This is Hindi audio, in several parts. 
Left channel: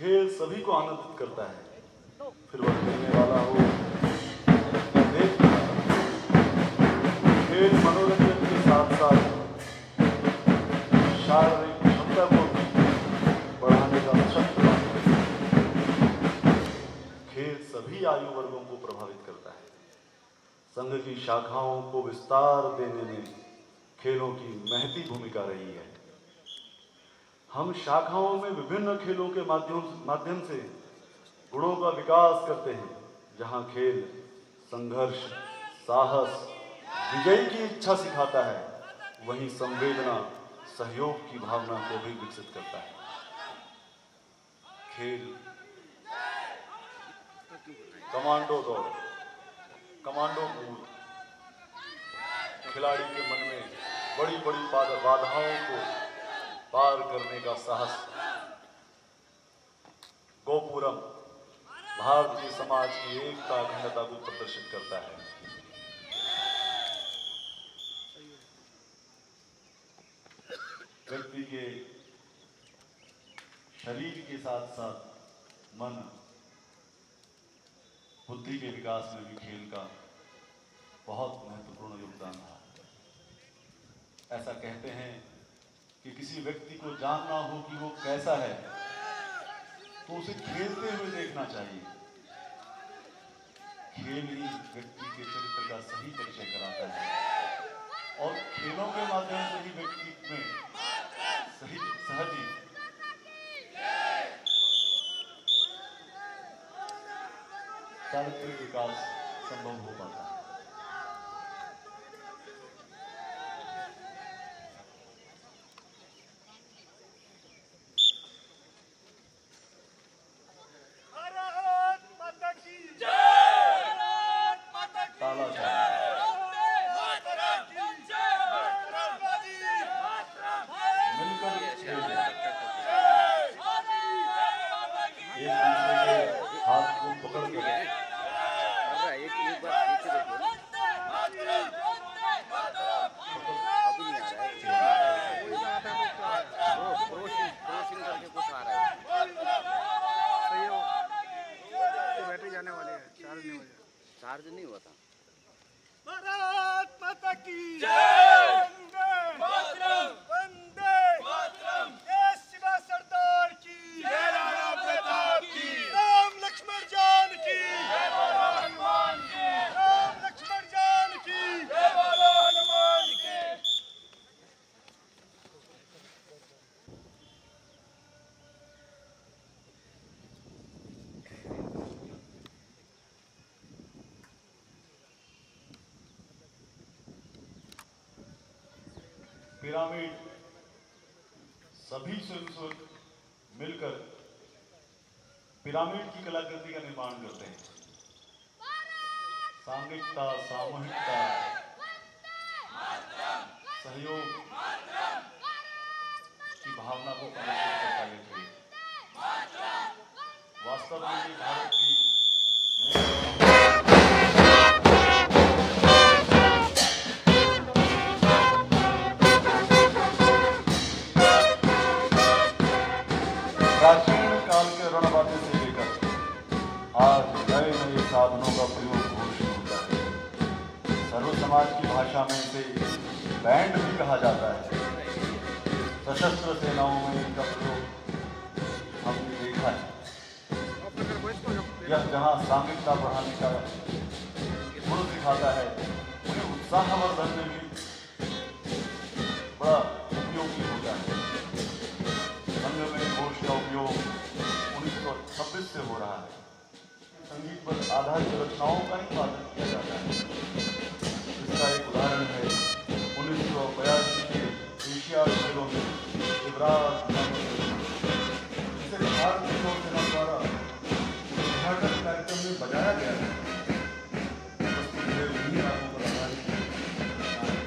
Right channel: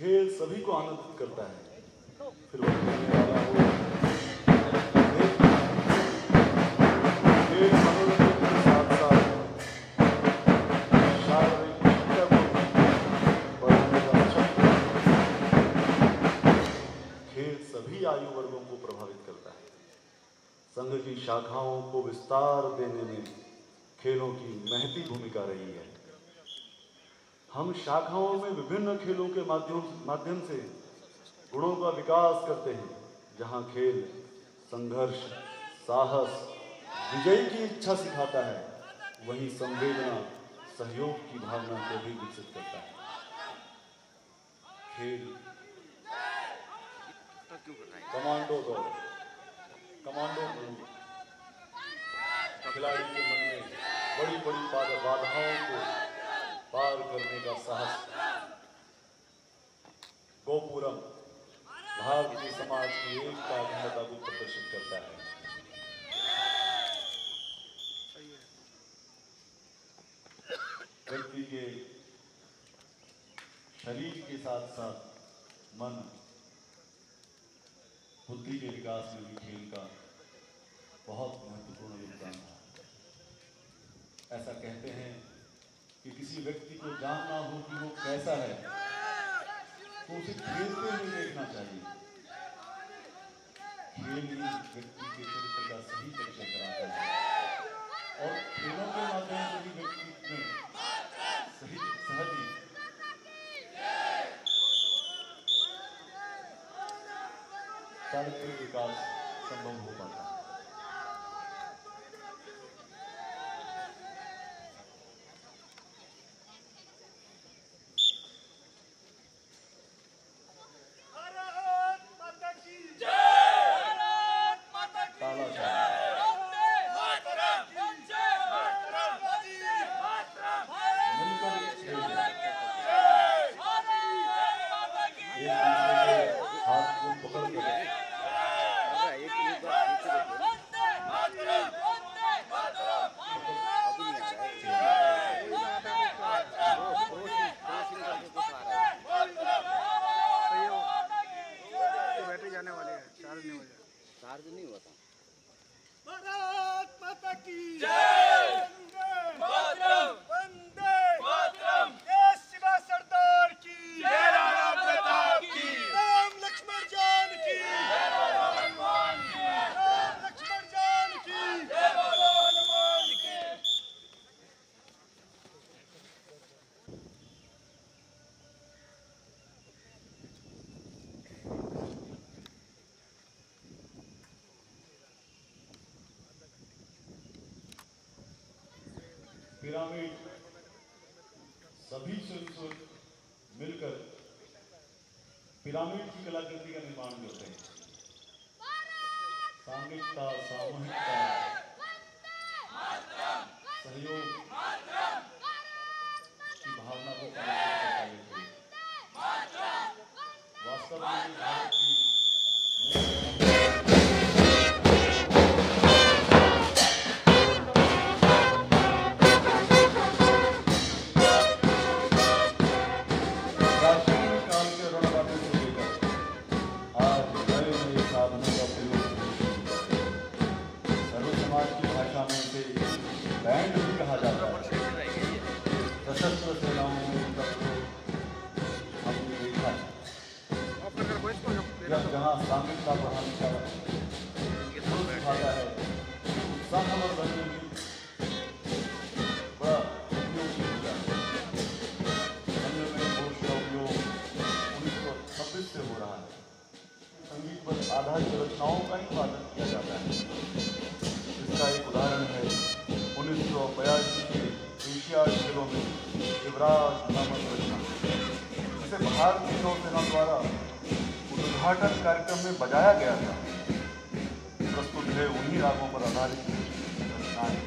खेल सभी को आनंदित करता है, फिर वह खेलने वाला हो। खेल मनोरंजन के साथ साथ शारीरिक क्षमता को बढ़ाने का शक्ति। खेल सभी आयु वर्गों को प्रभावित करता है। संघ की शाखाओं को विस्तार देने में खेलों की महती भूमिका रही है। हम शाखाओं में विभिन्न खेलों के माध्यम से गुणों का विकास करते हैं। जहां खेल संघर्ष, साहस, विजय की इच्छा सिखाता है, वहीं संवेदना, सहयोग की भावना को भी विकसित करता है। खेल कमांडो दौड़, कमांडो मूव, खिलाड़ी के मन में बड़ी बड़ी बाधाओं को पार करने का साहस। गोपुरम भारतीय समाज की एकता अखंडता को प्रदर्शित करता है। व्यक्ति के शरीर के साथ साथ मन, बुद्धि के विकास में भी खेल का बहुत महत्वपूर्ण योगदान है। ऐसा कहते हैं कि किसी व्यक्ति को जानना हो कि वो कैसा है तो उसे खेलते हुए देखना चाहिए। खेल ही व्यक्ति के चरित्र का सही परिचय कराता है और खेलों के माध्यम से ही व्यक्ति में सहज चारित्रिक विकास संभव हो पाता है। चार्ज नहीं होता। भारत माता की जय। वंदे मातरम। जय शिवा सरदार की जय। राणा प्रताप की राम लक्ष्मण जान की जय। बोलो हनुमान की राम लक्ष्मण जान की जय। बोलो हनुमान की। पिरामिड सभी स्वयं मिलकर पिरामिड की कलाकृति का निर्माण करते हैं। सामूहिकता, सामूहिकता, सहयोग की भावना को प्रदर्शित करता है। वास्तव में भारत की प्राचीन काल के रणबाजी से लेकर आज नए नए साधनों का प्रयोग होना शुरू होता है। सर्व समाज की भाषा में इसे बैंड भी कहा जाता है। सशस्त्र सेनाओं में इनका प्रयोग हमने देखा है। यह जहाँ सामयिकता बढ़ाने का गुण सिखाता है, उत्साहवर्धन में भी बड़ा उपयोगी होता है। संघ में घोष का उपयोग 1926 से हो रहा है। संगीत पर आधारित रचनाओं का ही वादन किया जाता है। इसका एक उदाहरण है 1982 के एशियाड खेलों में युवराज नामक रचना, जिसे भारतीय नौसेना द्वारा उद्घाटन कार्यक्रम में बजाया गया था। प्रस्तुत है उन्हीं रागों पर आधारित रचना है।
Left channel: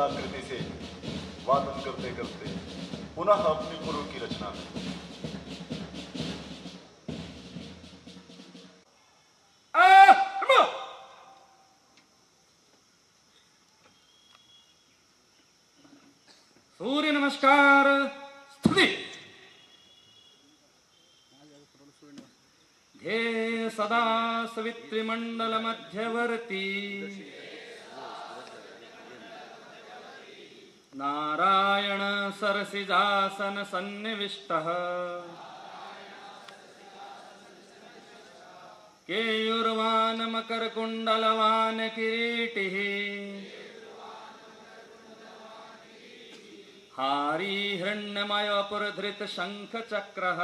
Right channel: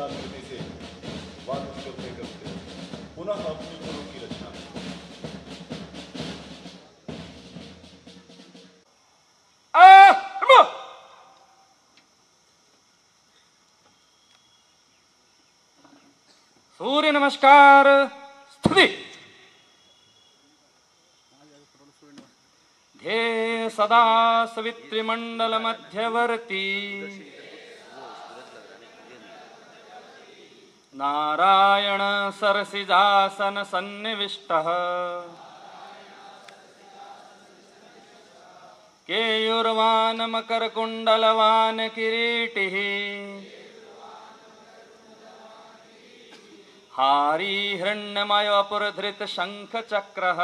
स्थलाकृति से वादन करते करते पुनः अपनी पूर्व की रचना में। सूर्य नमस्कार स्थिति। ध्येय सदा सवितृमंडल मध्यवर्ती नारायण सरसिजासन सन्निविष्टः केयूरवान मकर कुंडलवान किरीटिः हारी हिरण्यमय पुरधृत शंख चक्रः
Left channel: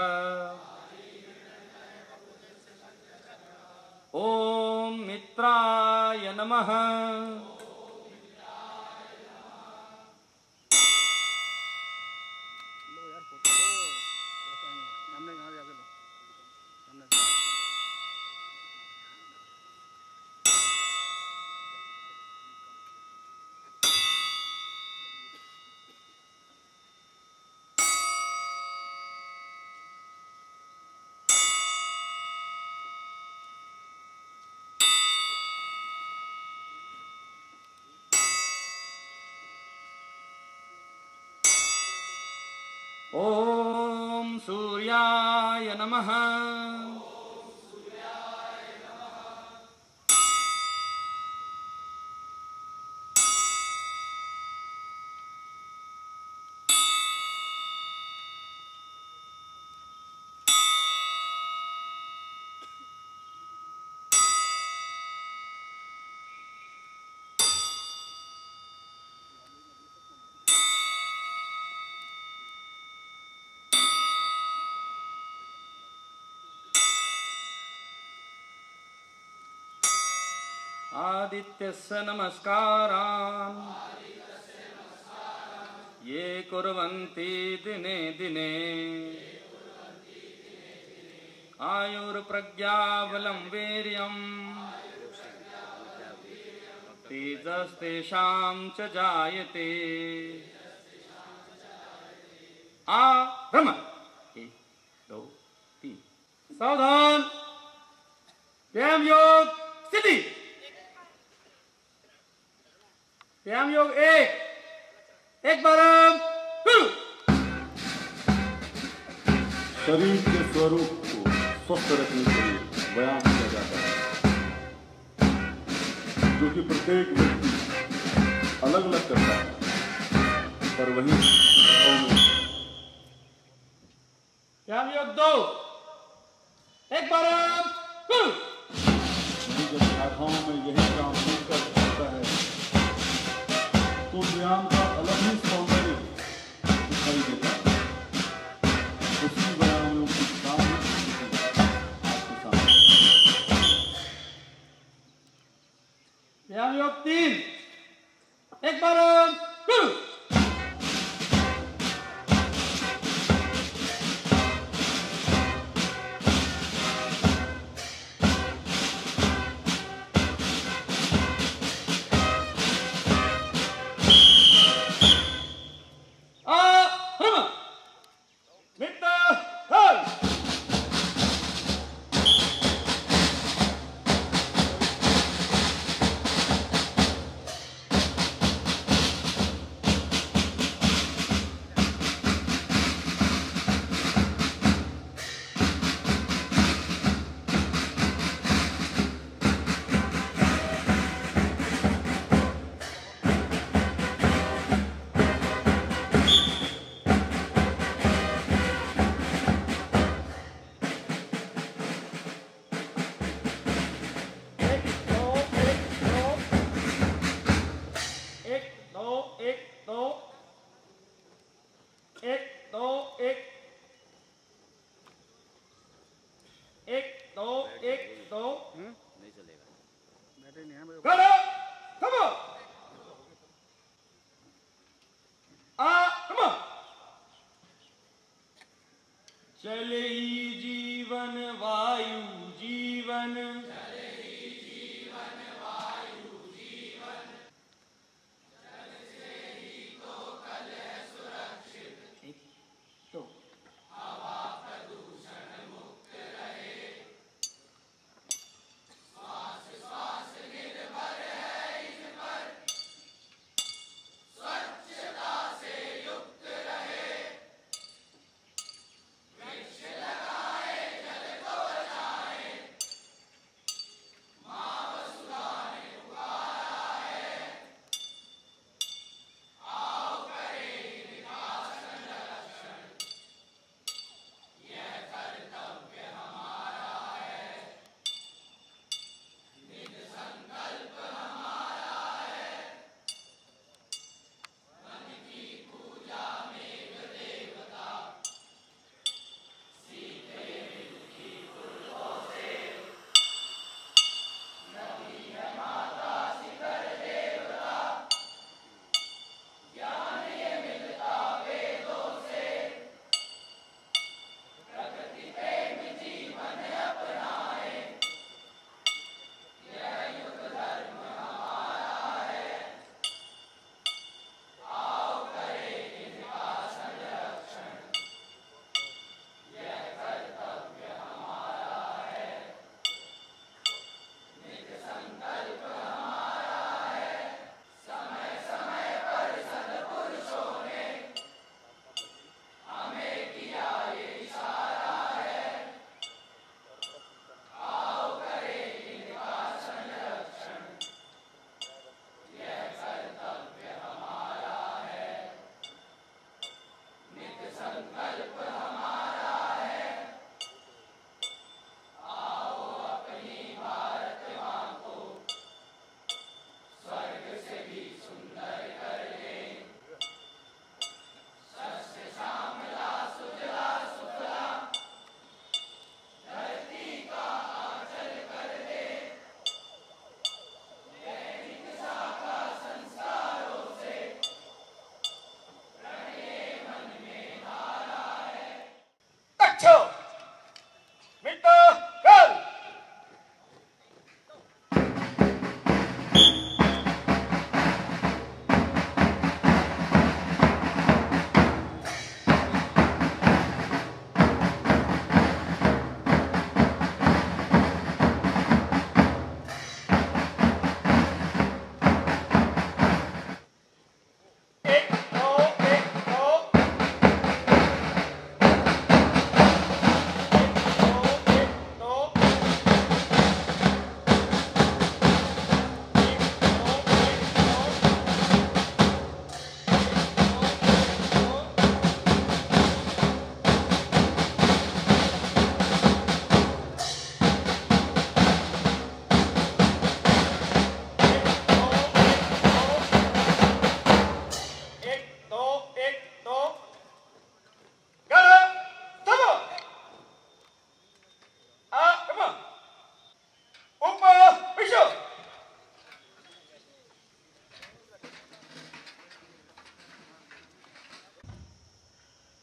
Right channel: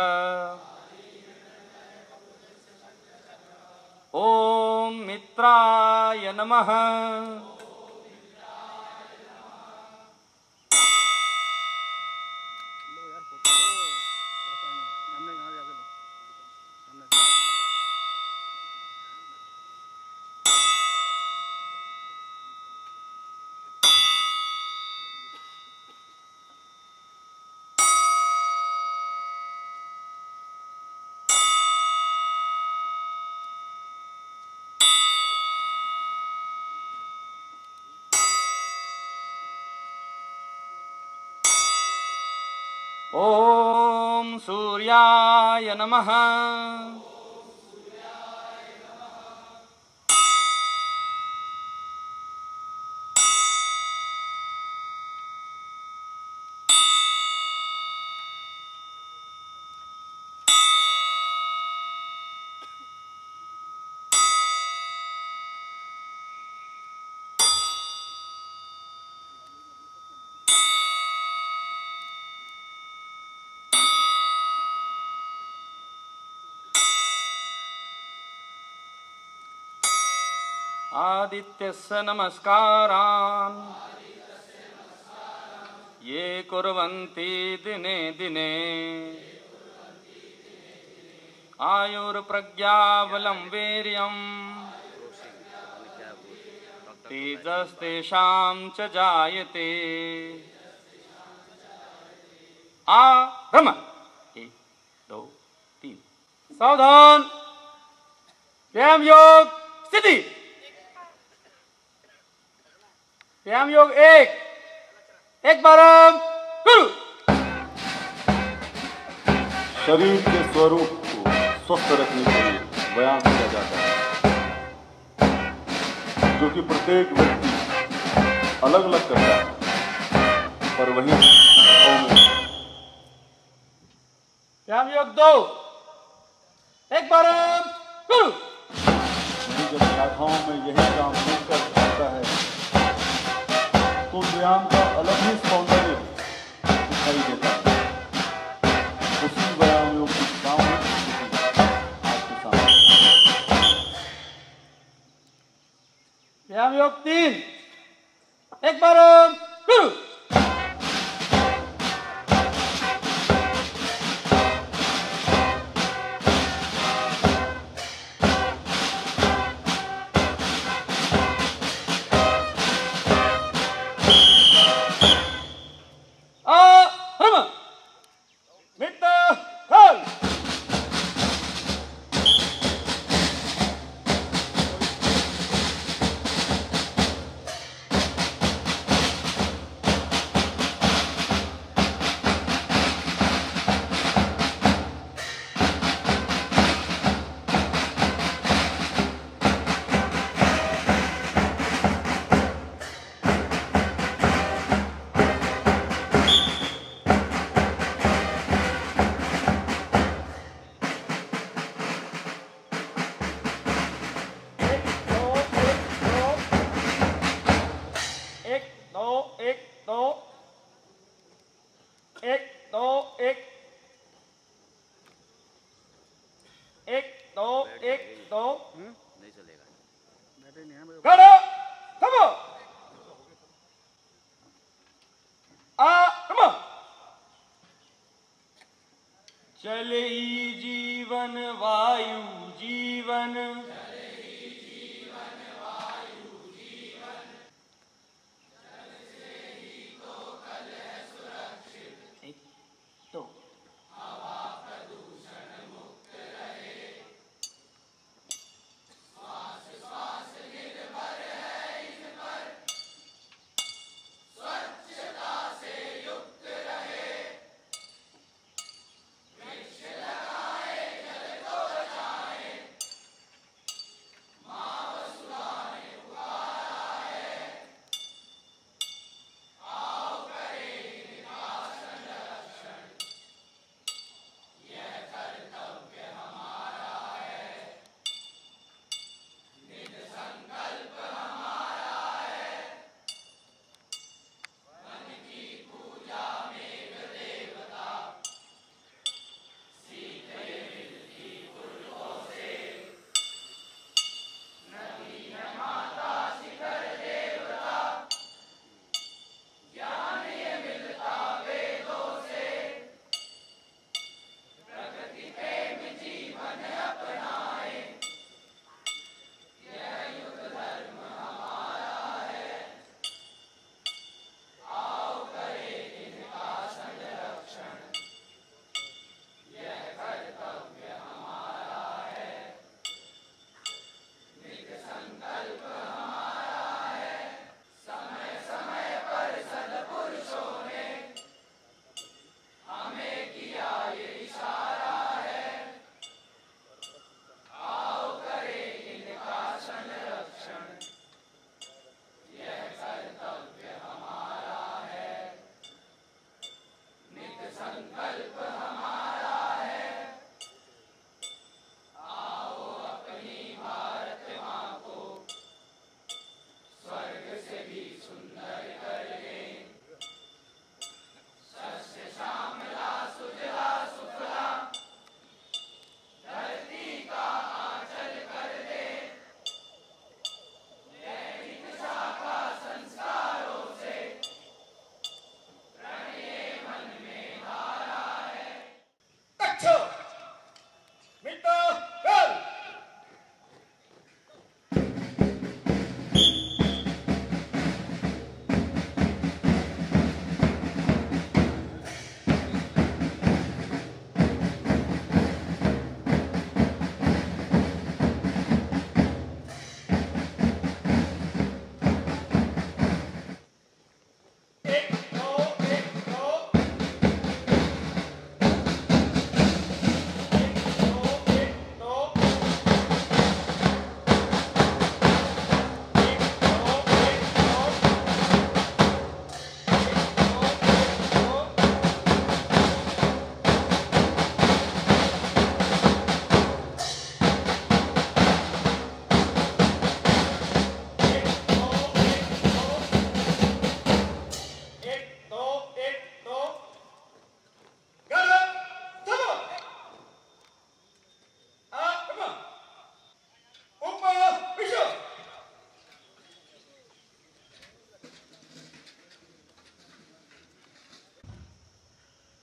ओम मित्राय नमः। ओम सूर्याय नमः। आदित्यस्य नमस्कारान् ये कुर्वन्ति दिने दिने आयुर्प्रज्ञाबलं वीर्यम् तेजस्तेषां च जायते। आरम्भ। 1 2 3 सावधान। व्यायाम योग स्थिति। व्यायाम योग एक बार गुरु। शरीर के स्वरूप को स्वस्थ रखने के लिए व्यायाम किया जाता है, जो कि प्रत्येक व्यक्ति अलग अलग करता है, पर वही व्यायाम योग 2 एक बार गुरु। जब शाखाओं में यही काम मिलकर आता है तो व्यायाम का अलग ही सौंदर्य दिखाई देता है। उसी व्यायाम योग की सामूहिक आपके सामने। व्यायाम योग 3 एक बार गुरु। नहीं चलेगा। जल ही जीवन वायु जीवन,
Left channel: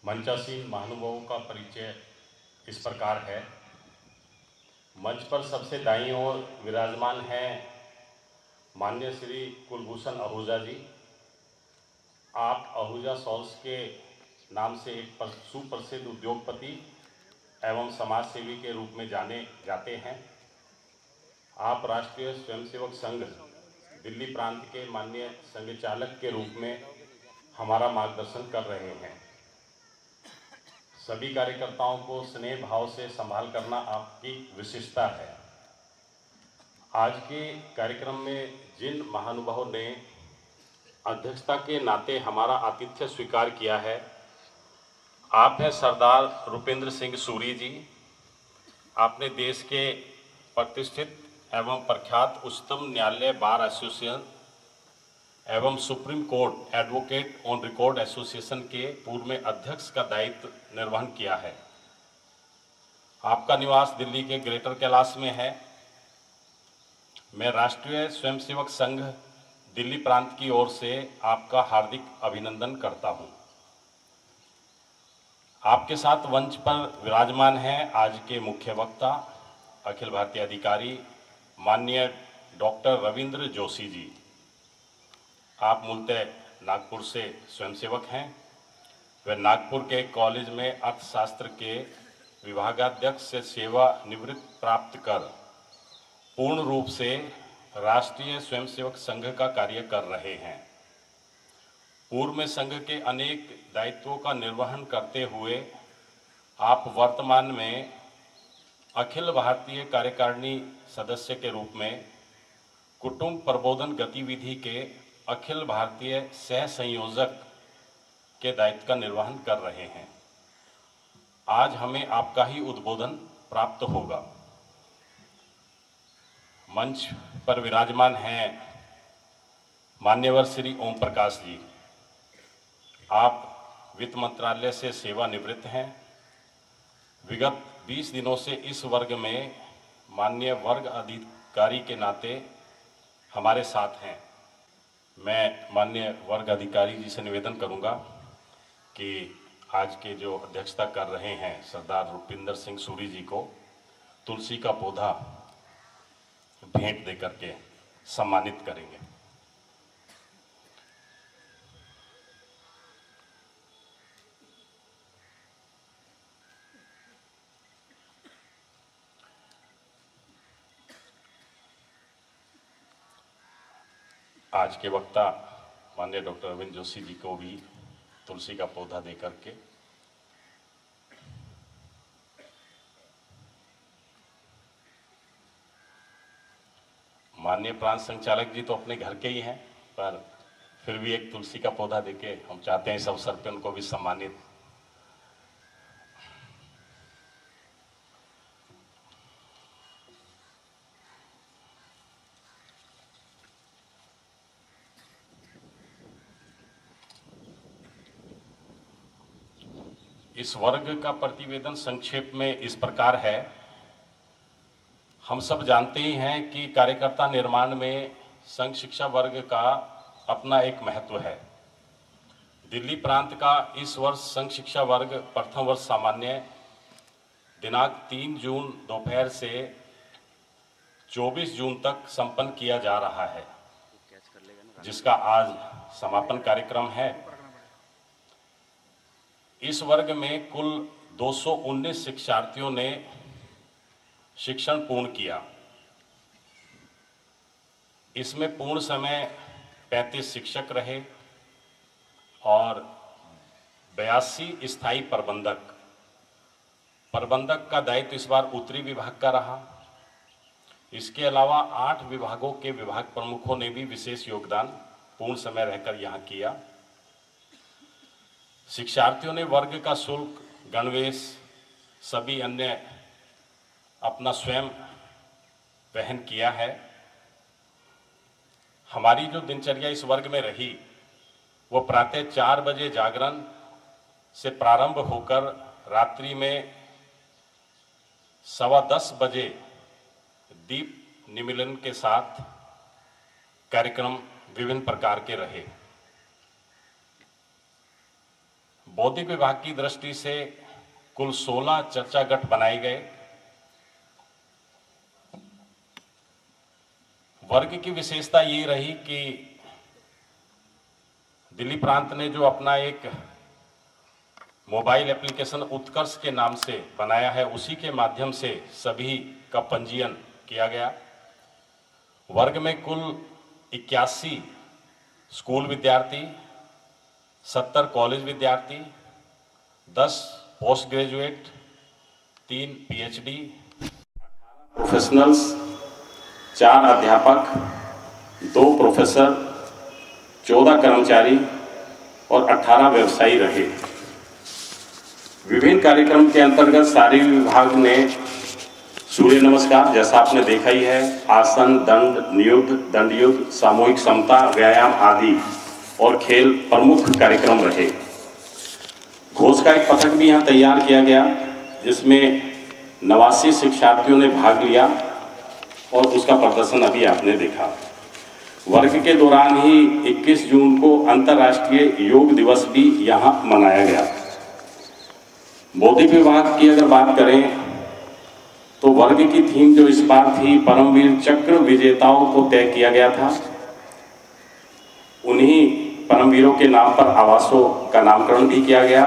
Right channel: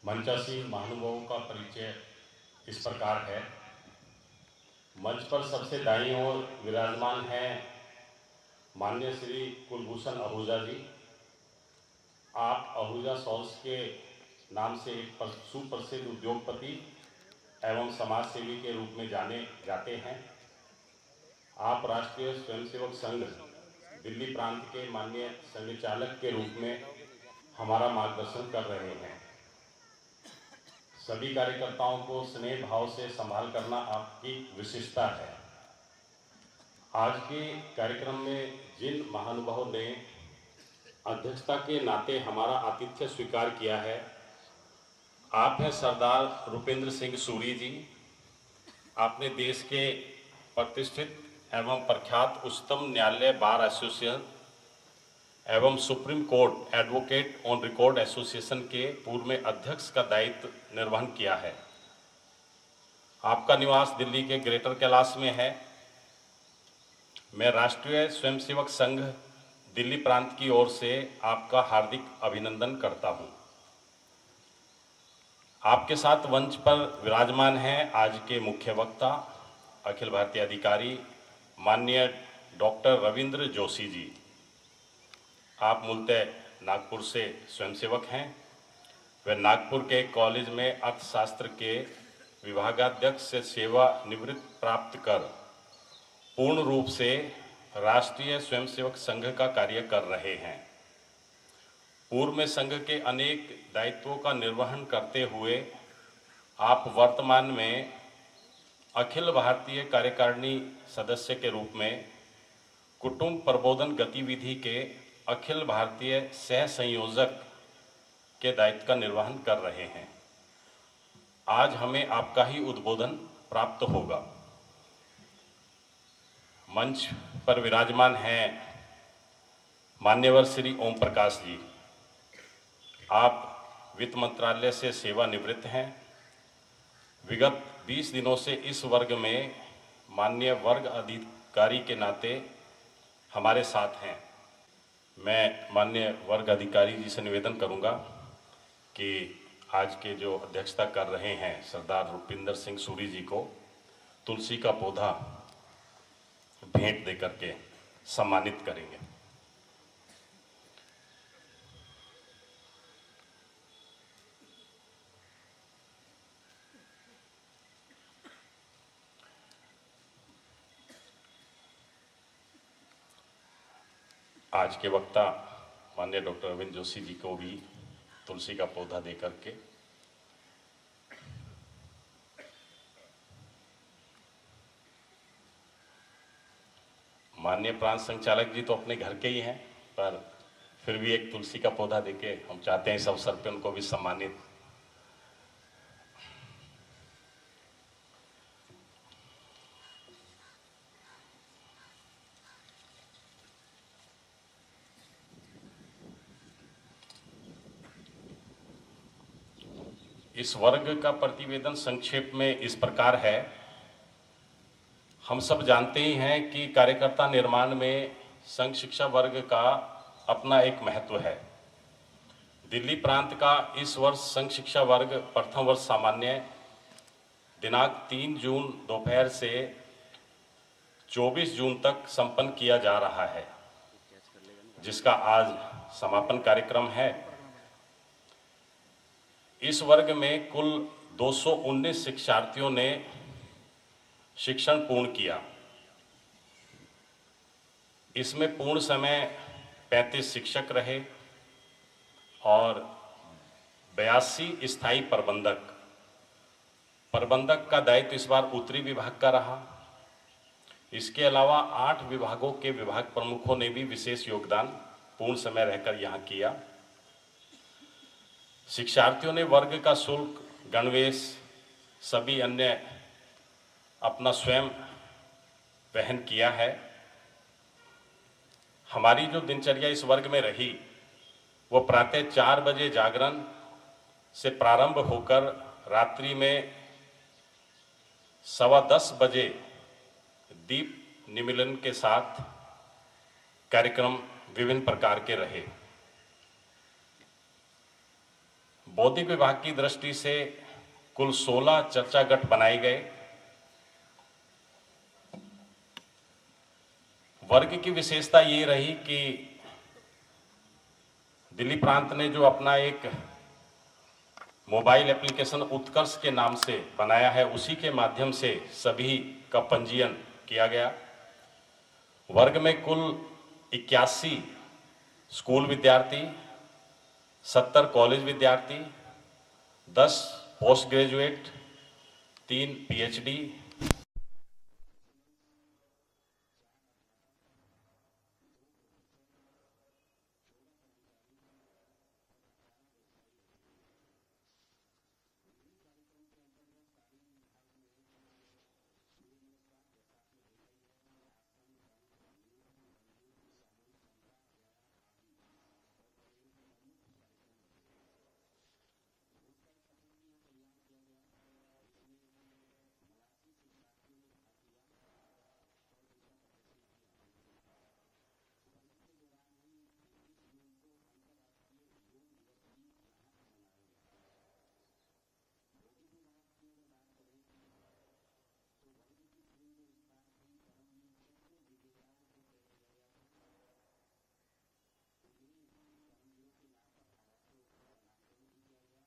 मंचासीन महानुभावों का परिचय इस प्रकार है। मंच पर सबसे दाईं ओर विराजमान हैं माननीय श्री कुलभूषण आहूजा जी। आप आहूजा सॉल्स के नाम से एक सुप्रसिद्ध उद्योगपति एवं समाज सेवी के रूप में जाने जाते हैं। आप राष्ट्रीय स्वयंसेवक संघ दिल्ली प्रांत के माननीय संघ चालक के रूप में हमारा मार्गदर्शन कर रहे हैं। सभी कार्यकर्ताओं को स्नेह भाव से संभाल करना आपकी विशेषता है। आज के कार्यक्रम में जिन महानुभावों ने अध्यक्षता के नाते हमारा आतिथ्य स्वीकार किया है, आप हैं सरदार रुपेंद्र सिंह सूरी जी। आपने देश के प्रतिष्ठित एवं प्रख्यात उच्चतम न्यायालय बार एसोसिएशन एवं supreme court advocate on record association के पूर्व में अध्यक्ष का दायित्व निर्वहन किया है। आपका निवास दिल्ली के ग्रेटर कैलाश में है। मैं राष्ट्रीय स्वयंसेवक संघ दिल्ली प्रांत की ओर से आपका हार्दिक अभिनंदन करता हूं। आपके साथ मंच पर विराजमान हैं आज के मुख्य वक्ता अखिल भारतीय अधिकारी माननीय डॉक्टर रविंद्र जोशी जी। आप मूलतः नागपुर से स्वयंसेवक हैं। वे नागपुर के कॉलेज में अर्थशास्त्र के विभागाध्यक्ष से सेवा निवृत्ति प्राप्त कर पूर्ण रूप से राष्ट्रीय स्वयंसेवक संघ का कार्य कर रहे हैं। पूर्व में संघ के अनेक दायित्वों का निर्वहन करते हुए आप वर्तमान में अखिल भारतीय कार्यकारिणी सदस्य के रूप में कुटुंब प्रबोधन गतिविधि के अखिल भारतीय सह संयोजक के दायित्व का निर्वहन कर रहे हैं। आज हमें आपका ही उद्बोधन प्राप्त होगा। मंच पर विराजमान हैं मान्यवर श्री ओम प्रकाश जी। आप वित्त मंत्रालय से सेवानिवृत्त हैं। विगत 20 दिनों से इस वर्ग में माननीय वर्ग अधिकारी के नाते हमारे साथ हैं। मैं माननीय वर्ग अधिकारी जी से निवेदन करूंगा कि आज के जो अध्यक्षता कर रहे हैं सरदार रुपिंदर सिंह सूरी जी को तुलसी का पौधा भेंट देकर के सम्मानित करेंगे। आज के वक्ता माननीय डॉक्टर रविंद्र जोशी जी को भी तुलसी का पौधा देकर के माननीय प्रांत संचालक जी तो अपने घर के ही हैं, पर फिर भी एक तुलसी का पौधा देके हम चाहते हैं इस अवसर पे उनको भी सम्मानित। इस वर्ग का प्रतिवेदन संक्षेप में इस प्रकार है। हम सब जानते ही हैं कि कार्यकर्ता निर्माण में संघ शिक्षा वर्ग का अपना एक महत्व है। दिल्ली प्रांत का इस वर्ष संघ शिक्षा वर्ग प्रथम वर्ष सामान्य दिनांक 3 जून दोपहर से 24 जून तक संपन्न किया जा रहा है, जिसका आज समापन कार्यक्रम है। इस वर्ग में कुल 219 शिक्षार्थियों ने शिक्षण पूर्ण किया। इसमें पूर्ण समय 35 शिक्षक रहे और 82 स्थायी प्रबंधक का दायित्व इस बार उत्तरी विभाग का रहा। इसके अलावा 8 विभागों के विभाग प्रमुखों ने भी विशेष योगदान पूर्ण समय रहकर यहाँ किया। शिक्षार्थियों ने वर्ग का शुल्क, गणवेश, सभी अन्य अपना स्वयं वहन किया है। हमारी जो दिनचर्या इस वर्ग में रही वो प्रातः 4 बजे जागरण से प्रारंभ होकर रात्रि में 10:15 बजे दीप निमिलन के साथ कार्यक्रम विभिन्न प्रकार के रहे। बौद्धिक विभाग की दृष्टि से कुल 16 चर्चा गट बनाए गए। वर्ग की विशेषता ये रही कि दिल्ली प्रांत ने जो अपना एक मोबाइल एप्लीकेशन उत्कर्ष के नाम से बनाया है, उसी के माध्यम से सभी का पंजीयन किया गया। वर्ग में कुल 81 स्कूल विद्यार्थी, 70 कॉलेज विद्यार्थी, 10 पोस्ट ग्रेजुएट, 3 पीएचडी, प्रोफेशनल्स, 4 अध्यापक, 2 प्रोफेसर, 14 कर्मचारी और 18 व्यवसायी रहे। विभिन्न कार्यक्रम के अंतर्गत शारीरिक विभाग ने सूर्य नमस्कार, जैसा आपने देखा ही है, आसन, दंड युद्ध, सामूहिक समता, व्यायाम आदि और खेल प्रमुख कार्यक्रम रहे। घोष का एक पथक भी यहाँ तैयार किया गया, जिसमें 89 शिक्षार्थियों ने भाग लिया और उसका प्रदर्शन अभी आपने देखा। वर्ग के दौरान ही 21 जून को अंतर्राष्ट्रीय योग दिवस भी यहाँ मनाया गया। बौद्धिक विभाग की अगर बात करें तो वर्ग की थीम जो इस बार थी, परमवीर चक्र विजेताओं को तय किया गया था। उन्हीं परमवीरों के नाम पर आवासों का नामकरण भी किया गया।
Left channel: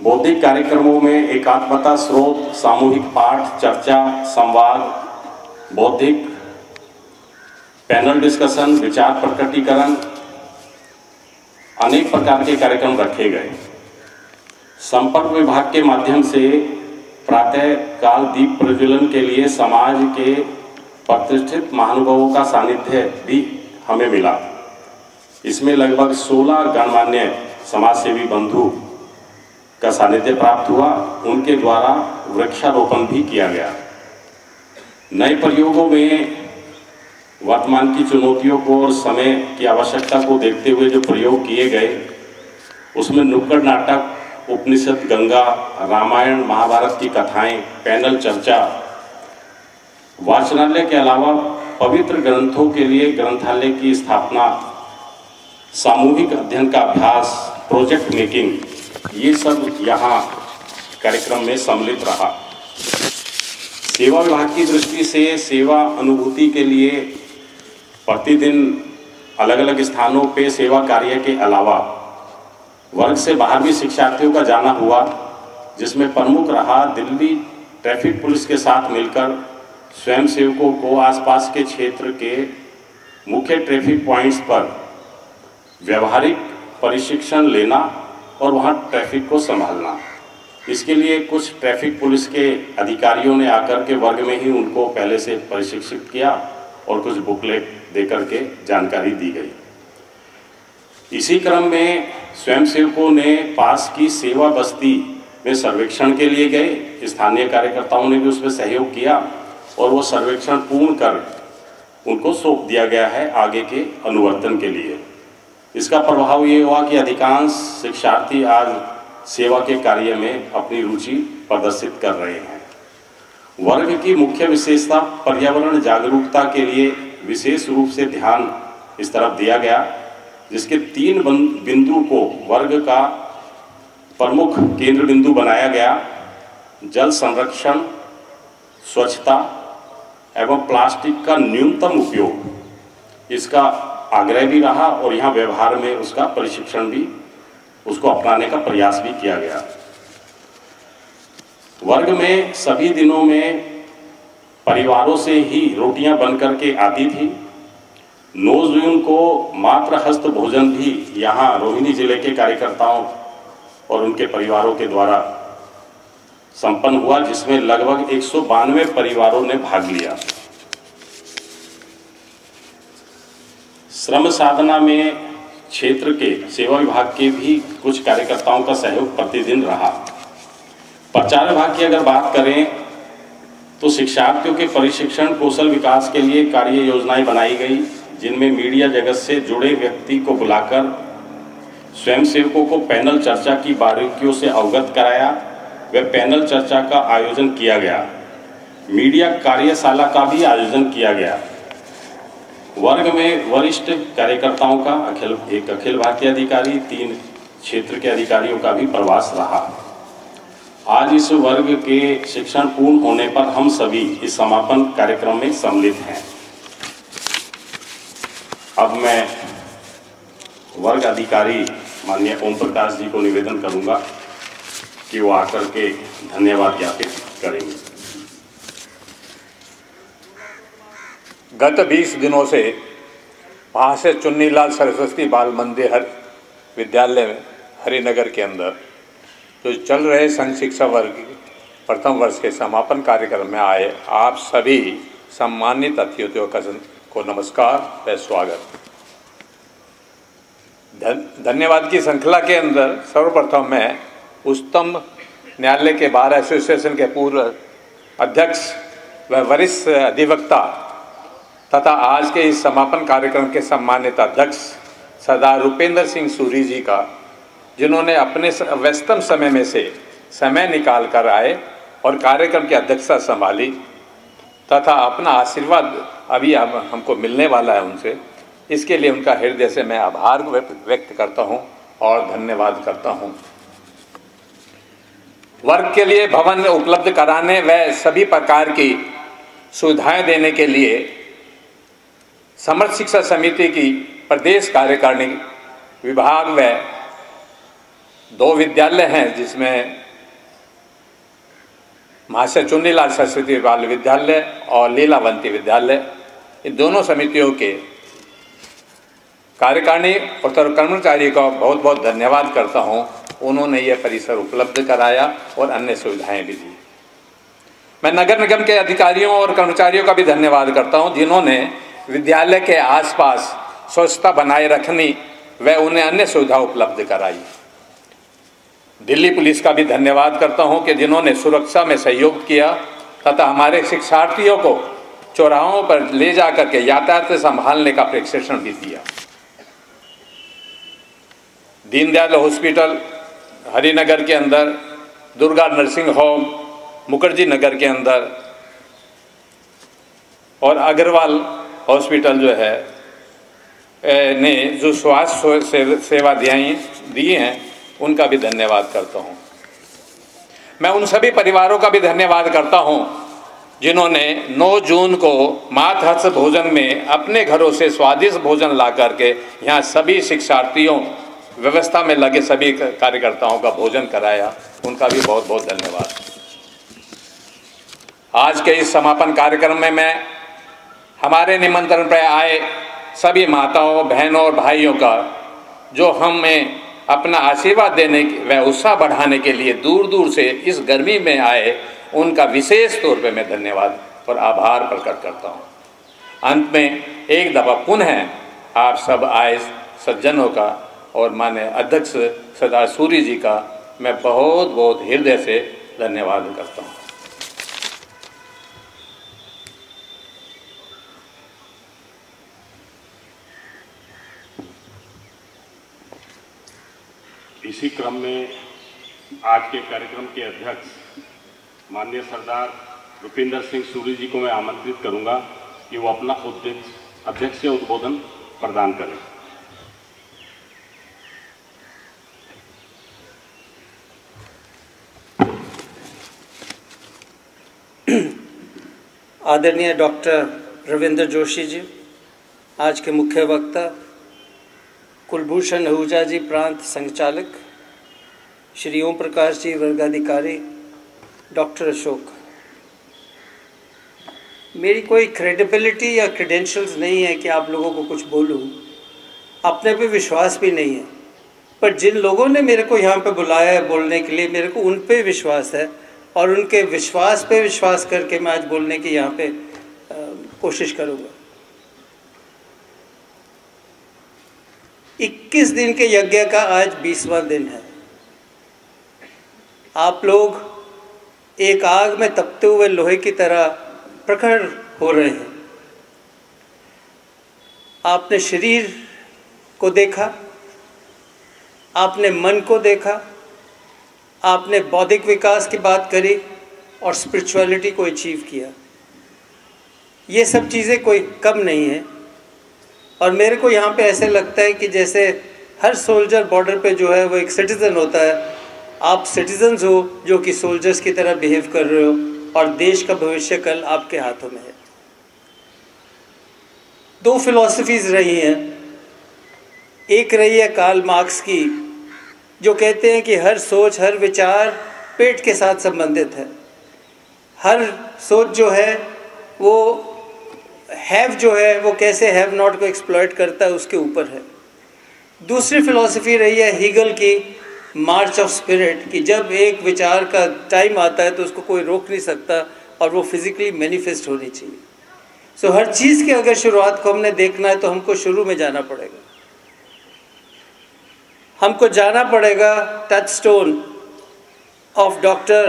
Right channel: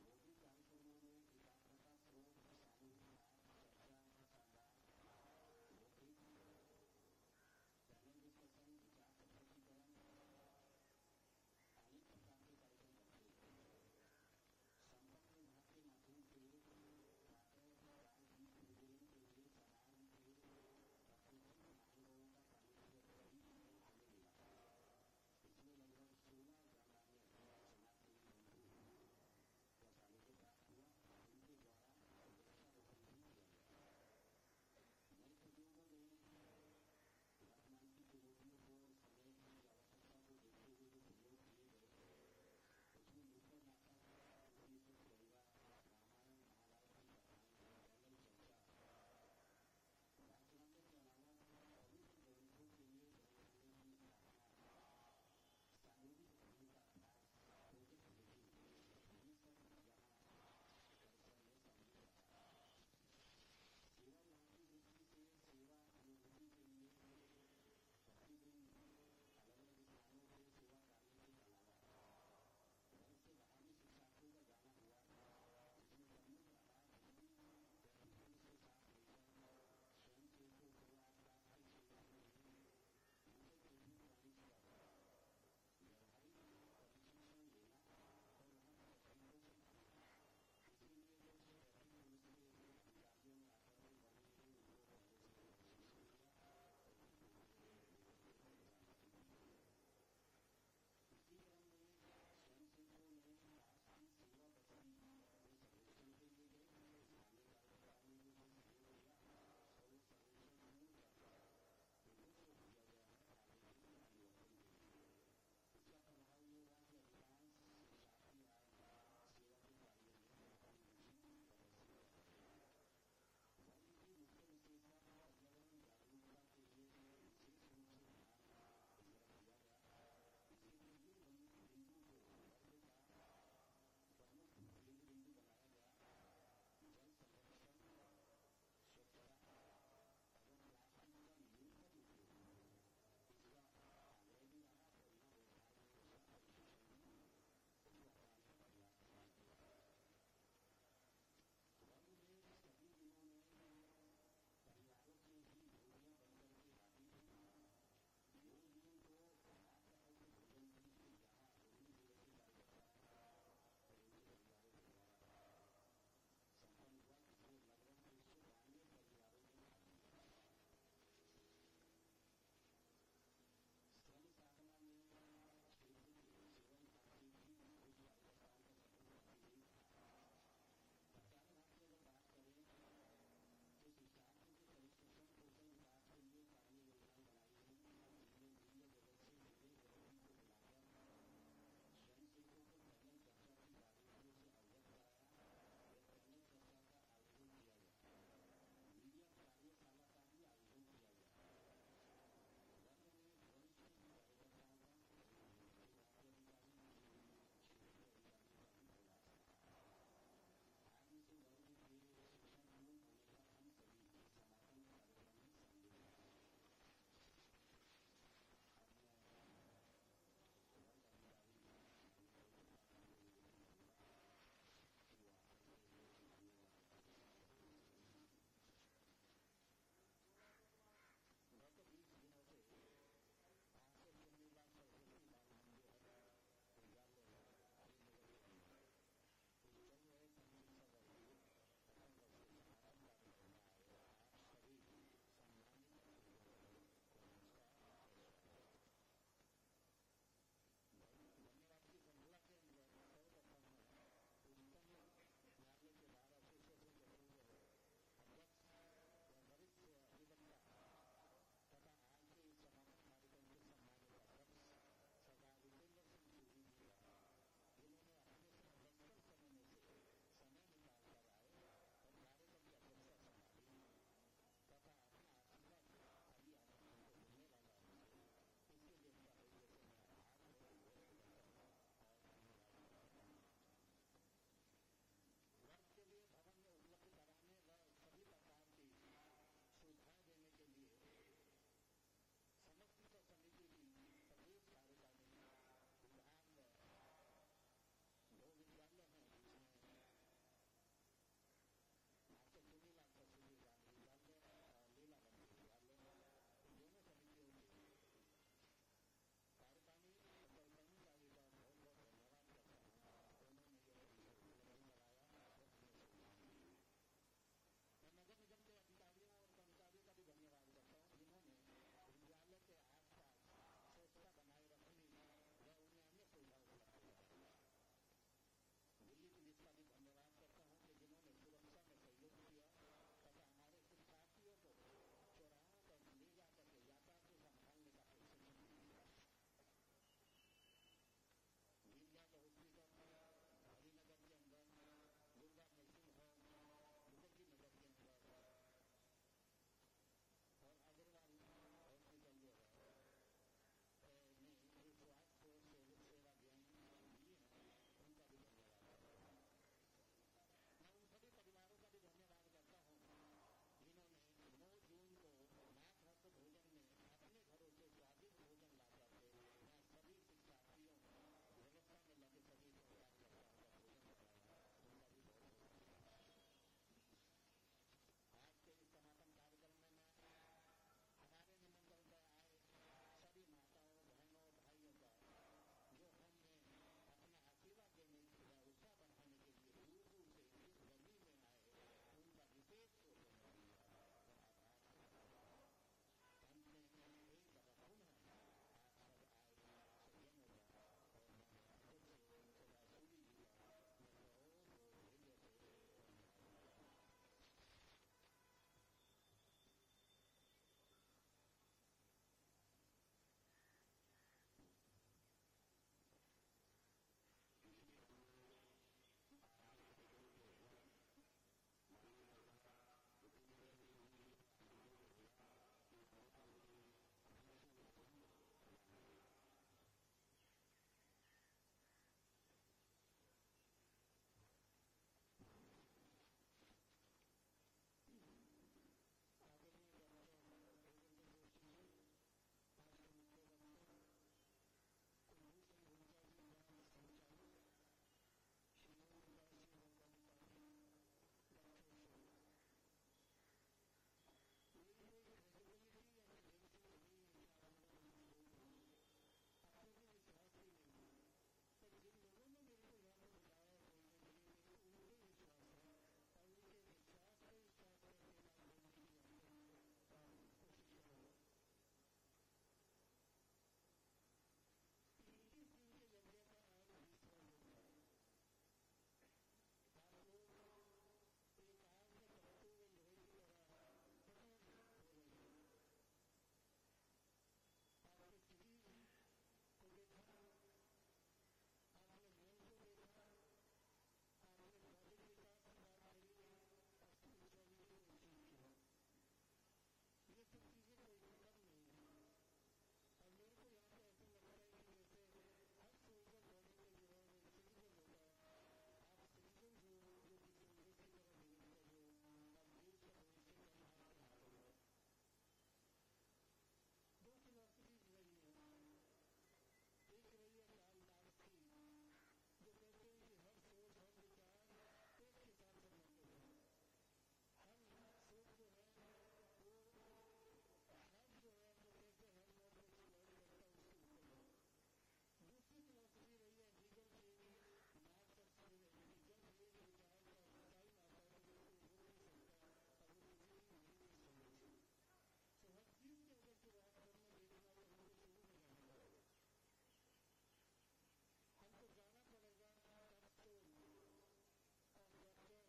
बौद्धिक कार्यक्रमों में एकात्मता स्रोत, सामूहिक पाठ, चर्चा, संवाद, बौद्धिक पैनल डिस्कशन, विचार प्रकटीकरण, अनेक प्रकार के कार्यक्रम रखे गए। संपर्क विभाग के माध्यम से प्रातः काल दीप प्रज्वलन के लिए समाज के प्रतिष्ठित महानुभावों का सानिध्य भी हमें मिला। इसमें लगभग 16 गणमान्य समाजसेवी बंधु का सानिध्य प्राप्त हुआ। उनके द्वारा वृक्षारोपण भी किया गया। नए प्रयोगों में वर्तमान की चुनौतियों को और समय की आवश्यकता को देखते हुए जो प्रयोग किए गए, उसमें नुक्कड़ नाटक, उपनिषद, गंगा, रामायण, महाभारत की कथाएं, पैनल चर्चा, वाचनालय के अलावा पवित्र ग्रंथों के लिए ग्रंथालय की स्थापना, सामूहिक अध्ययन का अभ्यास, प्रोजेक्ट मेकिंग, ये सब यहाँ कार्यक्रम में सम्मिलित रहा। सेवा विभाग की दृष्टि से सेवा अनुभूति के लिए प्रतिदिन अलग अलग स्थानों पे सेवा कार्य के अलावा वर्ग से बाहर भी शिक्षार्थियों का जाना हुआ, जिसमें प्रमुख रहा दिल्ली ट्रैफिक पुलिस के साथ मिलकर स्वयंसेवकों को आसपास के क्षेत्र के मुख्य ट्रैफिक पॉइंट्स पर व्यवहारिक प्रशिक्षण लेना और वहां ट्रैफिक को संभालना। इसके लिए कुछ ट्रैफिक पुलिस के अधिकारियों ने आकर के वर्ग में ही उनको पहले से प्रशिक्षित किया और कुछ बुकलेट देकर के जानकारी दी गई। इसी क्रम में स्वयंसेवकों ने पास की सेवा बस्ती में सर्वेक्षण के लिए गए। स्थानीय कार्यकर्ताओं ने भी उसमें सहयोग किया और वो सर्वेक्षण पूर्ण कर उनको सौंप दिया गया है आगे के अनुवर्तन के लिए। इसका प्रभाव ये हुआ कि अधिकांश शिक्षार्थी आज सेवा के कार्य में अपनी रुचि प्रदर्शित कर रहे हैं। वर्ग की मुख्य विशेषता पर्यावरण जागरूकता के लिए विशेष रूप से ध्यान इस तरफ दिया गया, जिसके 3 बिंदु को वर्ग का प्रमुख केंद्र बिंदु बनाया गया। जल संरक्षण, स्वच्छता एवं प्लास्टिक का न्यूनतम उपयोग, इसका आग्रह भी रहा और यहाँ व्यवहार में उसका प्रशिक्षण भी, उसको अपनाने का प्रयास भी किया गया। वर्ग में सभी दिनों में परिवारों से ही रोटियां बन करके आती थी। 9 जून को मात्र हस्त भोजन भी यहाँ रोहिणी जिले के कार्यकर्ताओं और उनके परिवारों के द्वारा संपन्न हुआ, जिसमें लगभग 192 परिवारों ने भाग लिया। श्रम साधना में क्षेत्र के सेवा विभाग के भी कुछ कार्यकर्ताओं का सहयोग प्रतिदिन रहा। प्रचार विभाग की अगर बात करें तो शिक्षार्थियों के प्रशिक्षण कौशल विकास के लिए कार्य योजनाएं बनाई गई, जिनमें मीडिया जगत से जुड़े व्यक्ति को बुलाकर स्वयंसेवकों को पैनल चर्चा की बारीकियों से अवगत कराया। वह पैनल चर्चा का आयोजन किया गया। मीडिया कार्यशाला का भी आयोजन किया गया। वर्ग में वरिष्ठ कार्यकर्ताओं का एक अखिल भारतीय अधिकारी, 3 क्षेत्र के अधिकारियों का भी प्रवास रहा। आज इस वर्ग के शिक्षण पूर्ण होने पर हम सभी इस समापन कार्यक्रम में सम्मिलित हैं। अब मैं वर्ग अधिकारी माननीय ओम प्रकाश जी को निवेदन करूंगा कि वो आकर के धन्यवाद ज्ञापित करेंगे। गत 20 दिनों से महाशय चुन्नीलाल सरस्वती बाल मंदिर विद्यालय में हरिनगर के अंदर जो चल रहे संघ शिक्षा वर्ग प्रथम वर्ष के समापन कार्यक्रम में आए आप सभी सम्मानित अतिथियों को नमस्कार व स्वागत। धन्यवाद की श्रृंखला के अंदर सर्वप्रथम मैं उच्चतम न्यायालय के बार एसोसिएशन के पूर्व अध्यक्ष व वरिष्ठ अधिवक्ता तथा आज के इस समापन कार्यक्रम के सम्मानित अध्यक्ष सरदार रुपेंद्र सिंह सूरी जी का, जिन्होंने अपने व्यस्तम समय में से समय निकाल कर आए और कार्यक्रम की अध्यक्षता संभाली तथा अपना आशीर्वाद अभी हमको मिलने वाला है उनसे, इसके लिए उनका हृदय से मैं आभार व्यक्त करता हूं और धन्यवाद करता हूं। वर्ग के लिए भवन उपलब्ध कराने व सभी प्रकार की सुविधाएं देने के लिए समर्थ शिक्षा समिति की प्रदेश कार्यकारिणी विभाग व 2 विद्यालय हैं, जिसमें महाशय चुन्नीलाल सरस्वती बाल विद्यालय और लीलावंती विद्यालय, इन दोनों समितियों के कार्यकारिणी और कर्मचारी का बहुत बहुत धन्यवाद करता हूं। उन्होंने यह परिसर उपलब्ध कराया और अन्य सुविधाएं भी दी। मैं नगर निगम के अधिकारियों और कर्मचारियों का भी धन्यवाद करता हूं, जिन्होंने विद्यालय के आसपास स्वच्छता बनाए रखनी व उन्हें अन्य सुविधा उपलब्ध कराई। दिल्ली पुलिस का भी धन्यवाद करता हूं कि जिन्होंने सुरक्षा में सहयोग किया तथा हमारे शिक्षार्थियों को चौराहों पर ले जाकर के यातायात से संभालने का प्रशिक्षण भी दिया। दीनदयाल हॉस्पिटल हरिनगर के अंदर, दुर्गा नर्सिंग होम मुखर्जी नगर के अंदर और अग्रवाल हॉस्पिटल जो है ने जो स्वास्थ्य सेवा दी हैं, उनका भी धन्यवाद करता हूं। मैं उन सभी परिवारों का भी धन्यवाद करता हूं जिन्होंने 9 जून को मातहर्ष भोजन में अपने घरों से स्वादिष्ट भोजन ला करके यहाँ सभी शिक्षार्थियों व्यवस्था में लगे सभी कार्यकर्ताओं का भोजन कराया। उनका भी बहुत बहुत धन्यवाद। आज के इस समापन कार्यक्रम में मैं हमारे निमंत्रण पर आए सभी माताओं, बहनों और भाइयों का, जो हमें अपना आशीर्वाद देने व उत्साह बढ़ाने के लिए दूर दूर से इस गर्मी में आए, उनका विशेष तौर पे मैं धन्यवाद और आभार प्रकट करता हूँ। अंत में एक दफ़ा पुनः आप सब आए सज्जनों का और माननीय अध्यक्ष सरदार सूरी जी का मैं बहुत बहुत हृदय से धन्यवाद करता हूँ। इसी क्रम में आज के कार्यक्रम के अध्यक्ष माननीय सरदार रुपेंद्र सिंह सूरी जी को मैं आमंत्रित करूंगा कि वो अपना अध्यक्षीय उद्बोधन प्रदान करें। आदरणीय डॉक्टर रविंद्र जोशी जी, आज के मुख्य वक्ता कुलभूषण आहूजा जी प्रांत संचालक, श्री ओम प्रकाश जी वर्गाधिकारी, डॉक्टर अशोक। मेरी कोई क्रेडिबिलिटी या क्रेडेंशियल्स नहीं है कि आप लोगों को कुछ बोलूं, अपने पे विश्वास भी नहीं है, पर जिन लोगों ने मेरे को यहाँ पे बुलाया है बोलने के लिए, मेरे को उन पे विश्वास है और उनके विश्वास पे विश्वास करके मैं आज बोलने की यहाँ पे कोशिश करूँगा। 21 दिन के यज्ञ का आज 20वां दिन है। आप लोग एक आग में तपते हुए लोहे की तरह प्रखर हो रहे हैं। आपने शरीर को देखा, आपने मन को देखा, आपने बौद्धिक विकास की बात करी और स्पिरिचुअलिटी को अचीव किया। ये सब चीज़ें कोई कम नहीं है और मेरे को यहाँ पे ऐसे लगता है कि जैसे हर सोल्जर बॉर्डर पे जो है वो एक सिटीज़न होता है। आप सिटीजन्स हो जो कि सोल्जर्स की तरह बिहेव कर रहे हो, और देश का भविष्य कल आपके हाथों में है। दो फिलॉसफीज़ रही हैं। एक रही है कार्ल मार्क्स की, जो कहते हैं कि हर सोच, हर विचार पेट के साथ संबंधित है। हर सोच जो है वो हैव जो है वो कैसे हैव नॉट को एक्सप्लॉइट करता है उसके ऊपर है। दूसरी फिलॉसफी रही है हीगल की, मार्च ऑफ स्पिरिट, कि जब एक विचार का टाइम आता है तो उसको कोई रोक नहीं सकता और वो फिजिकली मैनिफेस्ट होनी चाहिए। सो हर चीज़ की अगर शुरुआत को हमने देखना है तो हमको शुरू में जाना पड़ेगा। हमको जाना पड़ेगा touch stone of doctor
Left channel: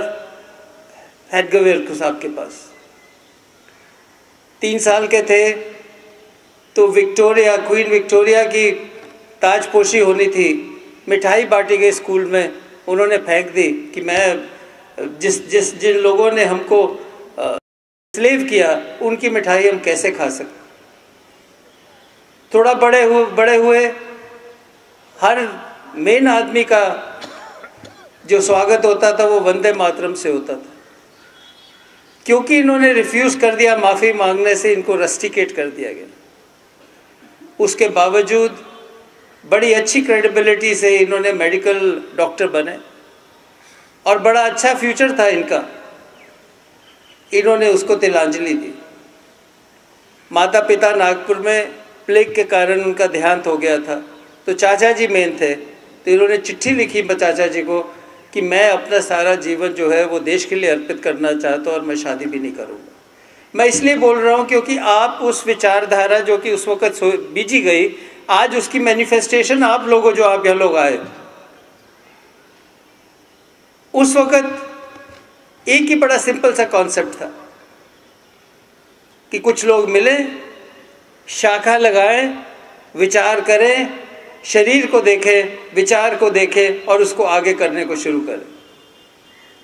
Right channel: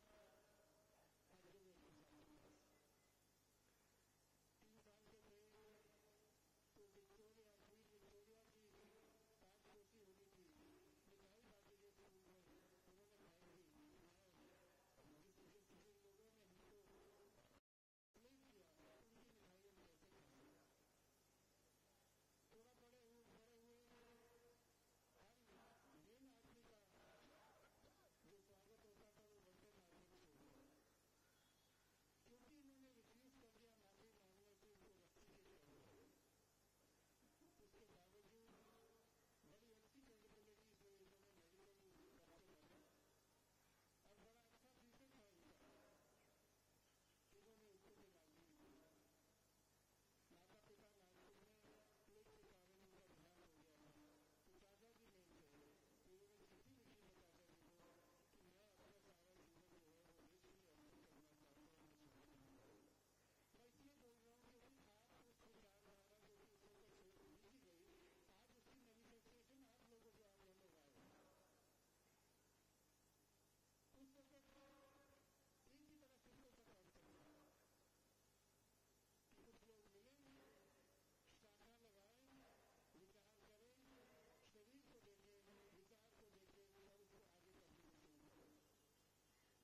Hedgewar साहब के पास। 3 साल के थे तो क्वीन विक्टोरिया की ताजपोशी होनी थी, मिठाई बांटी गई स्कूल में, उन्होंने फेंक दी कि मैं जिन लोगों ने हमको स्लेव किया उनकी मिठाई हम कैसे खा सकते। थोड़ा बड़े हुए हर मेन आदमी का जो स्वागत होता था वो वंदे मातरम से होता था। क्योंकि इन्होंने रिफ्यूज़ कर दिया माफ़ी मांगने से, इनको रस्टिकेट कर दिया गया। उसके बावजूद बड़ी अच्छी क्रेडिबिलिटी से इन्होंने मेडिकल डॉक्टर बने और बड़ा अच्छा फ्यूचर था इनका। इन्होंने उसको तिलांजलि दी। माता पिता नागपुर में प्लेग के कारण उनका देहांत हो गया था, तो चाचा जी मेन थे, तो इन्होंने चिट्ठी लिखी चाचा जी को कि मैं अपना सारा जीवन जो है वो देश के लिए अर्पित करना चाहता हूँ और मैं शादी भी नहीं करूँगा। मैं इसलिए बोल रहा हूँ क्योंकि आप उस विचारधारा जो कि उस वक़्त बीजी गई, आज उसकी मैनिफेस्टेशन आप लोगों जो आप यहाँ लोग आए, उस वक़्त एक ही बड़ा सिंपल सा कॉन्सेप्ट था कि कुछ लोग मिलें, शाखा लगाएं, विचार करें, शरीर को देखें, विचार को देखें और उसको आगे करने को शुरू करें।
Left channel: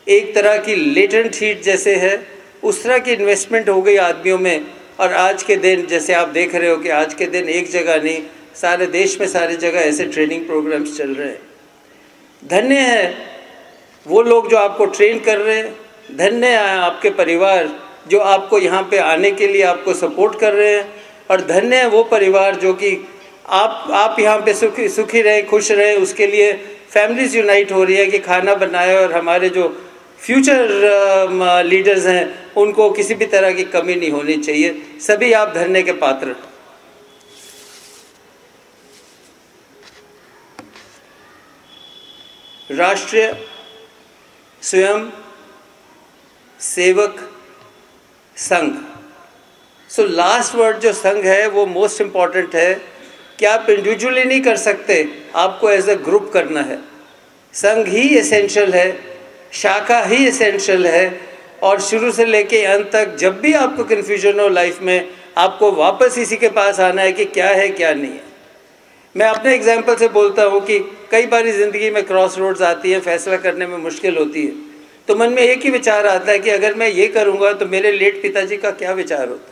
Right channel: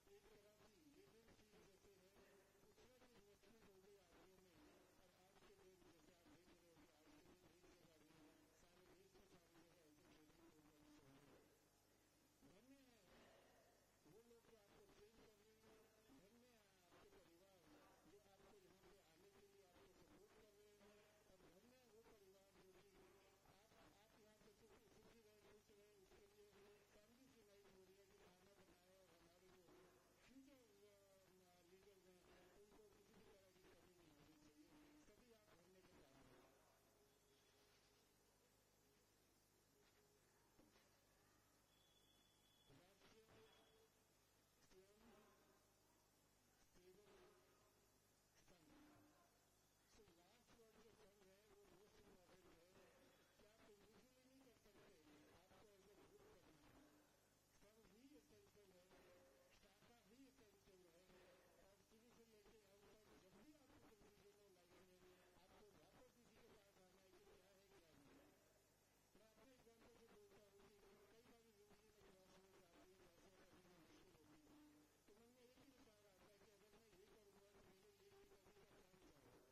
एक तरह की लेटेंट हीट जैसे है उस तरह की इन्वेस्टमेंट हो गई आदमियों में। और आज के दिन जैसे आप देख रहे हो कि आज के दिन एक जगह नहीं, सारे देश में सारी जगह ऐसे ट्रेनिंग प्रोग्राम्स चल रहे हैं। धन्य है वो लोग जो आपको ट्रेन कर रहे हैं, धन्य है आपके परिवार जो आपको यहाँ पे आने के लिए आपको सपोर्ट कर रहे हैं, और धन्य है वो परिवार जो कि आप यहाँ पे सुखी रहे, खुश रहे, उसके लिए फैमिलीज यूनाइट हो रही है कि खाना बनाए और हमारे जो फ्यूचर लीडर्स हैं उनको किसी भी तरह की कमी नहीं होनी चाहिए। सभी आप धन्य के पात्र। राष्ट्रीय स्वयं Sevak Sangh, so last word जो संघ है वो मोस्ट इम्पॉर्टेंट है कि आप इंडिविजुअली नहीं कर सकते, आपको एज अ ग्रुप करना है। संघ ही एसेंशियल है, शाखा ही एसेंशियल है, और शुरू से लेके अंत तक जब भी आपको कन्फ्यूजन हो लाइफ में, आपको वापस इसी के पास आना है कि क्या है क्या नहीं है। मैं अपने एग्जाम्पल से बोलता हूँ कि कई बार ज़िंदगी में क्रॉस रोड्स आती हैं, फैसला करने में मुश्किल होती है, तो मन में एक ही विचार आता है कि अगर मैं ये करूँगा तो मेरे लेट पिताजी का क्या विचार होता।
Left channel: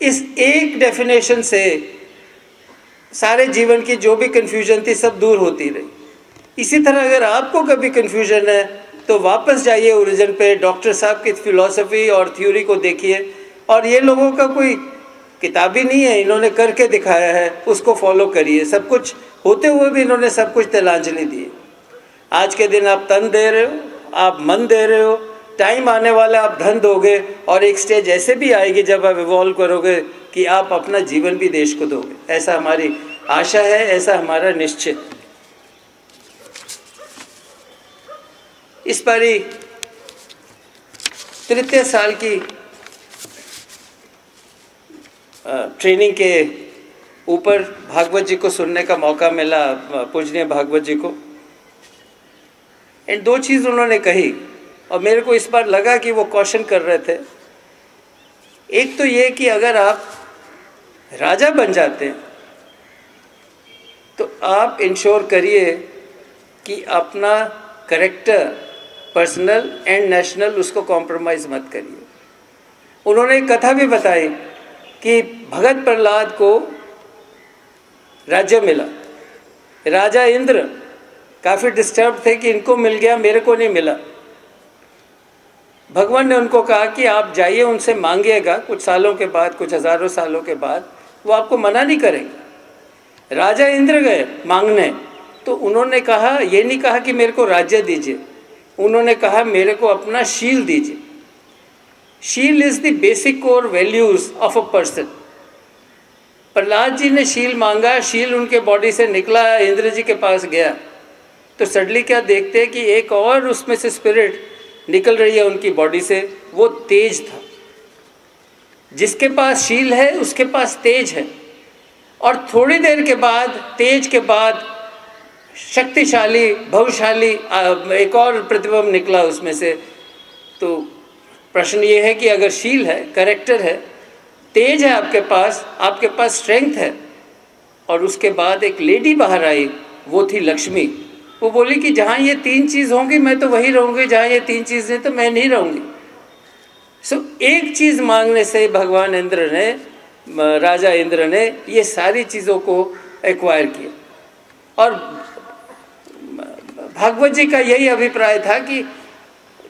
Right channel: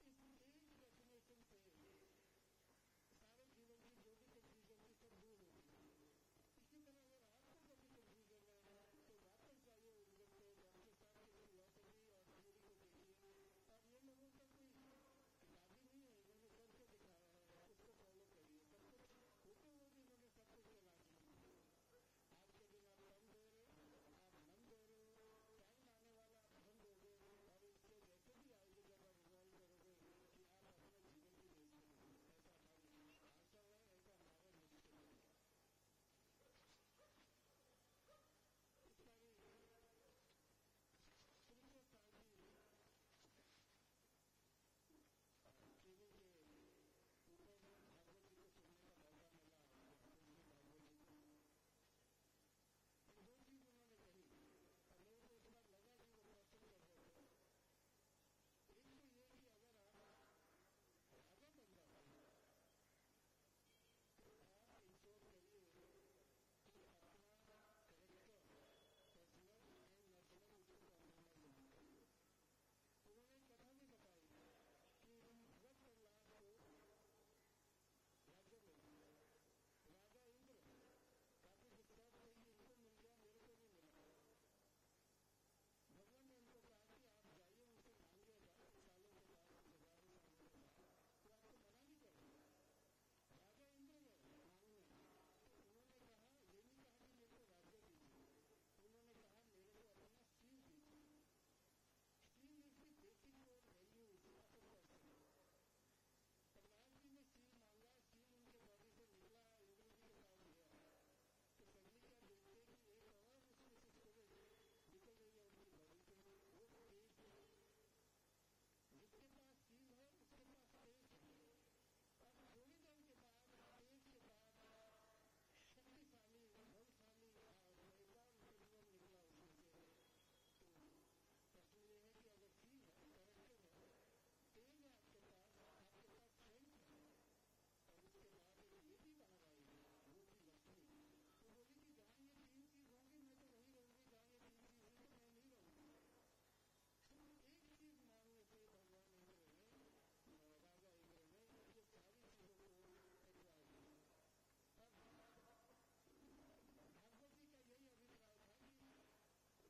इस एक डेफिनेशन से सारे जीवन की जो भी कन्फ्यूजन थी सब दूर होती रही। इसी तरह अगर आपको कभी कन्फ्यूजन है तो वापस जाइए ओरिजिन पे, डॉक्टर साहब की फिलॉसफी और थ्योरी को देखिए, और ये लोगों का कोई किताबी नहीं है, इन्होंने करके दिखाया है, उसको फॉलो करिए। सब कुछ होते हुए भी इन्होंने सब कुछ तिलांजलि दी। आज के दिन आप तन दे रहे हो, आप मन दे रहे हो, टाइम आने वाला आप धन दोगे, और एक स्टेज ऐसे भी आएगी जब आप इवॉल्व करोगे कि आप अपना जीवन भी देश को दोगे। ऐसा हमारी आशा है, ऐसा हमारा निश्चय। इस बारी 33 साल की ट्रेनिंग के ऊपर भागवत जी को सुनने का मौका मिला, पूजनीय भागवत जी को। एंड 2 चीज़ उन्होंने कही और मेरे को इस बार लगा कि वो क्वेश्चन कर रहे थे। एक तो ये कि अगर आप राजा बन जाते हैं तो आप इंश्योर करिए कि अपना करेक्टर, पर्सनल एंड नेशनल, उसको कॉम्प्रोमाइज़ मत करिए। उन्होंने एक कथा भी बताई कि भगत प्रहलाद को राज्य मिला राजा इंद्र काफ़ी डिस्टर्ब थे कि इनको मिल गया, मेरे को नहीं मिला। भगवान ने उनको कहा कि आप जाइए, उनसे मांगिएगा, कुछ सालों के बाद, कुछ हज़ारों सालों के बाद वो आपको मना नहीं करेंगे। राजा इंद्र गए मांगने, तो उन्होंने कहा, ये नहीं कहा कि मेरे को राज्य दीजिए, उन्होंने कहा मेरे को अपना शील दीजिए। शील is the basic core values of a person. Prahlad ji ने शील मांगा, शील उनके बॉडी से निकला, इंद्र जी के पास गया, तो सडनली क्या देखते हैं कि एक और उसमें से स्पिरिट निकल रही है उनकी बॉडी से, वो तेज था। जिसके पास शील है उसके पास तेज है, और थोड़ी देर के बाद, तेज के बाद शक्तिशाली, भवशाली एक और प्रतिबिंब निकला उसमें से। तो प्रश्न ये है कि अगर शील है, कैरेक्टर है, तेज है आपके पास स्ट्रेंथ है, और उसके बाद एक लेडी बाहर आई, वो थी लक्ष्मी। वो बोली कि जहाँ ये तीन चीज़ होंगी मैं तो वही रहूँगी, जहाँ ये तीन चीज़ नहीं तो मैं नहीं रहूँगी। एक चीज़ मांगने से भगवान इंद्र ने, राजा इंद्र ने ये सारी चीज़ों को एक्वायर किया। और भागवत जी का यही अभिप्राय था कि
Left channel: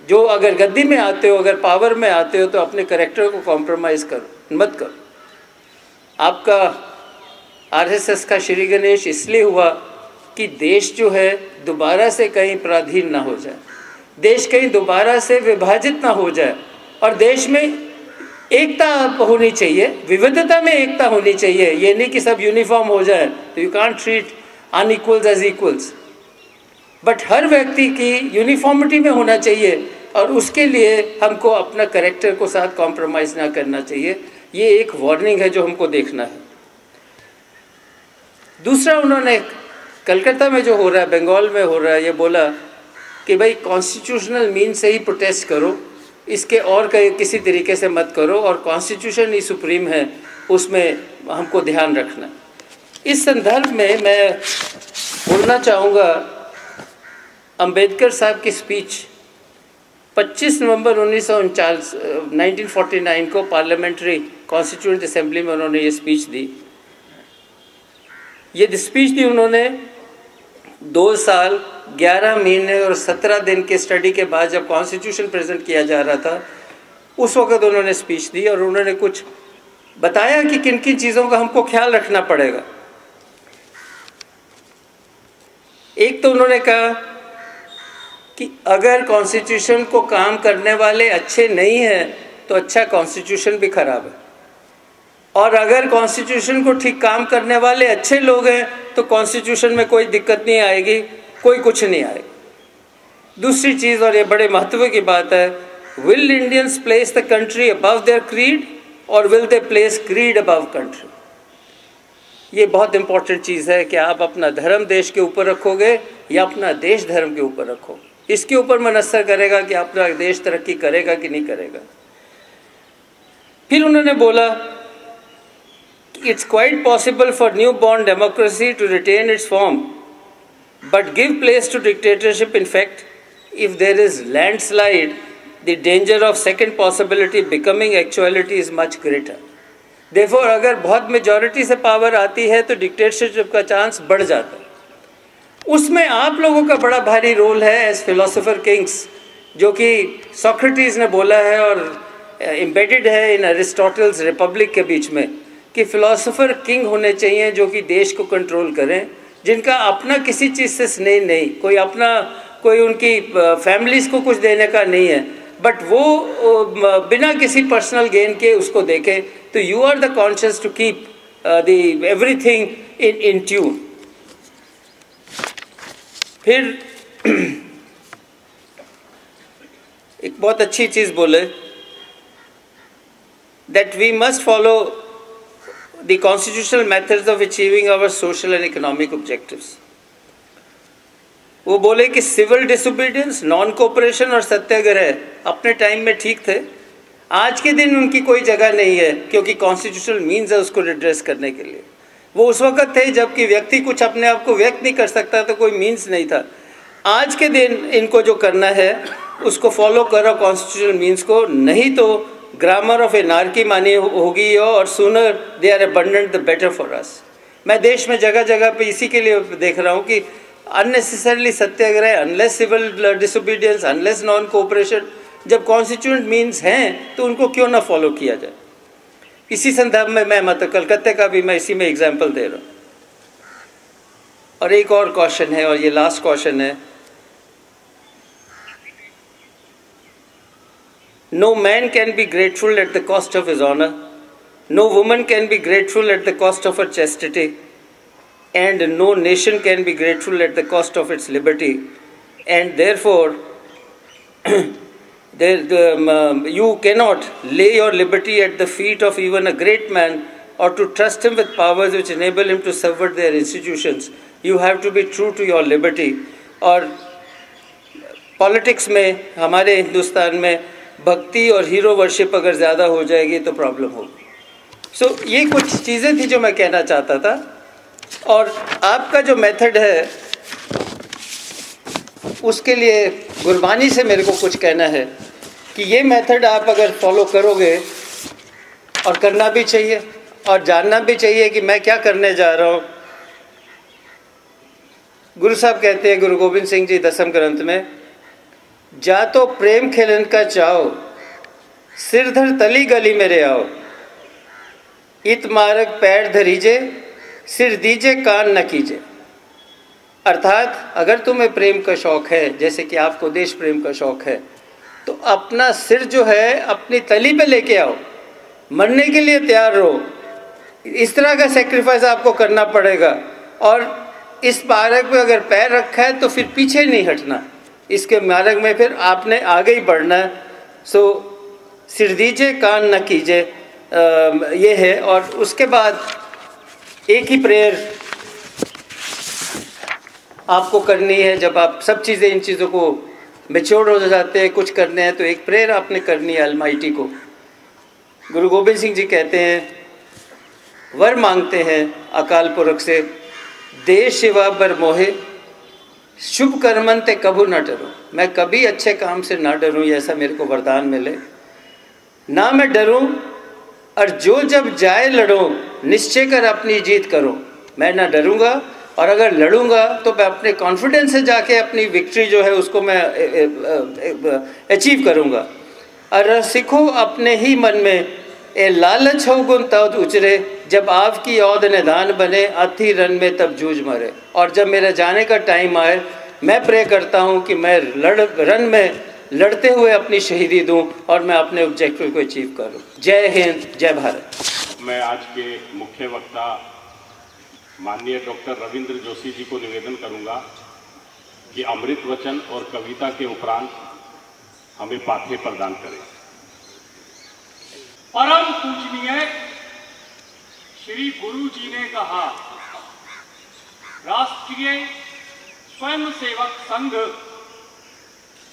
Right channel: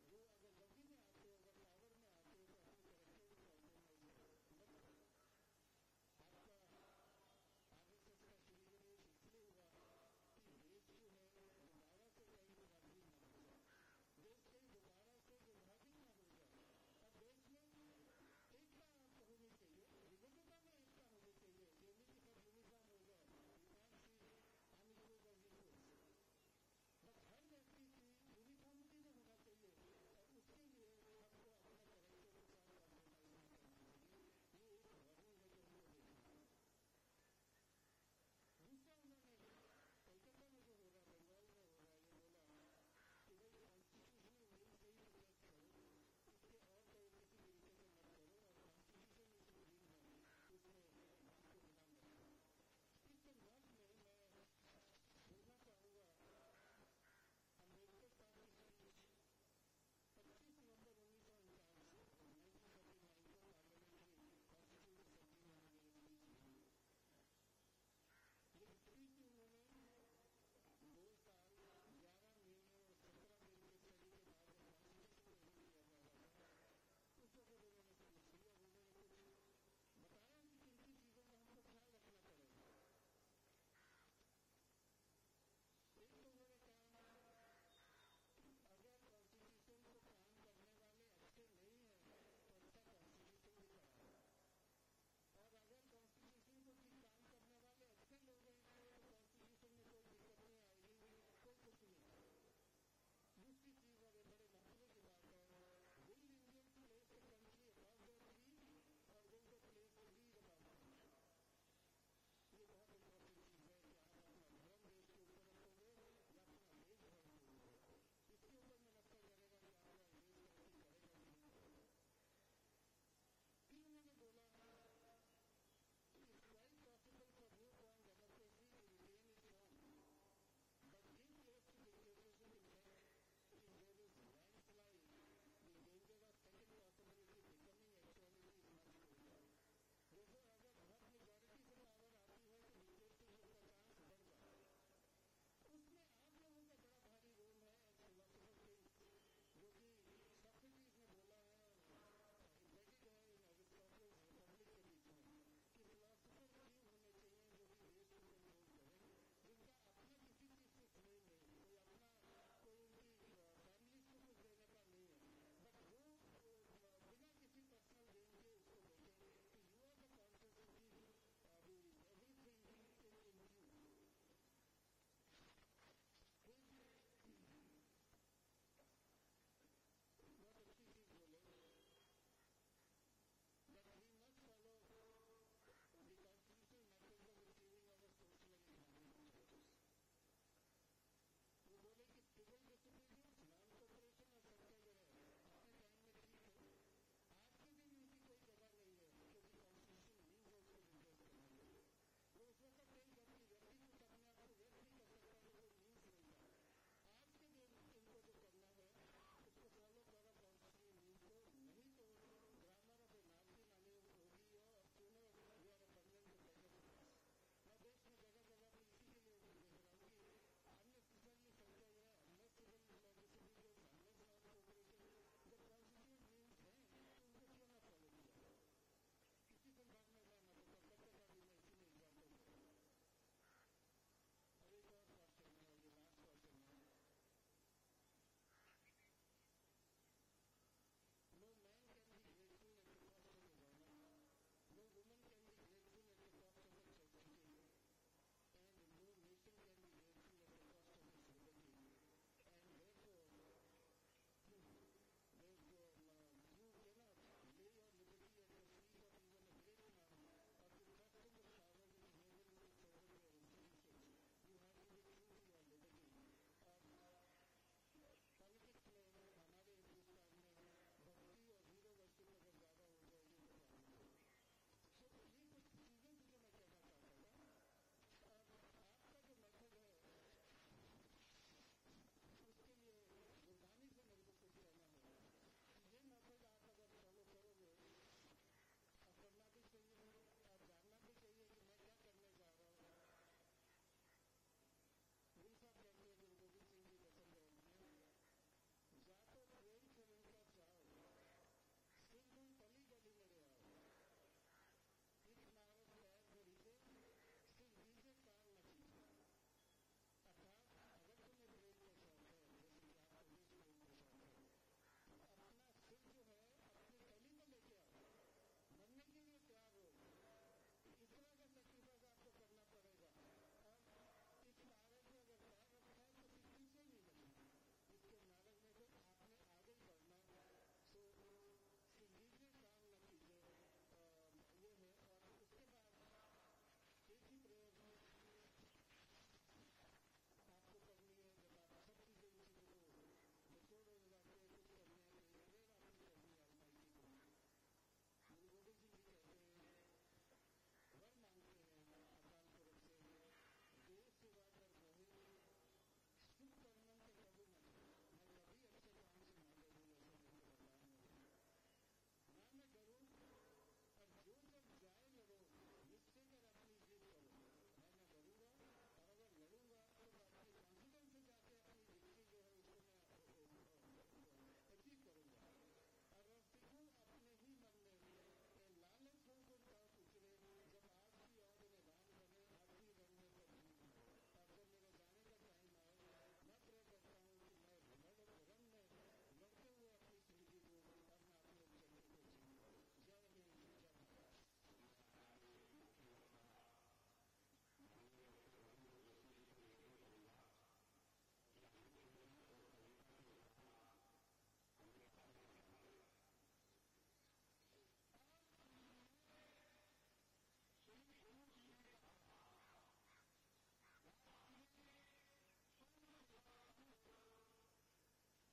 जो अगर गद्दी में आते हो, अगर पावर में आते हो, तो अपने कैरेक्टर को कॉम्प्रोमाइज़ करो, मत करो। आपका आरएसएस का श्री गणेश इसलिए हुआ कि देश जो है दोबारा से कहीं पराधीन ना हो जाए, देश कहीं दोबारा से विभाजित ना हो जाए, और देश में एकता होनी चाहिए, विविधता में एकता होनी चाहिए। ये नहीं कि सब यूनिफॉर्म हो जाए, तो you can't treat unequals as equals, but हर व्यक्ति की यूनिफॉर्मिटी में होना चाहिए, और उसके लिए हमको अपना कैरेक्टर को साथ कॉम्प्रोमाइज़ ना करना चाहिए। ये एक वार्निंग है जो हमको देखना है। दूसरा, उन्होंने कलकत्ता में जो हो रहा है, बंगाल में हो रहा है, ये बोला कि भाई कॉन्स्टिट्यूशनल मीन से ही प्रोटेस्ट करो, इसके और किसी तरीके से मत करो, और कॉन्स्टिट्यूशन ही सुप्रीम है, उसमें हमको ध्यान रखना। इस संदर्भ में मैं बोलना चाहूँगा अंबेडकर साहब की स्पीच 25 नवंबर 1949 को पार्लियामेंट्री कॉन्स्टिट्यूएंट असेंबली में उन्होंने ये स्पीच दी। ये स्पीच दी उन्होंने 2 साल 11 महीने और 17 दिन के स्टडी के बाद, जब कॉन्स्टिट्यूशन प्रेजेंट किया जा रहा था, उस वक्त उन्होंने स्पीच दी, और उन्होंने कुछ बताया कि किन किन चीज़ों का हमको ख्याल रखना पड़ेगा। एक तो उन्होंने कहा कि अगर कॉन्स्टिट्यूशन को काम करने वाले अच्छे नहीं हैं तो अच्छा कॉन्स्टिट्यूशन भी खराब है, और अगर कॉन्स्टिट्यूशन को ठीक काम करने वाले अच्छे लोग हैं तो कॉन्स्टिट्यूशन में कोई दिक्कत नहीं आएगी, कोई कुछ नहीं आएगा। दूसरी चीज़, और ये बड़े महत्व की बात है, will Indians place the country above their creed, और will they place creed above country. ये बहुत इंपॉर्टेंट चीज़ है कि आप अपना धर्म देश के ऊपर रखोगे या अपना देश धर्म के ऊपर रखोगे। इसके ऊपर मनसर करेगा कि अपना देश तरक्की करेगा कि नहीं करेगा। फिर उन्होंने बोला it's quite possible for new born democracy to retain its form but give place to dictatorship. In fact if there is landslide the danger of second possibility becoming actuality is much greater. देखो, अगर बहुत मेजॉरिटी से पावर आती है तो डिक्टेटरशिप का चांस बढ़ जाता है। उसमें आप लोगों का बड़ा भारी रोल है एज फिलोसोफर किंग्स, जो कि सोक्रेटिस ने बोला है और एम्बेडेड है इन अरिस्टोटल्स रिपब्लिक के बीच में, कि फिलोसोफर किंग होने चाहिए जो कि देश को कंट्रोल करें, जिनका अपना किसी चीज़ से स्नेह नहीं, कोई उनकी फैमिलीज को कुछ देने का नहीं है, बट वो बिना किसी पर्सनल गेन के उसको देखे। तो you are the conscious to keep the everything in tune. फिर एक बहुत अच्छी चीज़ बोले, that we must follow the constitutional methods of achieving our social and economic objectives. वो बोले कि सिविल डिसोबीडियंस, नॉन कोऑपरेशन और सत्याग्रह अपने टाइम में ठीक थे, आज के दिन उनकी कोई जगह नहीं है, क्योंकि कॉन्स्टिट्यूशनल मीन्स है उसको रिड्रेस करने के लिए। वो उस वक्त थे जबकि व्यक्ति कुछ अपने आप को व्यक्त नहीं कर सकता, तो कोई मीन्स नहीं था। आज के दिन इनको जो करना है उसको फॉलो करो कॉन्स्टिट्यूशनल मीन्स को, नहीं तो ग्रामर ऑफ एनार्की मानी होगी, और sooner they are abandoned the better for us. मैं देश में जगह जगह पे इसी के लिए देख रहा हूँ कि unnecessarily satyagraha, unless civil disobedience, unless non cooperation, जब कॉन्स्टिट्यूएंट मीन्स हैं तो उनको क्यों ना फॉलो किया जाए। इसी संदर्भ में मैं मतलब कलकत्ते का भी मैं इसी में एग्जाम्पल दे रहा हूँ। और एक और क्वेश्चन है, और ये लास्ट क्वेश्चन है। No man can be grateful at the cost of his honour, no woman can be grateful at the cost of her chastity, and no nation can be grateful at the cost of its liberty, and therefore you cannot lay your liberty at the feet of even a great man or to trust him with powers which enable him to subvert their institutions. You have to be true to your liberty. और पॉलिटिक्स में हमारे हिंदुस्तान में भक्ति और हीरो वर्शिप अगर ज़्यादा हो जाएगी तो प्रॉब्लम होगी। सो ये कुछ चीज़ें थी जो मैं कहना चाहता था। और आपका जो मेथड है उसके लिए गुरबानी से मेरे को कुछ कहना है कि ये मेथड आप अगर फॉलो करोगे, और करना भी चाहिए और जानना भी चाहिए कि मैं क्या करने जा रहा हूँ। गुरु साहब कहते हैं, गुरु गोविंद सिंह जी दसम ग्रंथ में, जा तो प्रेम खेलन का चाओ, सिरधर तली गली मेरे आओ, इत मार्ग पैर धरीजे, सिर दीजे कान न कीजे। अर्थात अगर तुम्हें प्रेम का शौक़ है, जैसे कि आपको देश प्रेम का शौक़ है, तो अपना सिर जो है अपनी तली पे लेके आओ, मरने के लिए तैयार रहो। इस तरह का सेक्रीफाइस आपको करना पड़ेगा। और इस मार्ग पे अगर पैर रखा है तो फिर पीछे नहीं हटना, इसके मार्ग में फिर आपने आगे ही बढ़ना है। सो सिर दीजे कान न कीजे, ये है। और उसके बाद एक ही प्रेयर आपको करनी है। जब आप सब चीज़ें, इन चीज़ों को मैच्योर हो जाते हैं, कुछ करने हैं, तो एक प्रेयर आपने करनी है अलमाइटी को। गुरु गोविंद सिंह जी कहते हैं, वर मांगते हैं अकाल पुरख से, दे शिवा बर मोहे, शुभ कर्मन ते कभू न डरो। मैं कभी अच्छे काम से ना डरूं, ऐसा मेरे को वरदान मिले। ना मैं डरूं, और जो जब जाए लड़ो, निश्चय कर अपनी जीत करो। मैं ना डरूंगा, और अगर लड़ूंगा तो मैं अपने कॉन्फिडेंस से जाके अपनी विक्ट्री जो है उसको मैं अचीव करूंगा। और सीखो अपने ही मन में, ए लालच हो गुण तब उचरे, जब आपकी औद निदान बने, अथी रन में तब जूझ मरे। और जब मेरा जाने का टाइम आए, मैं प्रे करता हूँ कि मैं रन में लड़ते हुए अपनी शहीदी दूं और मैं अपने ऑब्जेक्टिव को अचीव करूं। जय हिंद, जय भारत। मैं आज के मुख्य वक्ता माननीय डॉक्टर रविंद्र जोशी जी को निवेदन करूंगा कि अमृत वचन और कविता के उपरांत हमें पाठ्य प्रदान करें। परम पूजनीय श्री गुरु जी ने कहा, राष्ट्रीय स्वयंसेवक संघ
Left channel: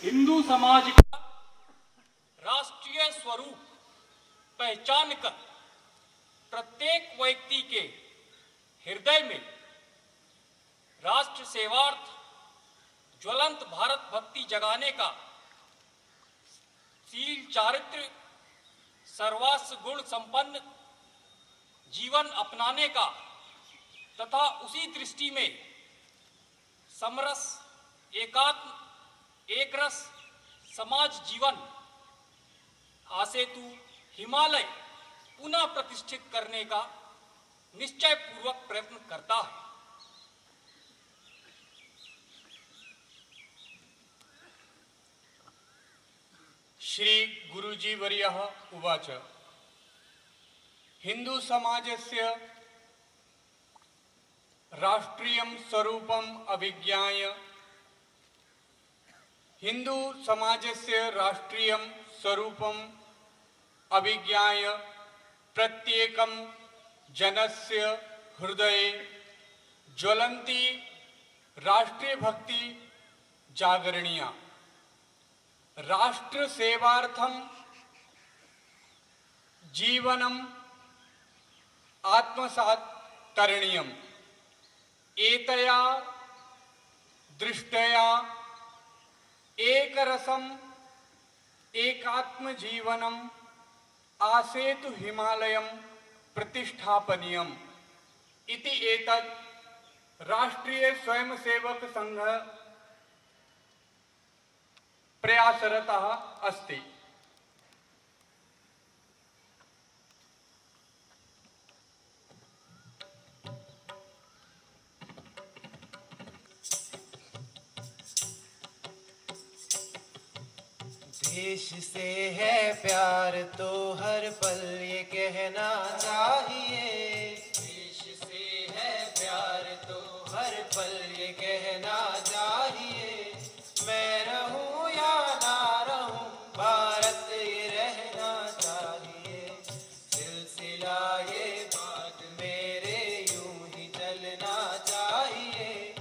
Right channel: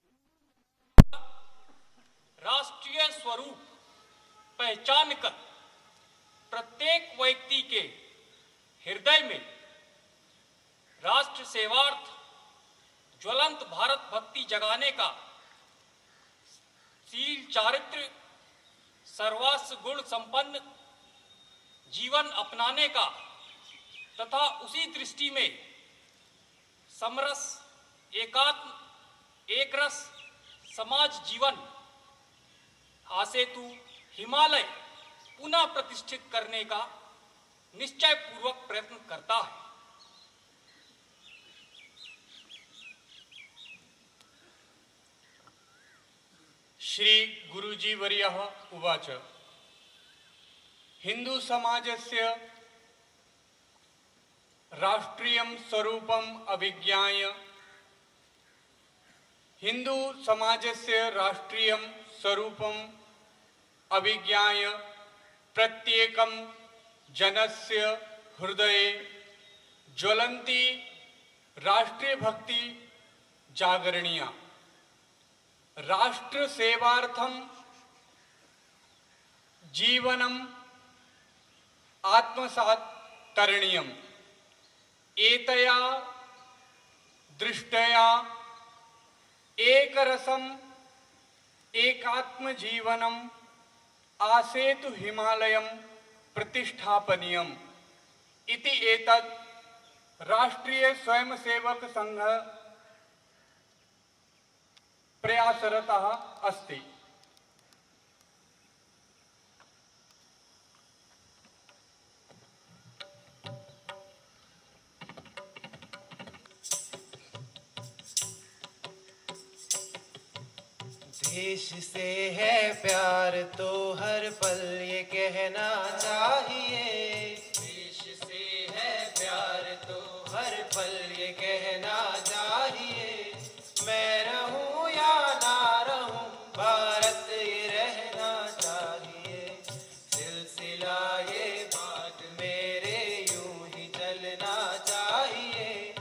हिंदू समाज का राष्ट्रीय स्वरूप पहचान कर प्रत्येक व्यक्ति के हृदय में राष्ट्र सेवार्थ ज्वलंत भारत भक्ति जगाने का, शील चारित्र सर्वास्व गुण संपन्न जीवन अपनाने का तथा उसी दृष्टि में समरस एकात्म एक रस समाज जीवन आसेतु हिमालय पुनः प्रतिष्ठित करने का निश्चय पूर्वक प्रयत्न करता है। श्री गुरुजी वर्यः उवाच, हिंदू समाजस्य राष्ट्रीयं स्वरूपम् अभिज्ञाय, हिंदू समाजस्य राष्ट्रीयं स्वरूपम् अभिज्ञाय प्रत्येकं जनस्य हृदये ज्वलन्ती राष्ट्रीय भक्ति जागरणीया। राष्ट्र सेवार्थम जीवनम आत्मसात् करणीयम्। एतया दृष्टया एक रसम एकात्म जीवनम आसेतु हिमालयम प्रतिष्ठापनीयम। इति एतत् राष्ट्रीय स्वयंसेवक संघ प्रयासरतः अस्ति। देश से है प्यार तो हर पल ये कहना चाहिए। देश से है प्यार तो हर पल ये कहना चाहिए। मैं रहूं या ना रहूं भारत ये रहना चाहिए। सिलसिला ये बात मेरे यूं ही चलना चाहिए।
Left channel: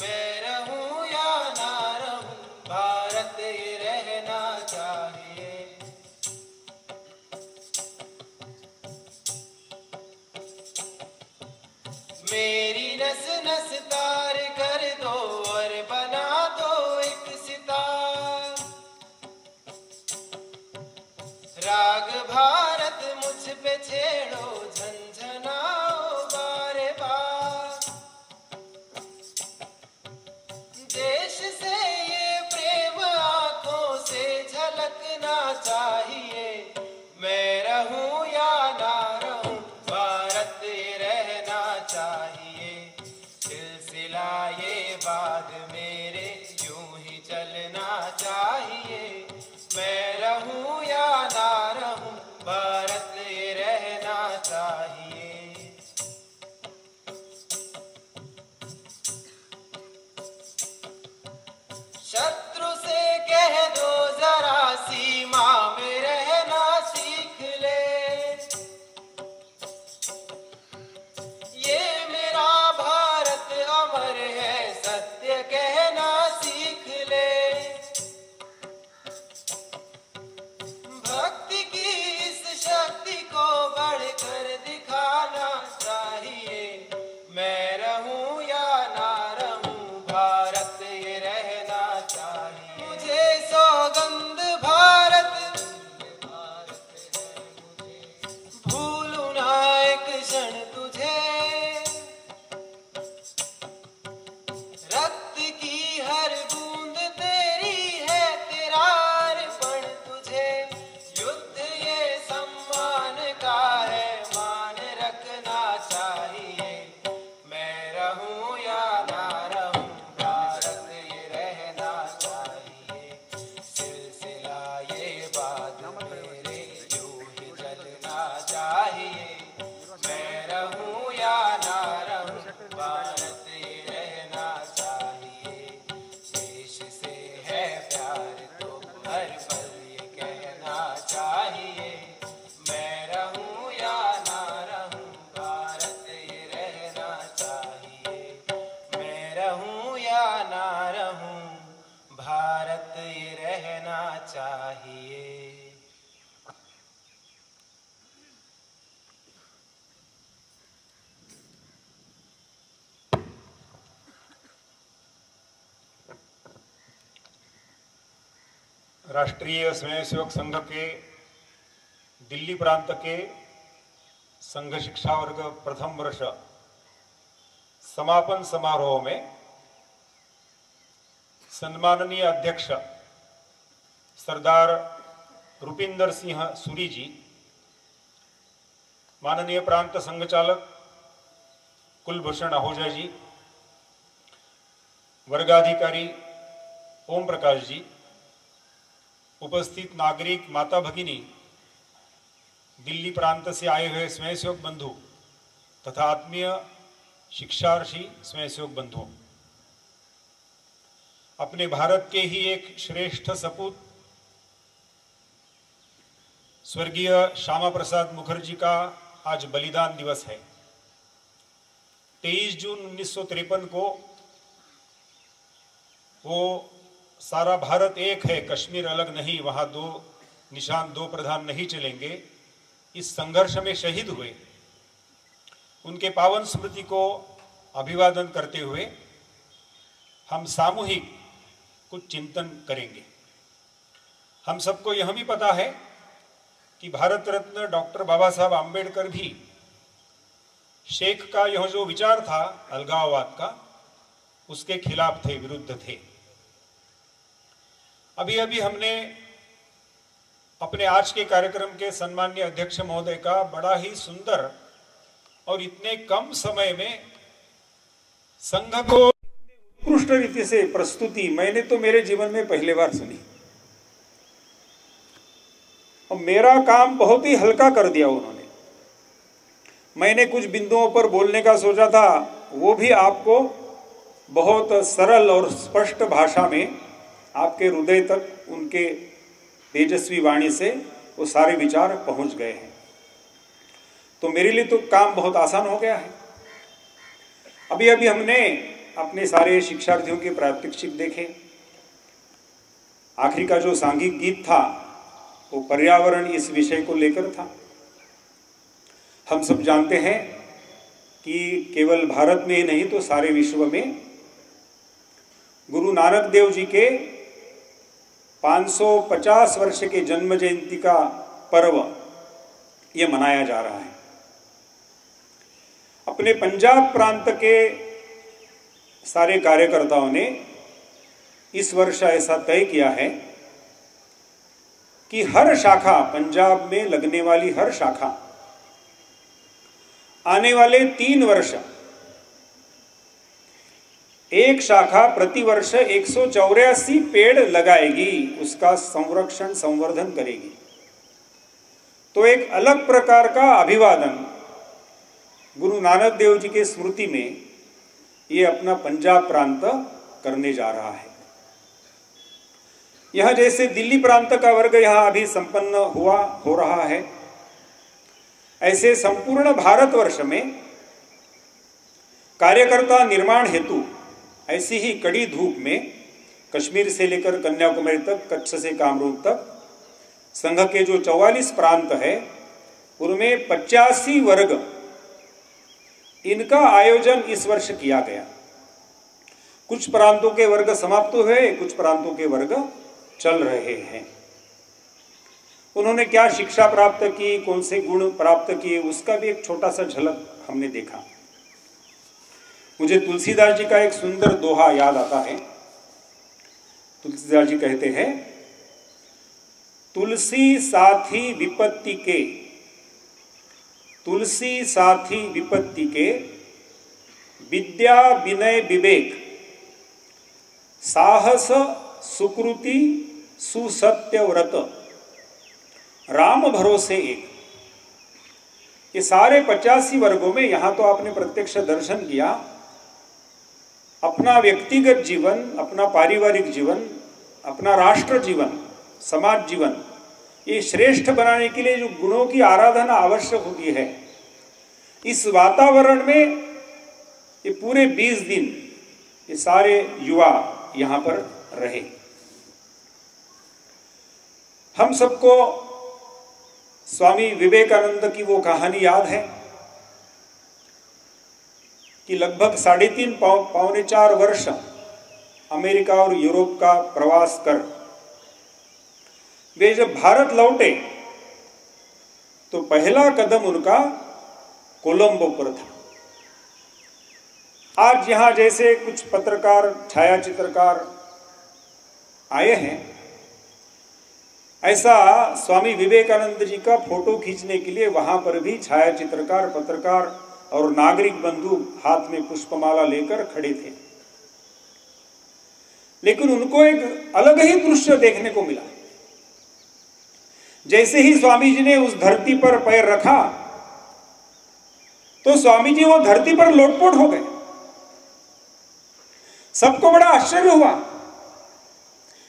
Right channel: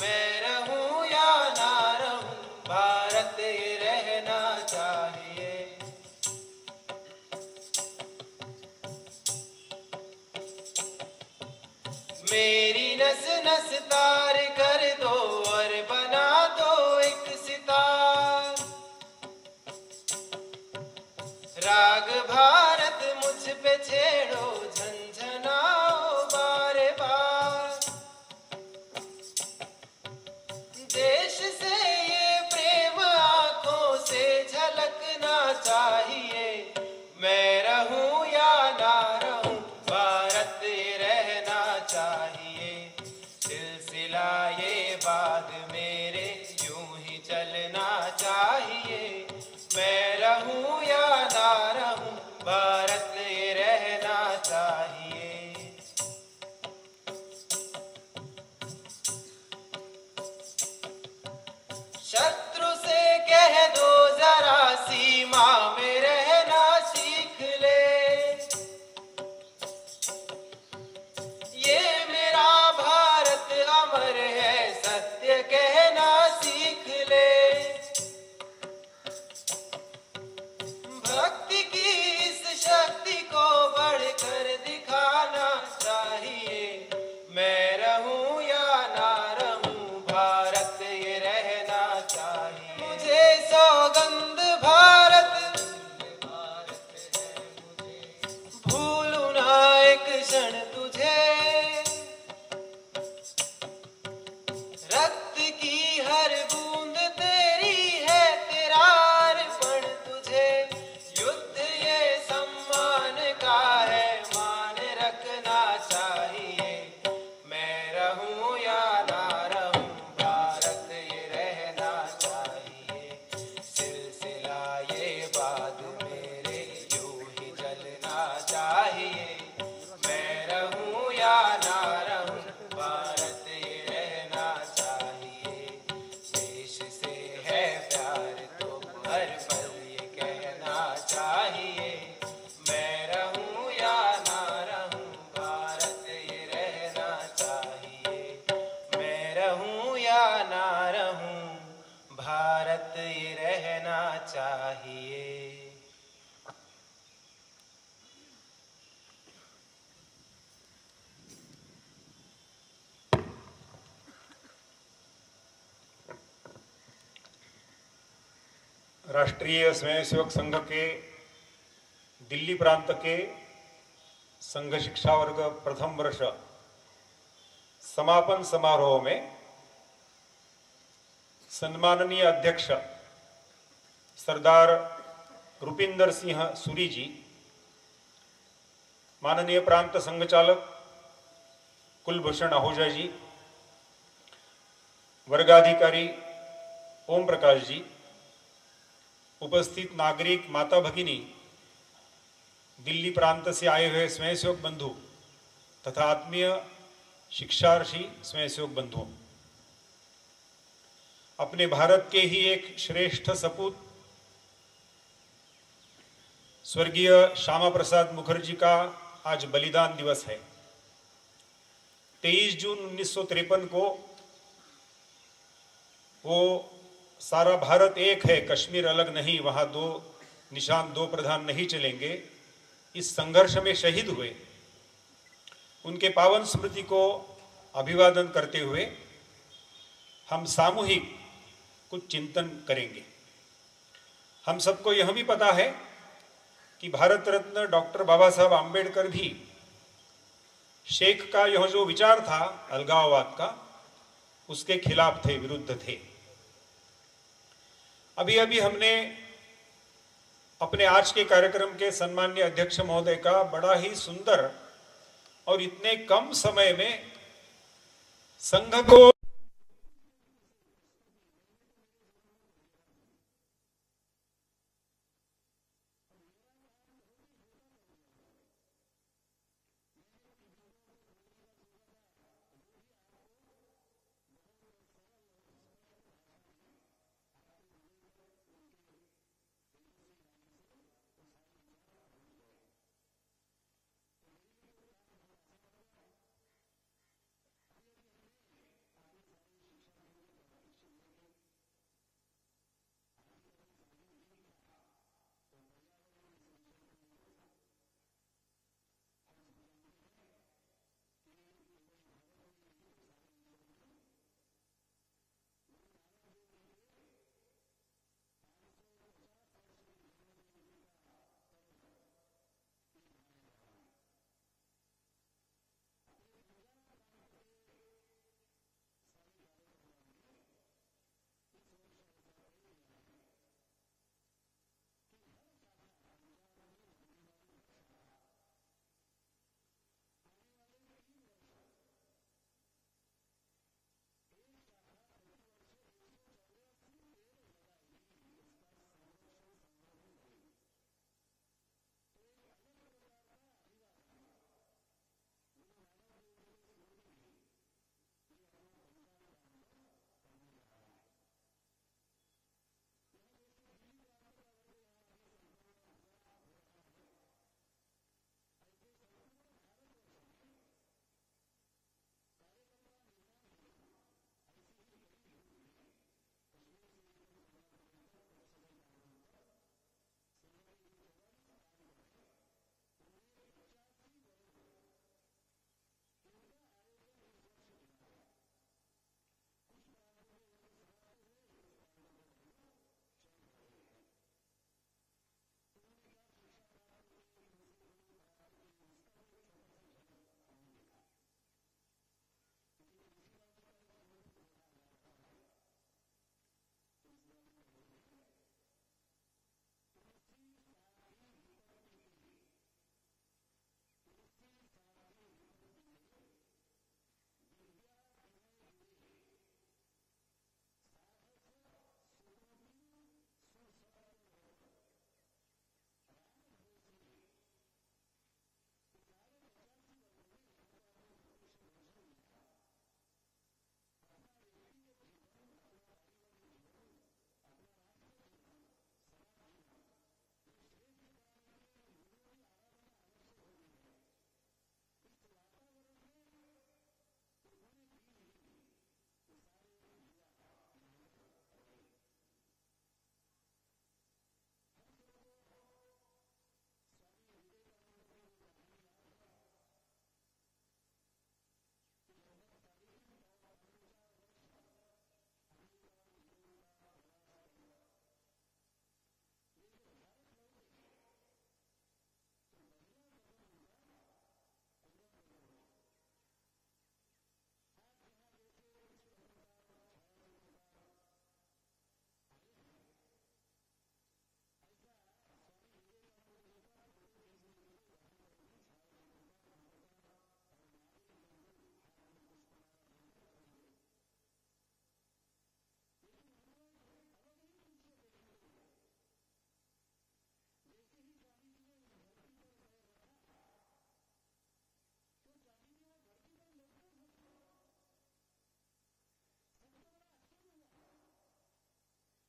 मैं रहूं या ना रहूं भारत ये रहना चाहिए। मेरी नस नस तार कर दो और बना दो एक सितार। राग भारत मुझ पे छेड़ो झंझनाओ बारे बार। देश से ये प्रेम आंखों से झलकना चाहिए। मैं रहूं या ना रहूं भारत ये रहना चाहिए। सिलसिला ये बात मेरे यूं ही चलना चाहिए। मैं रहूं या ना रहूं भारत ये रहना चाहिए। शत्रु से कह दो जरा सीमा में रहना सीख ले। ये मेरा भारत अमर है सत्य कहना सीख ले। भक्ति की इस शक्ति को बढ़कर दिखाना चाहिए। मैं रहूं या ना रहूं भारत ये रहना चाहिए। मुझे सौगंध भारत भूलूं ना एक क्षण तुझे। रक्त की हर बूंद तेरी है तेरा अर्पण तुझे। युद्ध ये सम्मान का है मान रखना चाहिए। मैं रहूं या ना रहूं भारत ये रहना चाहिए। सिलसिला ये बात मेरे यूं ही चलना चाहिए। मैं रहूं या ना रहूं भारत ये रहना चाहिए। देश से है प्यार तो हर पल ये कहना चाहिए। मैं रहूं या ना रहूं भारत ये रहना चाहिए। मैं रहूं या ना रहूं भारत ये रहना चाहिए। राष्ट्रीय स्वयंसेवक संघ के दिल्ली प्रांत के संघ शिक्षा वर्ग प्रथम वर्ष समापन समारोह में सम्माननीय अध्यक्ष सरदार रुपिंदर सिंह सूरी जी, माननीय प्रांत संघ चालक कुलभूषण आहूजा जी, वर्गाधिकारी ओम प्रकाश जी, उपस्थित नागरिक माता भगिनी, दिल्ली प्रांत से आए हुए स्वयंसेवक बंधु तथा आत्मीय शिक्षार्थी स्वयंसेवक बंधुओं, अपने भारत के ही एक श्रेष्ठ सपूत स्वर्गीय श्यामा प्रसाद मुखर्जी का आज बलिदान दिवस है। 23 जून 1953 को वो सारा भारत एक है, कश्मीर अलग नहीं, वहां दो निशान दो प्रधान नहीं चलेंगे, इस संघर्ष में शहीद हुए। उनके पावन स्मृति को अभिवादन करते हुए हम सामूहिक कुछ चिंतन करेंगे। हम सबको यह भी पता है कि भारत रत्न डॉक्टर बाबा साहब आम्बेडकर भी शेख का यह जो विचार था अलगाववाद का, उसके खिलाफ थे, विरुद्ध थे। अभी अभी हमने अपने आज के कार्यक्रम के सम्माननीय अध्यक्ष महोदय का बड़ा ही सुंदर और इतने कम समय में संघ को उत्कृष्ट रीति से प्रस्तुति मैंने तो मेरे जीवन में पहली बार सुनी। और मेरा काम बहुत ही हल्का कर दिया उन्होंने। मैंने कुछ बिंदुओं पर बोलने का सोचा था, वो भी आपको बहुत सरल और स्पष्ट भाषा में आपके हृदय तक उनके तेजस्वी वाणी से वो सारे विचार पहुंच गए हैं। तो मेरे लिए तो काम बहुत आसान हो गया है। अभी अभी हमने अपने सारे शिक्षार्थियों के प्रात्यक्षिक देखे। आखिरी का जो सांघिक गीत था वो पर्यावरण इस विषय को लेकर था। हम सब जानते हैं कि केवल भारत में ही नहीं तो सारे विश्व में गुरु नानक देव जी के 550 वर्ष के जन्म जयंती का पर्व ये मनाया जा रहा है। अपने पंजाब प्रांत के सारे कार्यकर्ताओं ने इस वर्ष ऐसा तय किया है कि हर शाखा, पंजाब में लगने वाली हर शाखा आने वाले 3 वर्ष एक शाखा प्रतिवर्ष 184 पेड़ लगाएगी, उसका संरक्षण संवर्धन करेगी। तो एक अलग प्रकार का अभिवादन गुरु नानक देव जी के स्मृति में ये अपना पंजाब प्रांत करने जा रहा है। यह जैसे दिल्ली प्रांत का वर्ग यहां अभी संपन्न हो रहा है, ऐसे संपूर्ण भारतवर्ष में कार्यकर्ता निर्माण हेतु ऐसी ही कड़ी धूप में कश्मीर से लेकर कन्याकुमारी तक, कच्छ से कामरूप तक संघ के जो 44 प्रांत है उनमें 85 वर्ग इनका आयोजन इस वर्ष किया गया। कुछ प्रांतों के वर्ग समाप्त हुए, कुछ प्रांतों के वर्ग चल रहे हैं। उन्होंने क्या शिक्षा प्राप्त की, कौन से गुण प्राप्त किए, उसका भी एक छोटा सा झलक हमने देखा। मुझे तुलसीदास जी का एक सुंदर दोहा याद आता है। तुलसीदास जी कहते हैं, तुलसी साथी विपत्ति के, तुलसी साथी विपत्ति के, विद्या विनय विवेक, साहस सुकृति सुसत्य व्रत, राम भरोसे एक। ये सारे 85 वर्गों में यहां तो आपने प्रत्यक्ष दर्शन किया। अपना व्यक्तिगत जीवन, अपना पारिवारिक जीवन, अपना राष्ट्र जीवन, समाज जीवन ये श्रेष्ठ बनाने के लिए जो गुणों की आराधना आवश्यक होती है, इस वातावरण में ये पूरे 20 दिन ये सारे युवा यहां पर रहे। हम सबको स्वामी विवेकानंद की वो कहानी याद है कि लगभग 3.5 पौने 4 वर्ष अमेरिका और यूरोप का प्रवास कर वे जब भारत लौटे तो पहला कदम उनका कोलंबो पर था। आज यहां जैसे कुछ पत्रकार, छायाचित्रकार आए हैं, ऐसा स्वामी विवेकानंद जी का फोटो खींचने के लिए वहां पर भी छायाचित्रकार, पत्रकार और नागरिक बंधु हाथ में पुष्पमाला लेकर खड़े थे। लेकिन उनको एक अलग ही दृश्य देखने को मिला। जैसे ही स्वामी जी ने उस धरती पर पैर रखा तो स्वामी जी वो धरती पर लोटपोट हो गए। सबको बड़ा आश्चर्य हुआ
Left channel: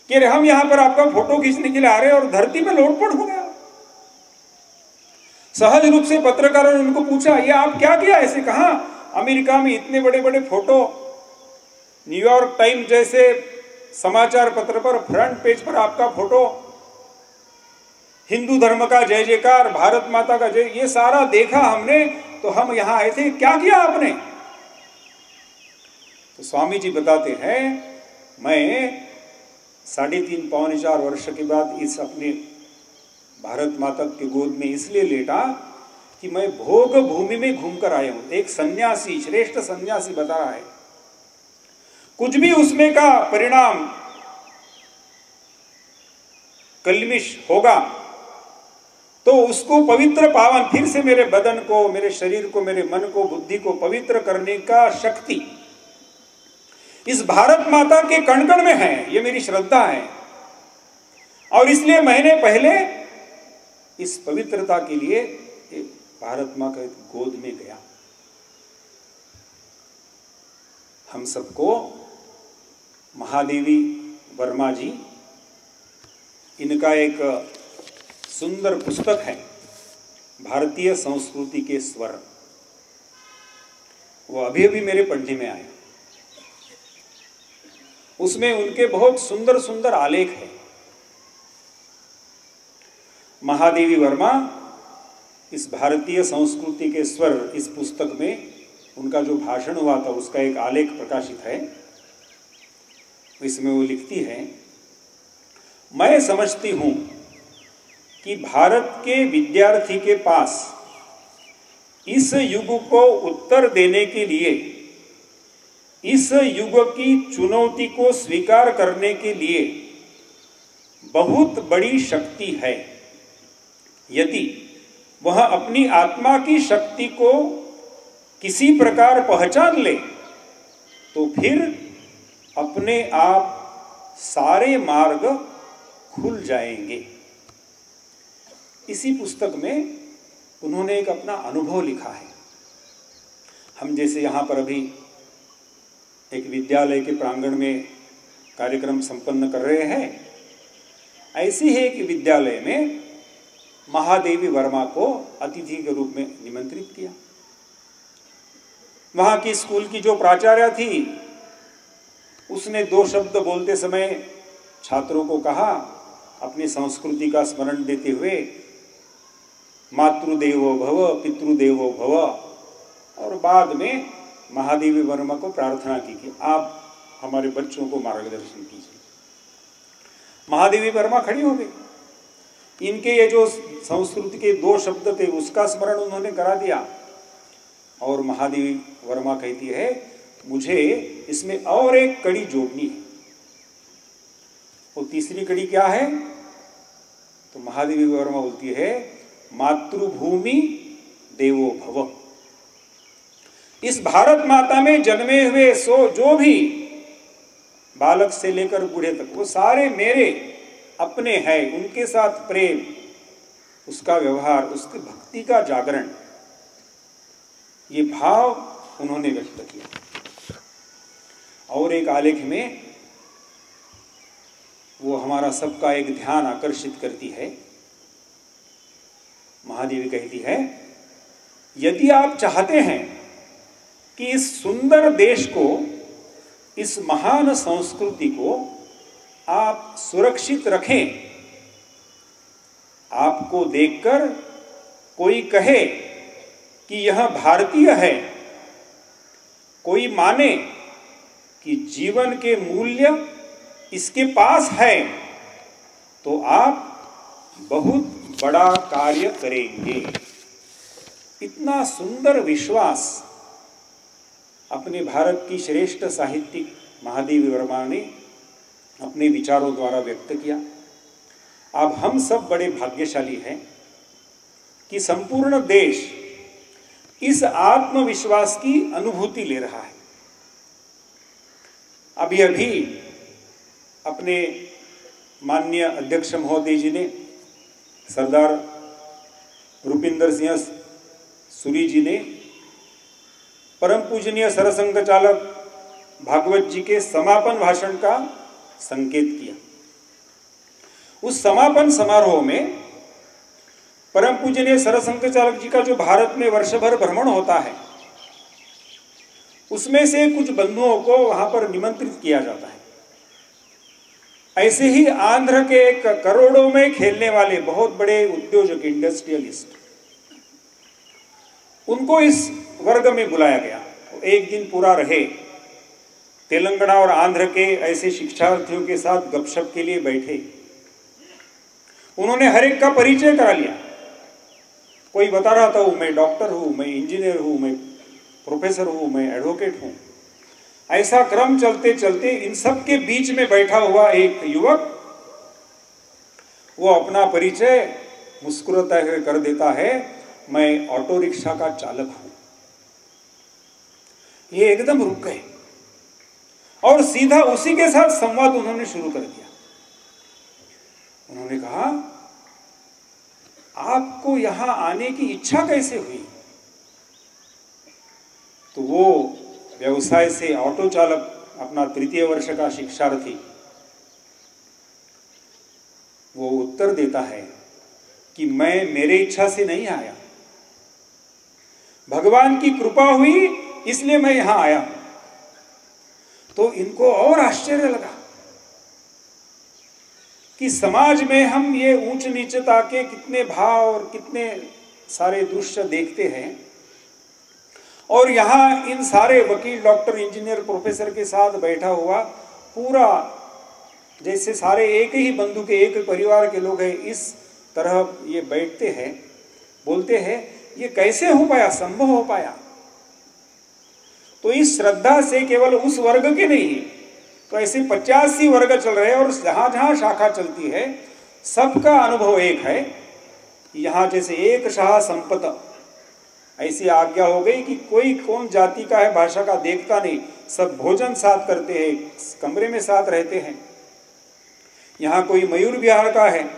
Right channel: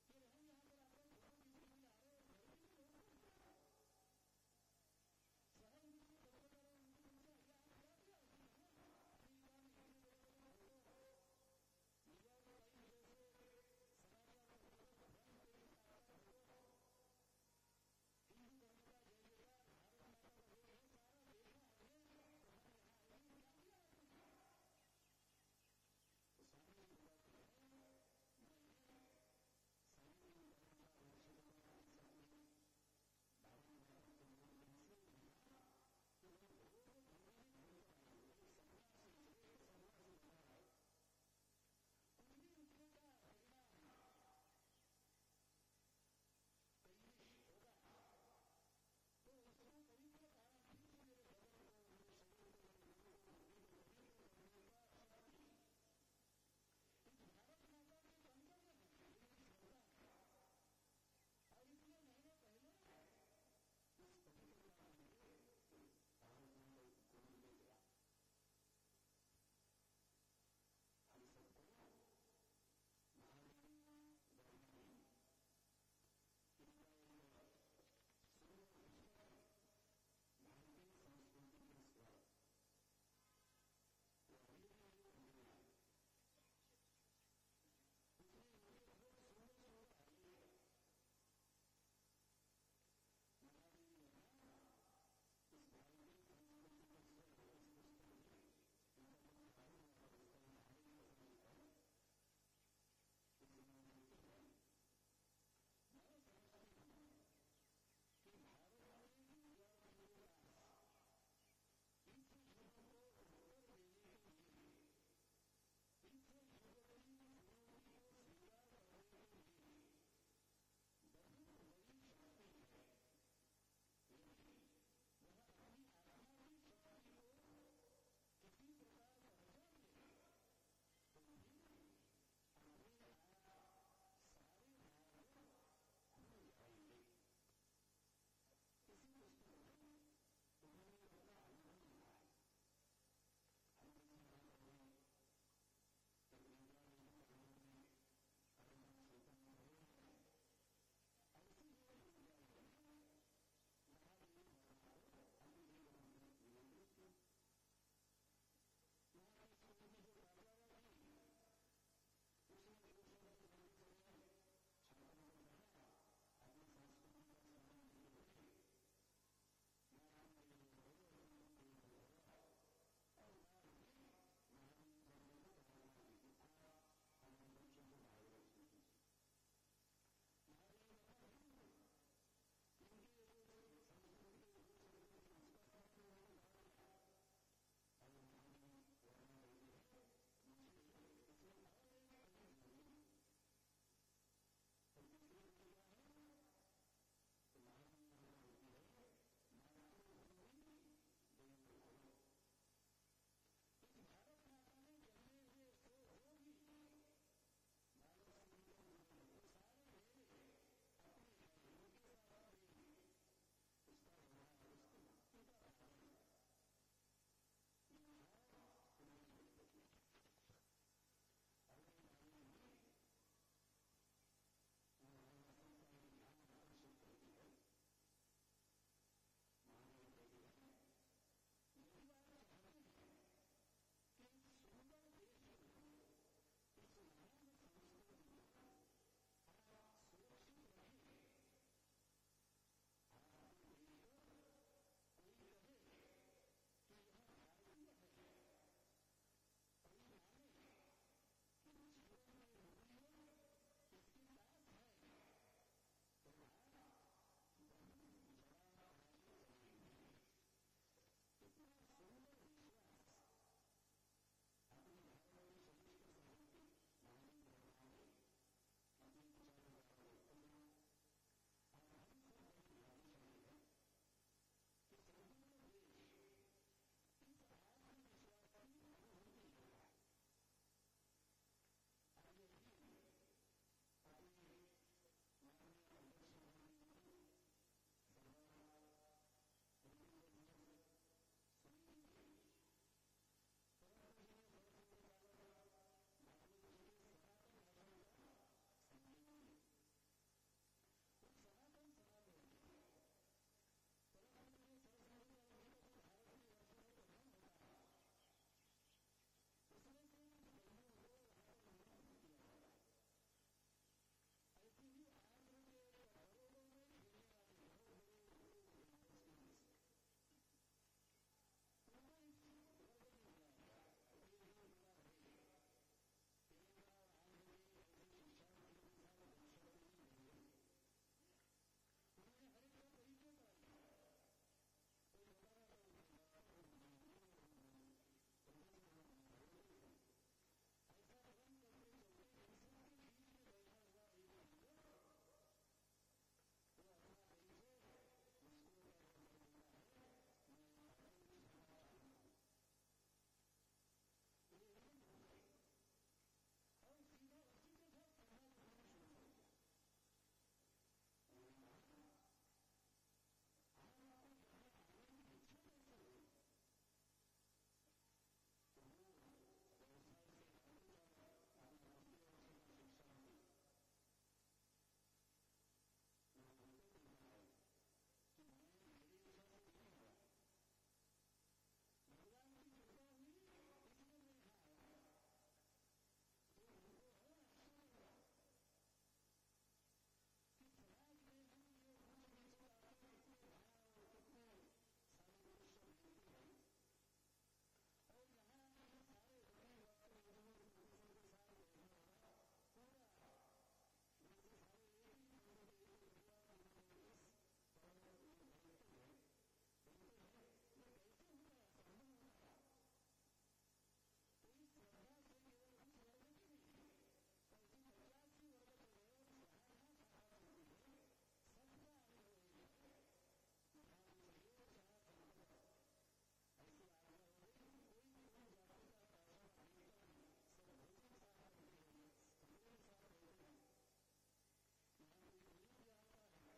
कि हम यहां पर आपका फोटो खींचने के लिए आ रहे हैं और धरती में लोटपोट हो गया। सहज रूप से पत्रकारों ने उनको पूछा, ये आप क्या किया? ऐसे कहा, अमेरिका में इतने बड़े बड़े फोटो, न्यूयॉर्क टाइम जैसे समाचार पत्र पर फ्रंट पेज पर आपका फोटो, हिंदू धर्म का जय जयकार, भारत माता का जय, ये सारा देखा हमने, तो हम यहां आए थे। क्या किया आपने? तो स्वामी जी बताते हैं, मैं 3.5 पौने 4 वर्ष के बाद इस अपने भारत माता की गोद में इसलिए लेटा कि मैं भोग भूमि में घूमकर आया हूं। एक सन्यासी, श्रेष्ठ सन्यासी बता रहा है, कुछ भी उसमें का परिणाम कलमिश होगा तो उसको पवित्र पावन, फिर से मेरे बदन को, मेरे शरीर को, मेरे मन को, बुद्धि को पवित्र करने का शक्ति इस भारत माता के कण कण में है। ये मेरी श्रद्धा है और इसलिए महीने पहले इस पवित्रता के लिए भारत मां के गोद में गया। हम सबको महादेवी वर्मा जी, इनका एक सुंदर पुस्तक है भारतीय संस्कृति के स्वर, वो अभी अभी मेरे पढ़ने में आया। उसमें उनके बहुत सुंदर सुंदर आलेख है। महादेवी वर्मा इस भारतीय संस्कृति के स्वर, इस पुस्तक में उनका जो भाषण हुआ था उसका एक आलेख प्रकाशित है। इसमें वो लिखती है, मैं समझती हूं कि भारत के विद्यार्थी के पास इस युग को उत्तर देने के लिए, इस युग की चुनौती को स्वीकार करने के लिए बहुत बड़ी शक्ति है। यदि वह अपनी आत्मा की शक्ति को किसी प्रकार पहचान ले तो फिर अपने आप सारे मार्ग खुल जाएंगे। इसी पुस्तक में उन्होंने एक अपना अनुभव लिखा है। हम जैसे यहाँ पर अभी एक विद्यालय के प्रांगण में कार्यक्रम संपन्न कर रहे हैं, ऐसे ही एक विद्यालय में महादेवी वर्मा को अतिथि के रूप में निमंत्रित किया। वहां की स्कूल की जो प्राचार्य थी, उसने 2 शब्द बोलते समय छात्रों को कहा, अपनी संस्कृति का स्मरण देते हुए, मातृदेवो भव पितृदेवो भव, और बाद में महादेवी वर्मा को प्रार्थना की कि आप हमारे बच्चों को मार्गदर्शन कीजिए। महादेवी वर्मा खड़ी हो गई। इनके ये जो संस्कृत के 2 शब्द थे उसका स्मरण उन्होंने करा दिया और महादेवी वर्मा कहती है, मुझे इसमें और एक कड़ी जोड़नी है। वो तीसरी कड़ी क्या है? तो महादेवी वर्मा बोलती है, मातृभूमि देवो भव। इस भारत माता में जन्मे हुए जो भी बालक से लेकर बूढ़े तक, वो सारे मेरे अपने हैं। उनके साथ प्रेम, उसका व्यवहार, उसकी भक्ति का जागरण, ये भाव उन्होंने व्यक्त किया। और एक आलेख में वो हमारा सबका एक ध्यान आकर्षित करती है। महादेवी कहती है, यदि आप चाहते हैं कि इस सुंदर देश को, इस महान संस्कृति को आप सुरक्षित रखें, आपको देखकर कोई कहे कि यह भारतीय है, कोई माने कि जीवन के मूल्य इसके पास है, तो आप बहुत बड़ा कार्य करेंगे। इतना सुंदर विश्वास अपने भारत की श्रेष्ठ साहित्यिक महादेवी वर्मा ने अपने विचारों द्वारा व्यक्त किया। अब हम सब बड़े भाग्यशाली हैं कि संपूर्ण देश इस आत्मविश्वास की अनुभूति ले रहा है। अभी अभी अपने माननीय अध्यक्ष महोदय जी ने, सरदार रुपिंदर सिंह सूरी जी ने परम पूजनीय सरसंघ चालक भागवत जी के समापन भाषण का संकेत किया। उस समापन समारोह में परम पूजनीय सरसंघ चालक जी का जो भारत में वर्षभर भ्रमण होता है, उसमें से कुछ बंधुओं को वहां पर निमंत्रित किया जाता है। ऐसे ही आंध्र के करोड़ों में खेलने वाले बहुत बड़े उद्योजक, इंडस्ट्रियलिस्ट, उनको इस वर्ग में बुलाया गया। तो एक दिन पूरा रहे, तेलंगाना और आंध्र के ऐसे शिक्षार्थियों के साथ गपशप के लिए बैठे। उन्होंने हर एक का परिचय करा लिया। कोई बता रहा था मैं डॉक्टर हूं, मैं इंजीनियर हूं, मैं प्रोफेसर हूं, मैं एडवोकेट हूं। ऐसा क्रम चलते चलते इन सब के बीच में बैठा हुआ एक युवक, वो अपना परिचय मुस्कुराता हुए कर देता है, मैं ऑटो रिक्शा का चालक हूं। ये एकदम रुक गए और सीधा उसी के साथ संवाद उन्होंने शुरू कर दिया। उन्होंने कहा, आपको यहां आने की इच्छा कैसे हुई? तो वो व्यवसाय से ऑटो चालक, अपना तृतीय वर्ष का शिक्षार्थी, वो उत्तर देता है कि मैं मेरे इच्छा से नहीं आया, भगवान की कृपा हुई इसलिए मैं यहां आया हूं। तो इनको और आश्चर्य लगा कि समाज में हम ये ऊंच नीचता के कितने भाव और कितने सारे दृश्य देखते हैं, और यहां इन सारे वकील, डॉक्टर, इंजीनियर, प्रोफेसर के साथ बैठा हुआ पूरा जैसे सारे एक ही बंधु के, एक परिवार के लोग हैं, इस तरह ये बैठते हैं, बोलते हैं, ये कैसे हो पाया, संभव हो पाया? तो इस श्रद्धा से केवल उस वर्ग के नहीं, तो ऐसे 85 वर्ग चल रहे हैं, और जहां जहां शाखा चलती है सबका अनुभव एक है। यहाँ जैसे एक शाह संपत, ऐसी आज्ञा हो गई कि कोई कौन जाति का है, भाषा का देखता नहीं, सब भोजन साथ करते हैं, कमरे में साथ रहते हैं। यहाँ कोई मयूर विहार का है,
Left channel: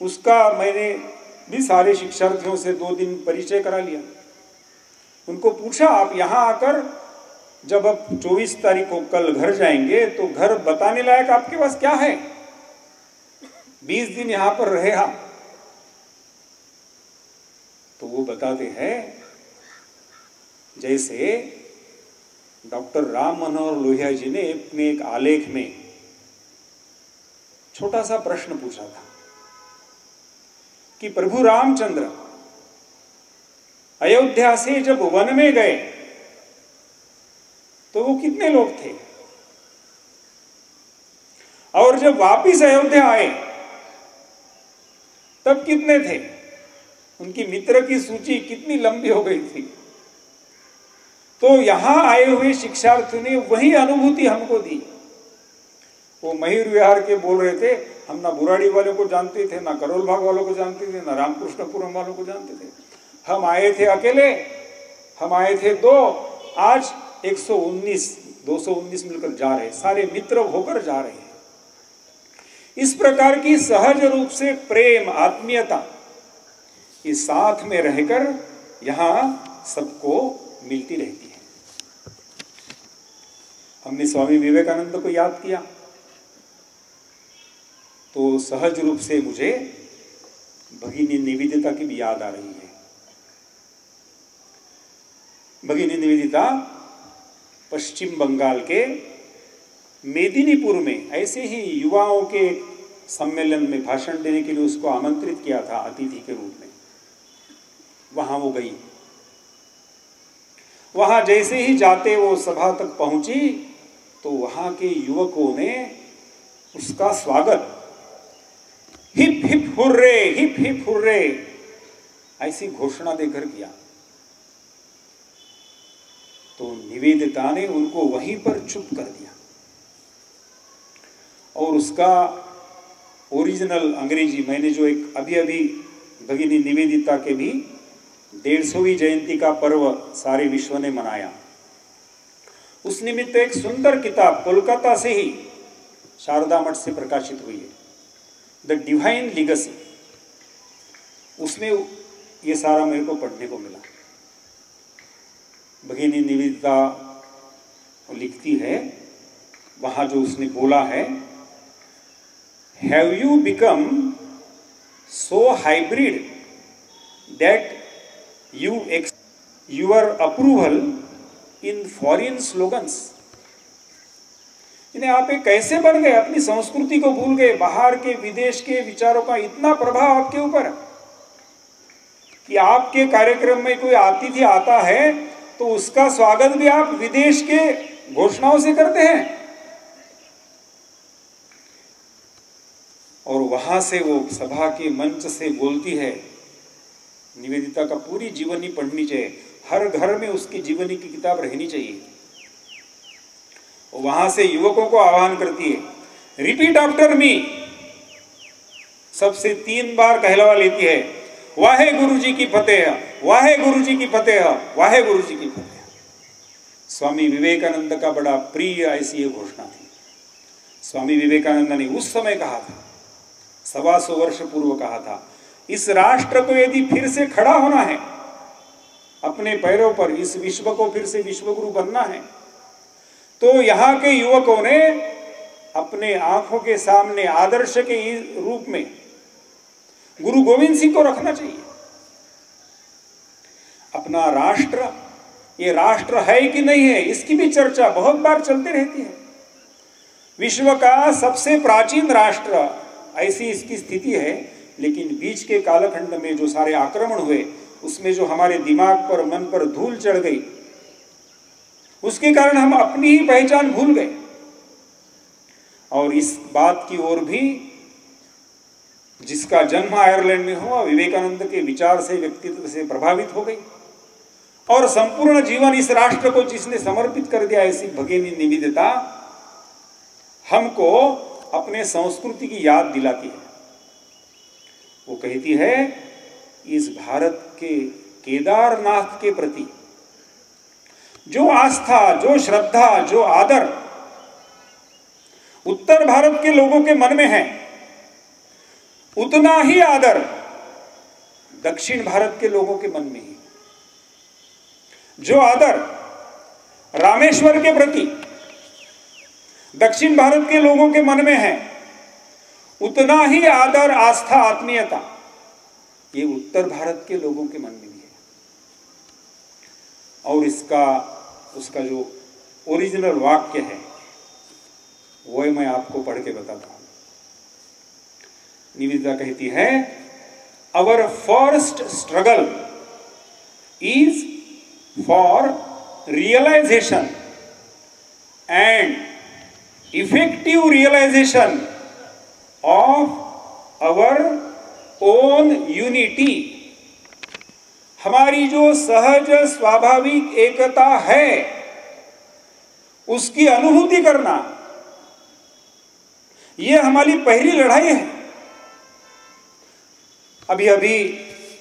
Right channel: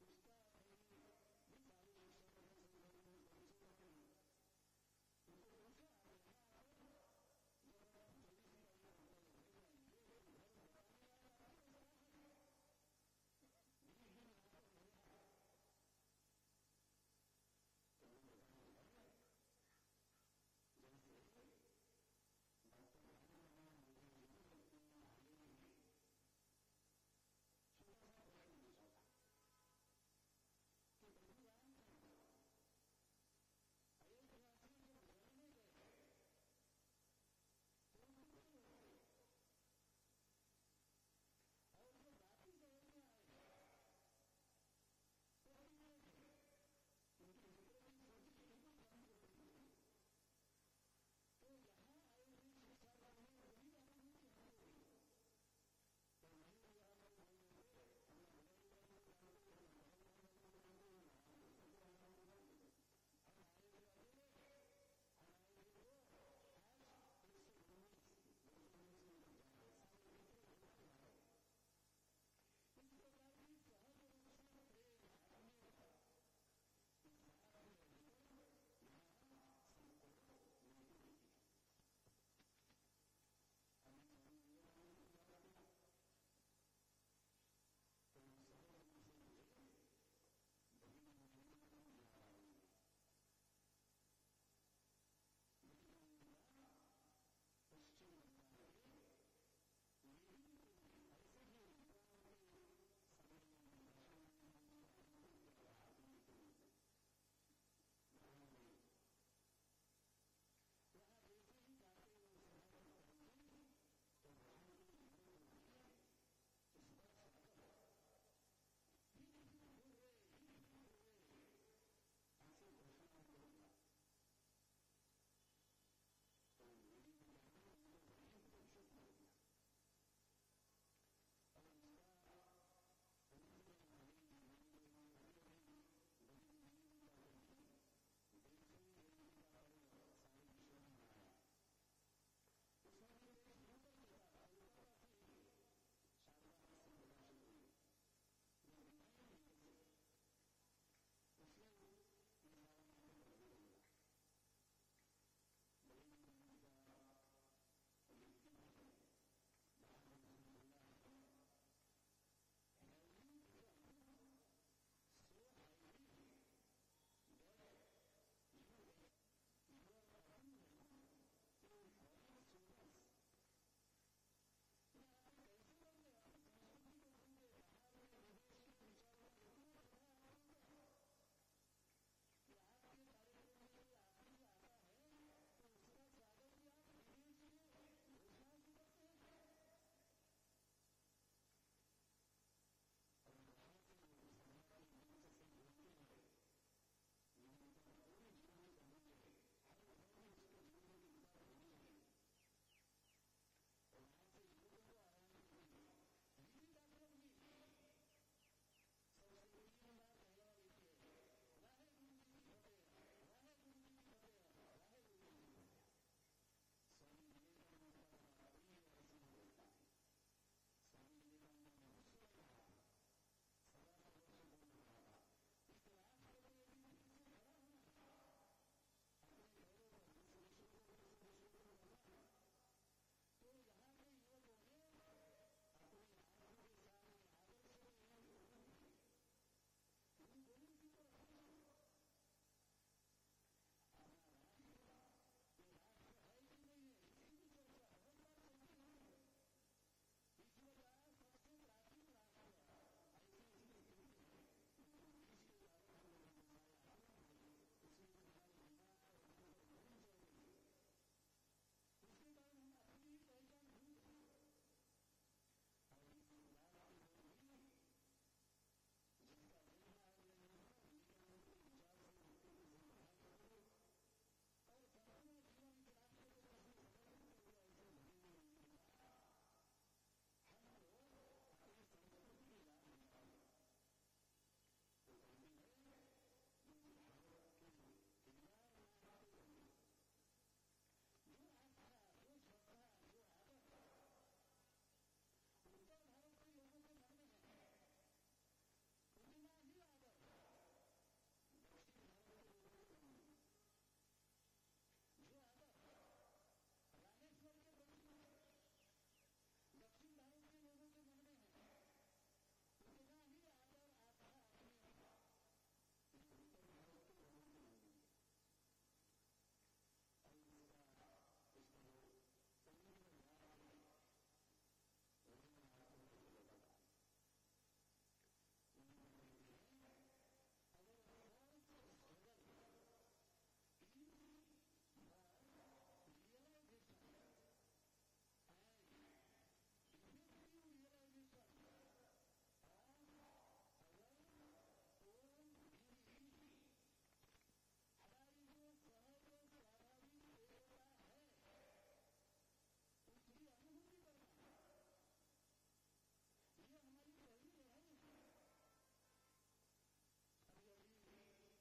उसका मैंने भी सारे शिक्षार्थियों से 2 दिन परिचय करा लिया। उनको पूछा, आप यहाँ आकर जब अब 24 तारीख को कल घर जाएंगे तो घर बताने लायक आपके पास क्या है? 20 दिन यहाँ पर रहे आप। तो वो बताते हैं, जैसे डॉक्टर राम मनोहर लोहिया जी ने अपने एक आलेख में छोटा सा प्रश्न पूछा था कि प्रभु रामचंद्र अयोध्या से जब वन में गए तो वो कितने लोग थे, और जब वापिस अयोध्या आए तब कितने थे? उनकी मित्र की सूची कितनी लंबी हो गई थी। तो यहां आए हुए शिक्षार्थियों ने वही अनुभूति हमको दी। वो मयूर विहार के बोल रहे थे, हम ना बुराड़ी वालों को जानते थे, ना करोल बाग वालों को जानते थे, ना रामकृष्णपुरम वालों को जानते थे। हम आए थे अकेले, हम आए थे 2, आज 119, 219 मिलकर जा रहे, सारे मित्र होकर जा रहे हैं। इस प्रकार की सहज रूप से प्रेम, आत्मीयता, इस साथ में रहकर यहां सबको मिलती रहती है। हमने स्वामी विवेकानंद को याद किया तो सहज रूप से मुझे भगिनी निवेदिता की भी याद आ रही है। भगिनी निवेदिता पश्चिम बंगाल के मेदिनीपुर में ऐसे ही युवाओं के सम्मेलन में भाषण देने के लिए उसको आमंत्रित किया था अतिथि के रूप में। वहां वो गई। वहां जैसे ही जाते वो सभा तक पहुंची तो वहां के युवकों ने उसका स्वागत hip hip hurray, hip hip hurray ऐसी घोषणा देकर किया। तो निवेदिता ने उनको वहीं पर चुप कर दिया और उसका ओरिजिनल अंग्रेजी, मैंने जो एक अभी अभी भगिनी निवेदिता के भी 150वीं जयंती का पर्व सारे विश्व ने मनाया, उस निमित्त एक सुंदर किताब कोलकाता से ही शारदा मठ से प्रकाशित हुई है, द डिवाइन लीगेसी। उसमें ये सारा मेरे को पढ़ने को मिला। भगिनी निवेदिता लिखती है, वहां जो उसने बोला है, have you become so hybrid that you your approval in foreign slogans। इन्हें आप एक कैसे बन गए, अपनी संस्कृति को भूल गए, बाहर के विदेश के विचारों का इतना प्रभाव आपके ऊपर कि आपके कार्यक्रम में कोई अतिथि आता है तो उसका स्वागत भी आप विदेश के घोषणाओं से करते हैं। और वहां से वो सभा के मंच से बोलती है निवेदिता का पूरी जीवनी पढ़नी चाहिए, हर घर में उसकी जीवनी की किताब रहनी चाहिए। वहां से युवकों को आह्वान करती है, रिपीट आफ्टर मी, सबसे 3 बार कहलवा लेती है, वाहे गुरु जी की फतेह, वाहे गुरु जी की फतेह, वाहे गुरु जी की फतेह। स्वामी विवेकानंद का बड़ा प्रिय ऐसी ये घोषणा थी। स्वामी विवेकानंद ने उस समय कहा था, 125 वर्ष पूर्व कहा था, इस राष्ट्र को यदि फिर से खड़ा होना है, अपने पैरों पर, इस विश्व को फिर से विश्वगुरु बनना है, तो यहाँ के युवकों ने अपने आंखों के सामने आदर्श के रूप में गुरु गोविंद सिंह को रखना चाहिए। अपना राष्ट्र, ये राष्ट्र है कि नहीं है, इसकी भी चर्चा बहुत बार चलती रहती है। विश्व का सबसे प्राचीन राष्ट्र, ऐसी इसकी स्थिति है, लेकिन बीच के कालखंड में जो सारे आक्रमण हुए, उसमें जो हमारे दिमाग पर, मन पर धूल चढ़ गई, उसके कारण हम अपनी ही पहचान भूल गए। और इस बात की ओर भी, जिसका जन्म आयरलैंड में हुआ, विवेकानंद के विचार से, व्यक्तित्व से प्रभावित हो गई और संपूर्ण जीवन इस राष्ट्र को जिसने समर्पित कर दिया, ऐसी भगिनी निवेदिता हमको अपने संस्कृति की याद दिलाती है। वो कहती है, इस भारत के केदारनाथ के प्रति जो आस्था, जो श्रद्धा, जो आदर उत्तर भारत के लोगों के मन में है, उतना ही आदर दक्षिण भारत के लोगों के मन में है। जो आदर रामेश्वर के प्रति दक्षिण भारत के लोगों के मन में है, उतना ही आदर, आस्था, आत्मीयता ये उत्तर भारत के लोगों के मन में भी है। और उसका जो ओरिजिनल वाक्य है, वो मैं आपको पढ़ के बताता हूं। निवेदिता कहती है, our first struggle is for realisation and effective realisation of our own unity. हमारी जो सहज स्वाभाविक एकता है, उसकी अनुभूति करना, यह हमारी पहली लड़ाई है। अभी अभी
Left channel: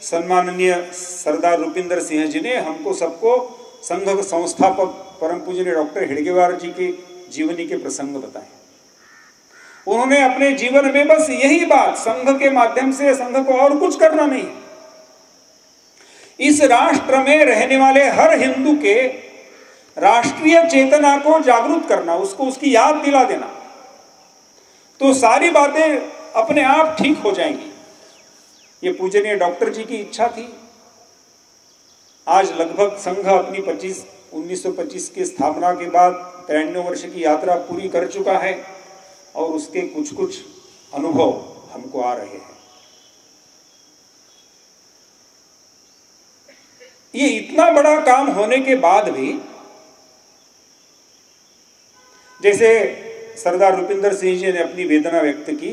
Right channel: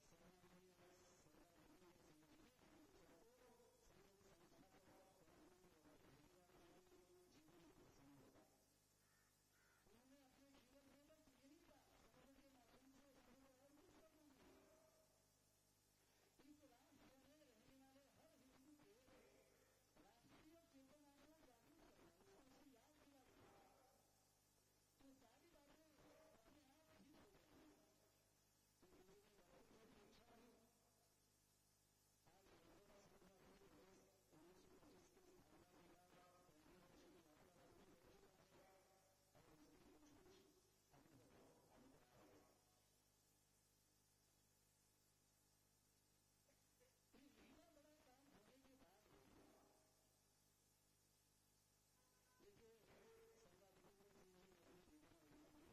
सम्माननीय सरदार रुपिंदर सिंह जी ने हमको सबको संघ संस्थापक परम पूजनीय डॉक्टर हेडगेवार जी के जीवनी के प्रसंग बताए। उन्होंने अपने जीवन में बस यही बात, संघ के माध्यम से संघ को और कुछ करना नहीं, इस राष्ट्र में रहने वाले हर हिंदू के राष्ट्रीय चेतना को जागरूक करना, उसको उसकी याद दिला देना, तो सारी बातें अपने आप ठीक हो जाएंगी। ये पूजनीय डॉक्टर जी की इच्छा थी। आज लगभग संघ अपनी 1925 की स्थापना के बाद 93 वर्ष की यात्रा पूरी कर चुका है और उसके कुछ कुछ अनुभव हमको आ रहे हैं। ये इतना बड़ा काम होने के बाद भी, जैसे सरदार रुपिंदर सिंह जी ने अपनी वेदना व्यक्त की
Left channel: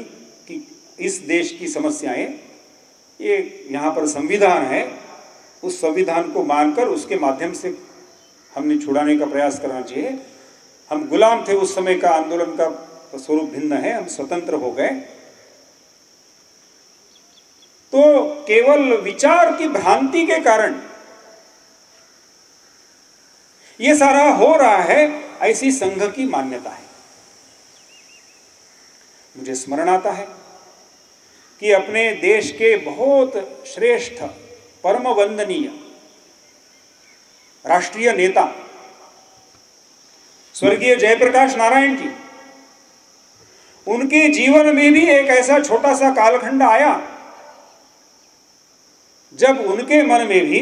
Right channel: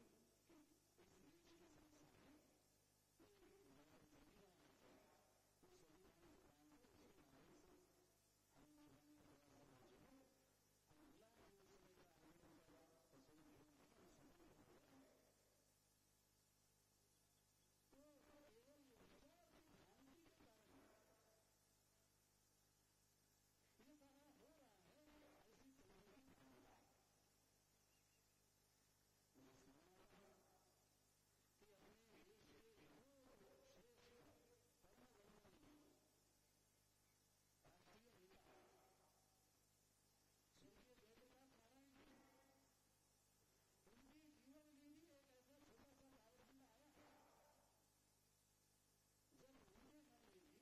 कि इस देश की समस्याएं, ये यहाँ पर संविधान है, उस संविधान को मानकर उसके माध्यम से हमने छुड़ाने का प्रयास करना चाहिए। हम गुलाम थे, उस समय का आंदोलन का स्वरूप भिन्न है, हम स्वतंत्र हो गए। तो केवल विचार की भ्रांति के कारण ये सारा हो रहा है, ऐसी संघ की मान्यता है। मुझे स्मरण आता है कि अपने देश के बहुत श्रेष्ठ, परम वंदनीय राष्ट्रीय नेता स्वर्गीय जयप्रकाश नारायण जी, उनके जीवन में भी एक ऐसा छोटा सा कालखंड आया जब उनके मन में भी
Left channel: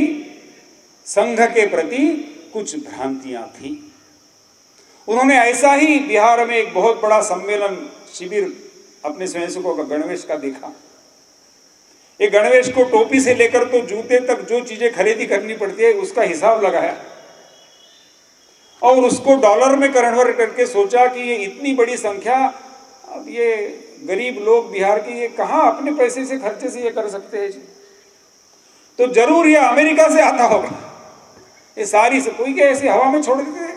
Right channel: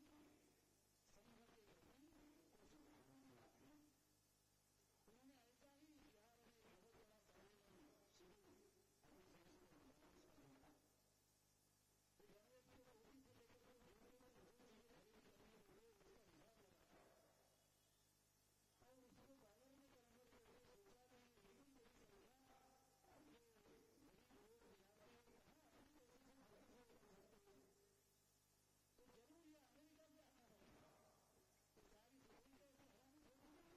संघ के प्रति कुछ भ्रांतियां थी। उन्होंने ऐसा ही बिहार में एक बहुत बड़ा सम्मेलन शिविर अपने स्वयंसेवकों का गणवेश का देखा। ये गणवेश को टोपी से लेकर तो जूते तक जो चीजें खरीदी करनी पड़ती है, उसका हिसाब लगाया और उसको डॉलर में कन्वर्ट करके सोचा कि ये इतनी बड़ी संख्या, अब ये गरीब लोग बिहार के, ये कहां अपने पैसे से खर्चे से ये कर सकते हैं जी। तो जरूर ये अमेरिका से आता होगा। ये सारी से कोई क्या ऐसे हवा में छोड़ देते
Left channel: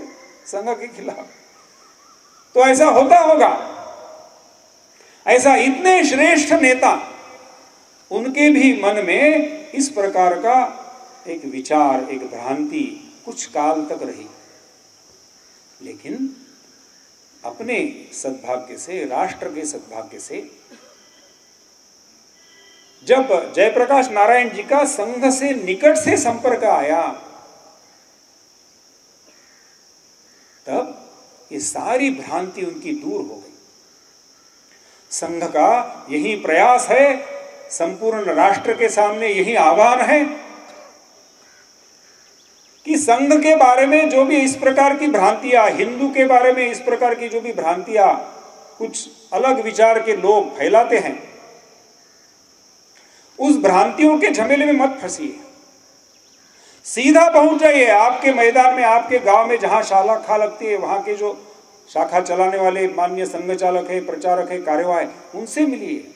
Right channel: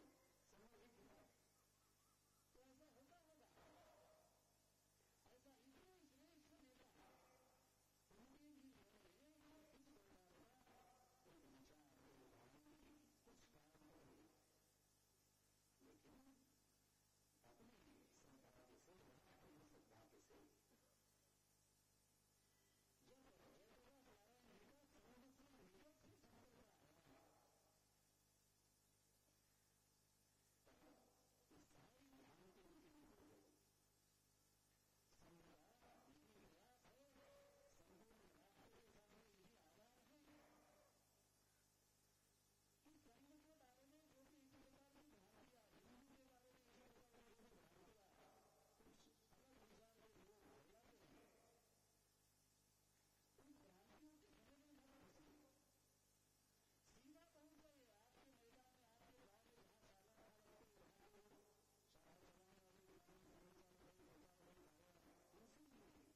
संघ के खिलाफ, तो ऐसा होता होगा। ऐसा इतने श्रेष्ठ नेता, उनके भी मन में इस प्रकार का एक विचार, एक भ्रांति कुछ काल तक रही, लेकिन अपने सद्भाग्य से, राष्ट्र के सद्भाग्य से, जब जयप्रकाश नारायण जी का संघ से निकट से संपर्क आया, तब ये सारी भ्रांति उनकी दूर हो गई। संघ का यही प्रयास है, संपूर्ण राष्ट्र के सामने यही आह्वान है कि संघ के बारे में जो भी इस प्रकार की भ्रांतियां, हिंदू के बारे में इस प्रकार की जो भी भ्रांतियां कुछ अलग विचार के लोग फैलाते हैं, उस भ्रांतियों के झमेले में मत फंसिए। सीधा पहुंच जाइए आपके मैदान में, आपके गांव में जहां शाखा लगती है, वहां के जो शाखा चलाने वाले माननीय संघ चालक है, प्रचारक है, कार्यवाह है, उनसे मिलिए।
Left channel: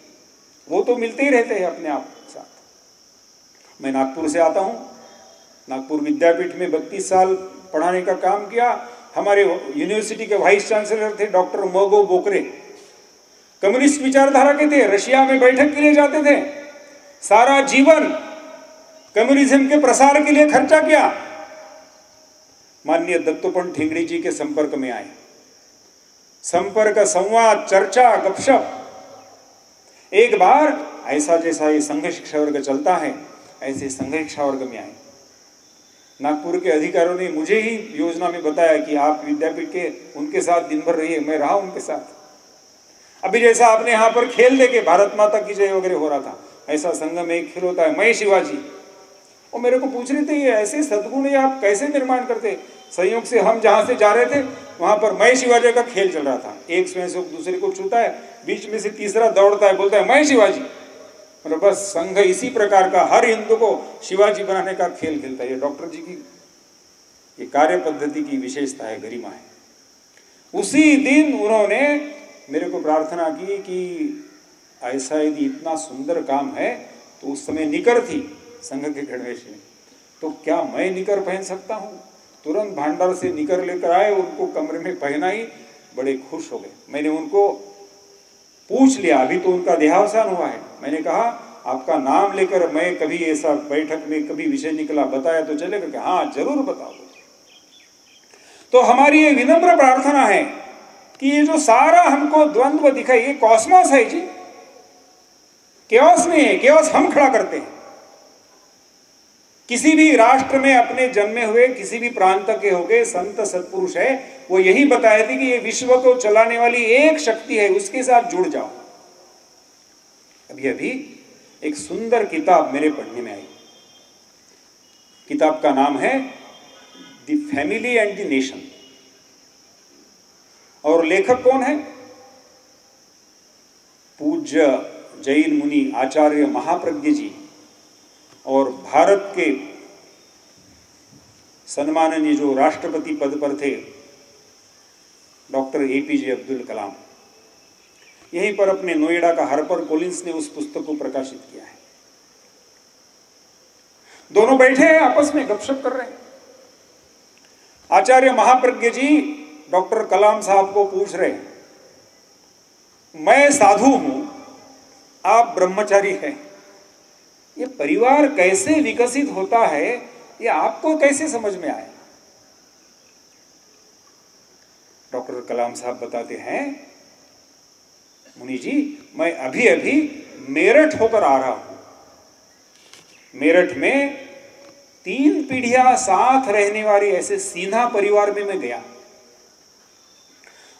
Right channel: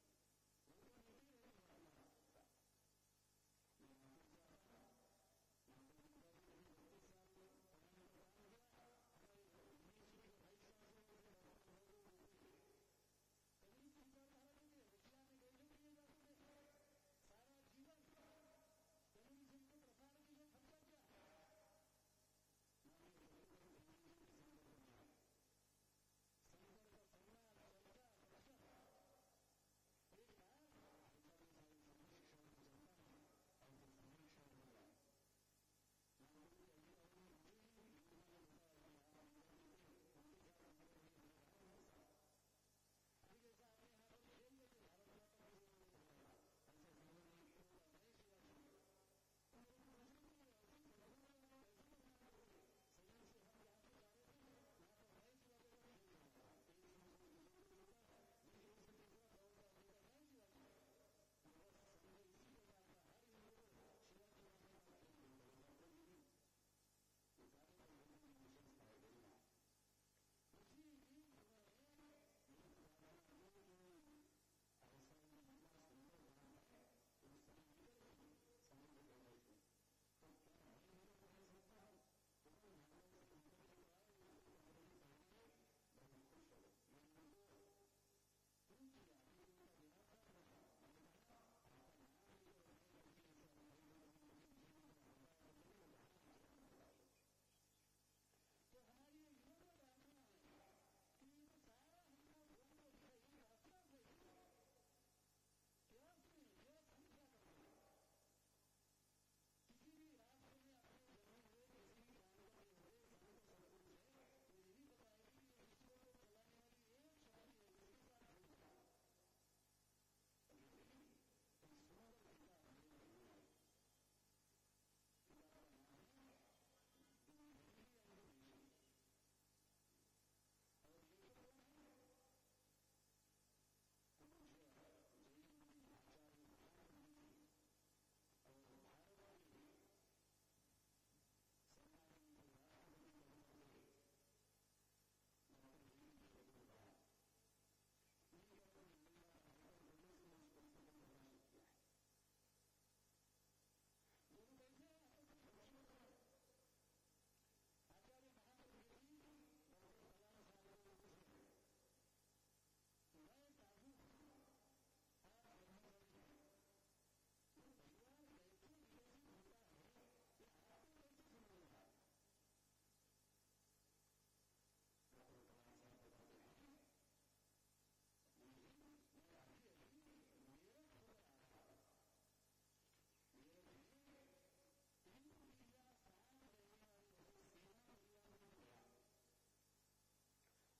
वो तो मिलते ही रहते हैं अपने आप के साथ। मैं नागपुर से आता हूं, नागपुर विद्यापीठ में 32 साल पढ़ाने का काम किया। हमारे यूनिवर्सिटी के वाइस चांसलर थे डॉक्टर मोगो बोकरे, कम्युनिस्ट विचारधारा के थे, रशिया में बैठक के लिए जाते थे, सारा जीवन कम्युनिज्म के प्रसार के लिए खर्चा किया। माननीय दत्तोपंत ठेंगड़ी जी के संपर्क में आए, संपर्क, संवाद, चर्चा, गपशप। एक बार ऐसा जैसा ये संघ शिक्षा वर्ग चलता है, ऐसे संघ शिक्षा वर्ग में आए। नागपुर के अधिकारियों ने मुझे ही योजना में बताया कि आप विद्यापीठ के उनके साथ दिन भर रहिए। मैं रहा उनके साथ। अभी जैसा आपने यहाँ पर खेल देके भारत माता की जय वगैरह हो रहा था, ऐसा संघ में एक खेल होता है, मैं शिवाजी। वो मेरे को पूछ रहे थे ये ऐसे सद्गुण ये आप कैसे निर्माण करते। संयोग से हम जहाँ से जा रहे थे वहां पर मैं शिवाजी का खेल चल रहा था। एक स्वयंसेवक दूसरे को छूता है, बीच में से तीसरा दौड़ता है, बोलता है मैं शिवाजी। मतलब बस संघ इसी प्रकार का हर हिंदू को शिवाजी बनाने का खेल खेलता है। ये डॉक्टर जी की ये कार्य पद्धति की विशेषता है, गरिमा है। उसी दिन उन्होंने मेरे को प्रार्थना की कि ऐसा यदि इतना सुंदर काम है, तो उस समय निकर थी संघ के गणवेश में, तो क्या मैं निकर पहन सकता हूँ। तुरंत भांडार से निकर लेकर आए, उनको कमरे में पहनाई, बड़े खुश हो गए। मैंने उनको पूछ लिया, अभी तो उनका देहावसान हुआ है, मैंने कहा आपका नाम लेकर मैं कभी ऐसा बैठक में कभी विषय निकला बताया तो चलेगा कि हाँ जरूर बताओ। तो हमारी ये विनम्र प्रार्थना है कि ये जो सारा हमको द्वंद्व दिखाई, ये कॉस्मोस है जी, केओस नहीं है। केओस हम खड़ा करते हैं। किसी भी राष्ट्र में अपने जन्मे हुए किसी भी प्रांत के हो गए संत सत्पुरुष है, वो यही बताए थे कि ये विश्व को चलाने वाली एक शक्ति है, उसके साथ जुड़ जाओ। अभी अभी एक सुंदर किताब मेरे पढ़ने में आई। किताब का नाम है the family and the nation, और लेखक कौन है? पूज्य जैन मुनि आचार्य महाप्रज्ञ जी और भारत के सम्माननीय जो राष्ट्रपति पद पर थे डॉक्टर एपीजे अब्दुल कलाम, यहीं पर अपने नोएडा का हार्पर कॉलिंस ने उस पुस्तक को प्रकाशित किया है। दोनों बैठे हैं, आपस में गपशप कर रहे हैं। आचार्य महाप्रज्ञ जी डॉक्टर कलाम साहब को पूछ रहे हैं, मैं साधु हूं, आप ब्रह्मचारी हैं, ये परिवार कैसे विकसित होता है, ये आपको कैसे समझ में आया? डॉक्टर कलाम साहब बताते हैं, मुनि जी मैं अभी अभी मेरठ होकर आ रहा हूं। मेरठ में 3 पीढ़ियां साथ रहने वाली ऐसे सीधा परिवार में मैं गया।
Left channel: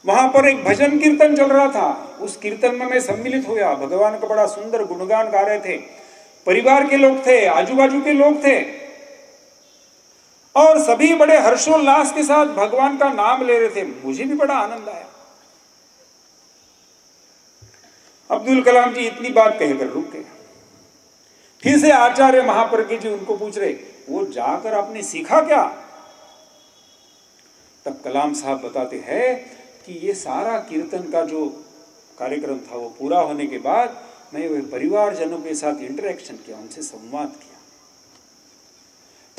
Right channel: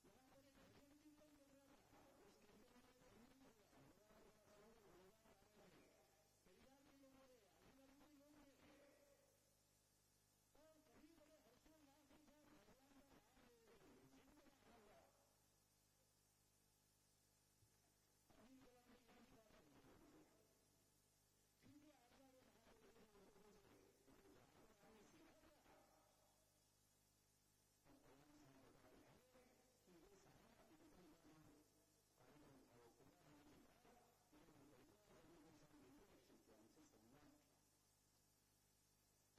वहां पर एक भजन कीर्तन चल रहा था, उस कीर्तन में मैं सम्मिलित हुआ। भगवान का बड़ा सुंदर गुणगान गा रहे थे, परिवार के लोग थे, आजू बाजू के लोग थे, और सभी बड़े हर्षोल्लास के साथ भगवान का नाम ले रहे थे। मुझे भी बड़ा आनंद आया। अब्दुल कलाम जी इतनी बात कहकर रुक गए। फिर से आचार्य महाप्रज्ञ जी उनको पूछ रहे, वो जाकर आपने सीखा क्या? तब कलाम साहब बताते हैं कि ये सारा कीर्तन का जो कार्यक्रम था वो पूरा होने के बाद मैं वे परिवारजनों के साथ इंटरेक्शन किया, उनसे संवाद किया।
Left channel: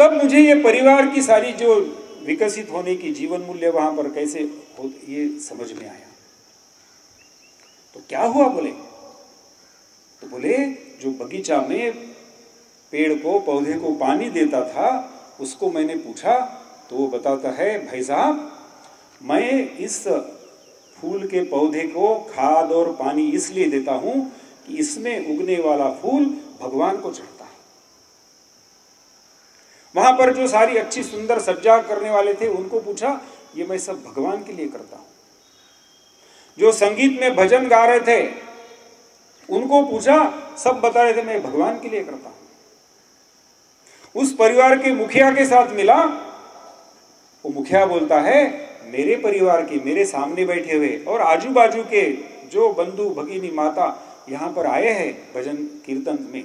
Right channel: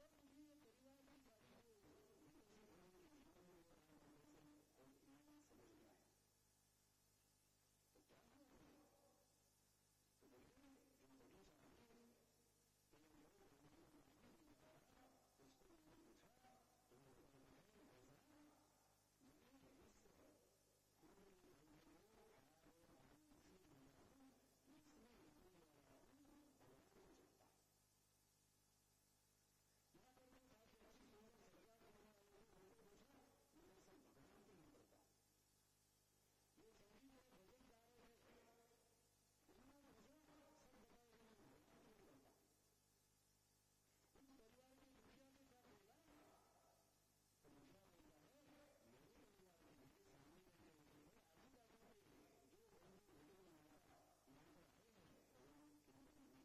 तब मुझे ये परिवार की सारी जो विकसित होने की जीवन मूल्य वहां पर कैसे हो, ये समझ में आया। तो क्या हुआ बोले, तो बोले जो बगीचा में पेड़ को पौधे को पानी देता था उसको मैंने पूछा तो वो बताता है, भाई साहब मैं इस फूल के पौधे को खाद और पानी इसलिए देता हूं कि इसमें उगने वाला फूल भगवान को चढ़ता है। वहां पर जो सारी अच्छी सुंदर सज्जा करने वाले थे उनको पूछा, ये मैं सब भगवान के लिए करता हूं। जो संगीत में भजन गा रहे थे उनको पूछा, सब बता रहे थे मैं भगवान के लिए करता हूं। उस परिवार के मुखिया के साथ मिला, वो मुखिया बोलता है, मेरे परिवार के मेरे सामने बैठे हुए और आजू बाजू के जो बंधु भगिनी माता यहां पर आए हैं भजन कीर्तन में,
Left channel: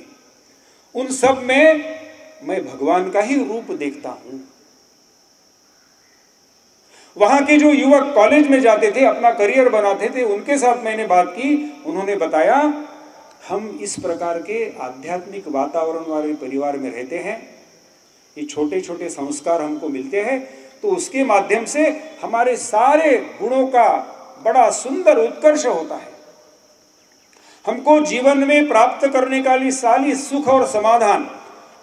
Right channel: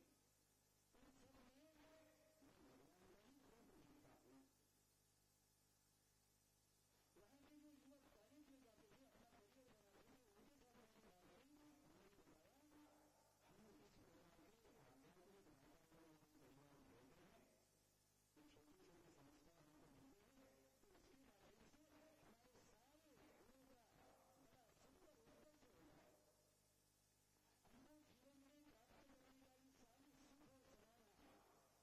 उन सब में मैं भगवान का ही रूप देखता हूं। वहां के जो युवक कॉलेज में जाते थे, अपना करियर बनाते थे, उनके साथ मैंने बात की। उन्होंने बताया, हम इस प्रकार के आध्यात्मिक वातावरण वाले परिवार में रहते हैं, ये छोटे छोटे संस्कार हमको मिलते हैं, तो उसके माध्यम से हमारे सारे गुणों का बड़ा सुंदर उत्कर्ष होता है। हमको जीवन में प्राप्त करने का लिए सारी सुख और समाधान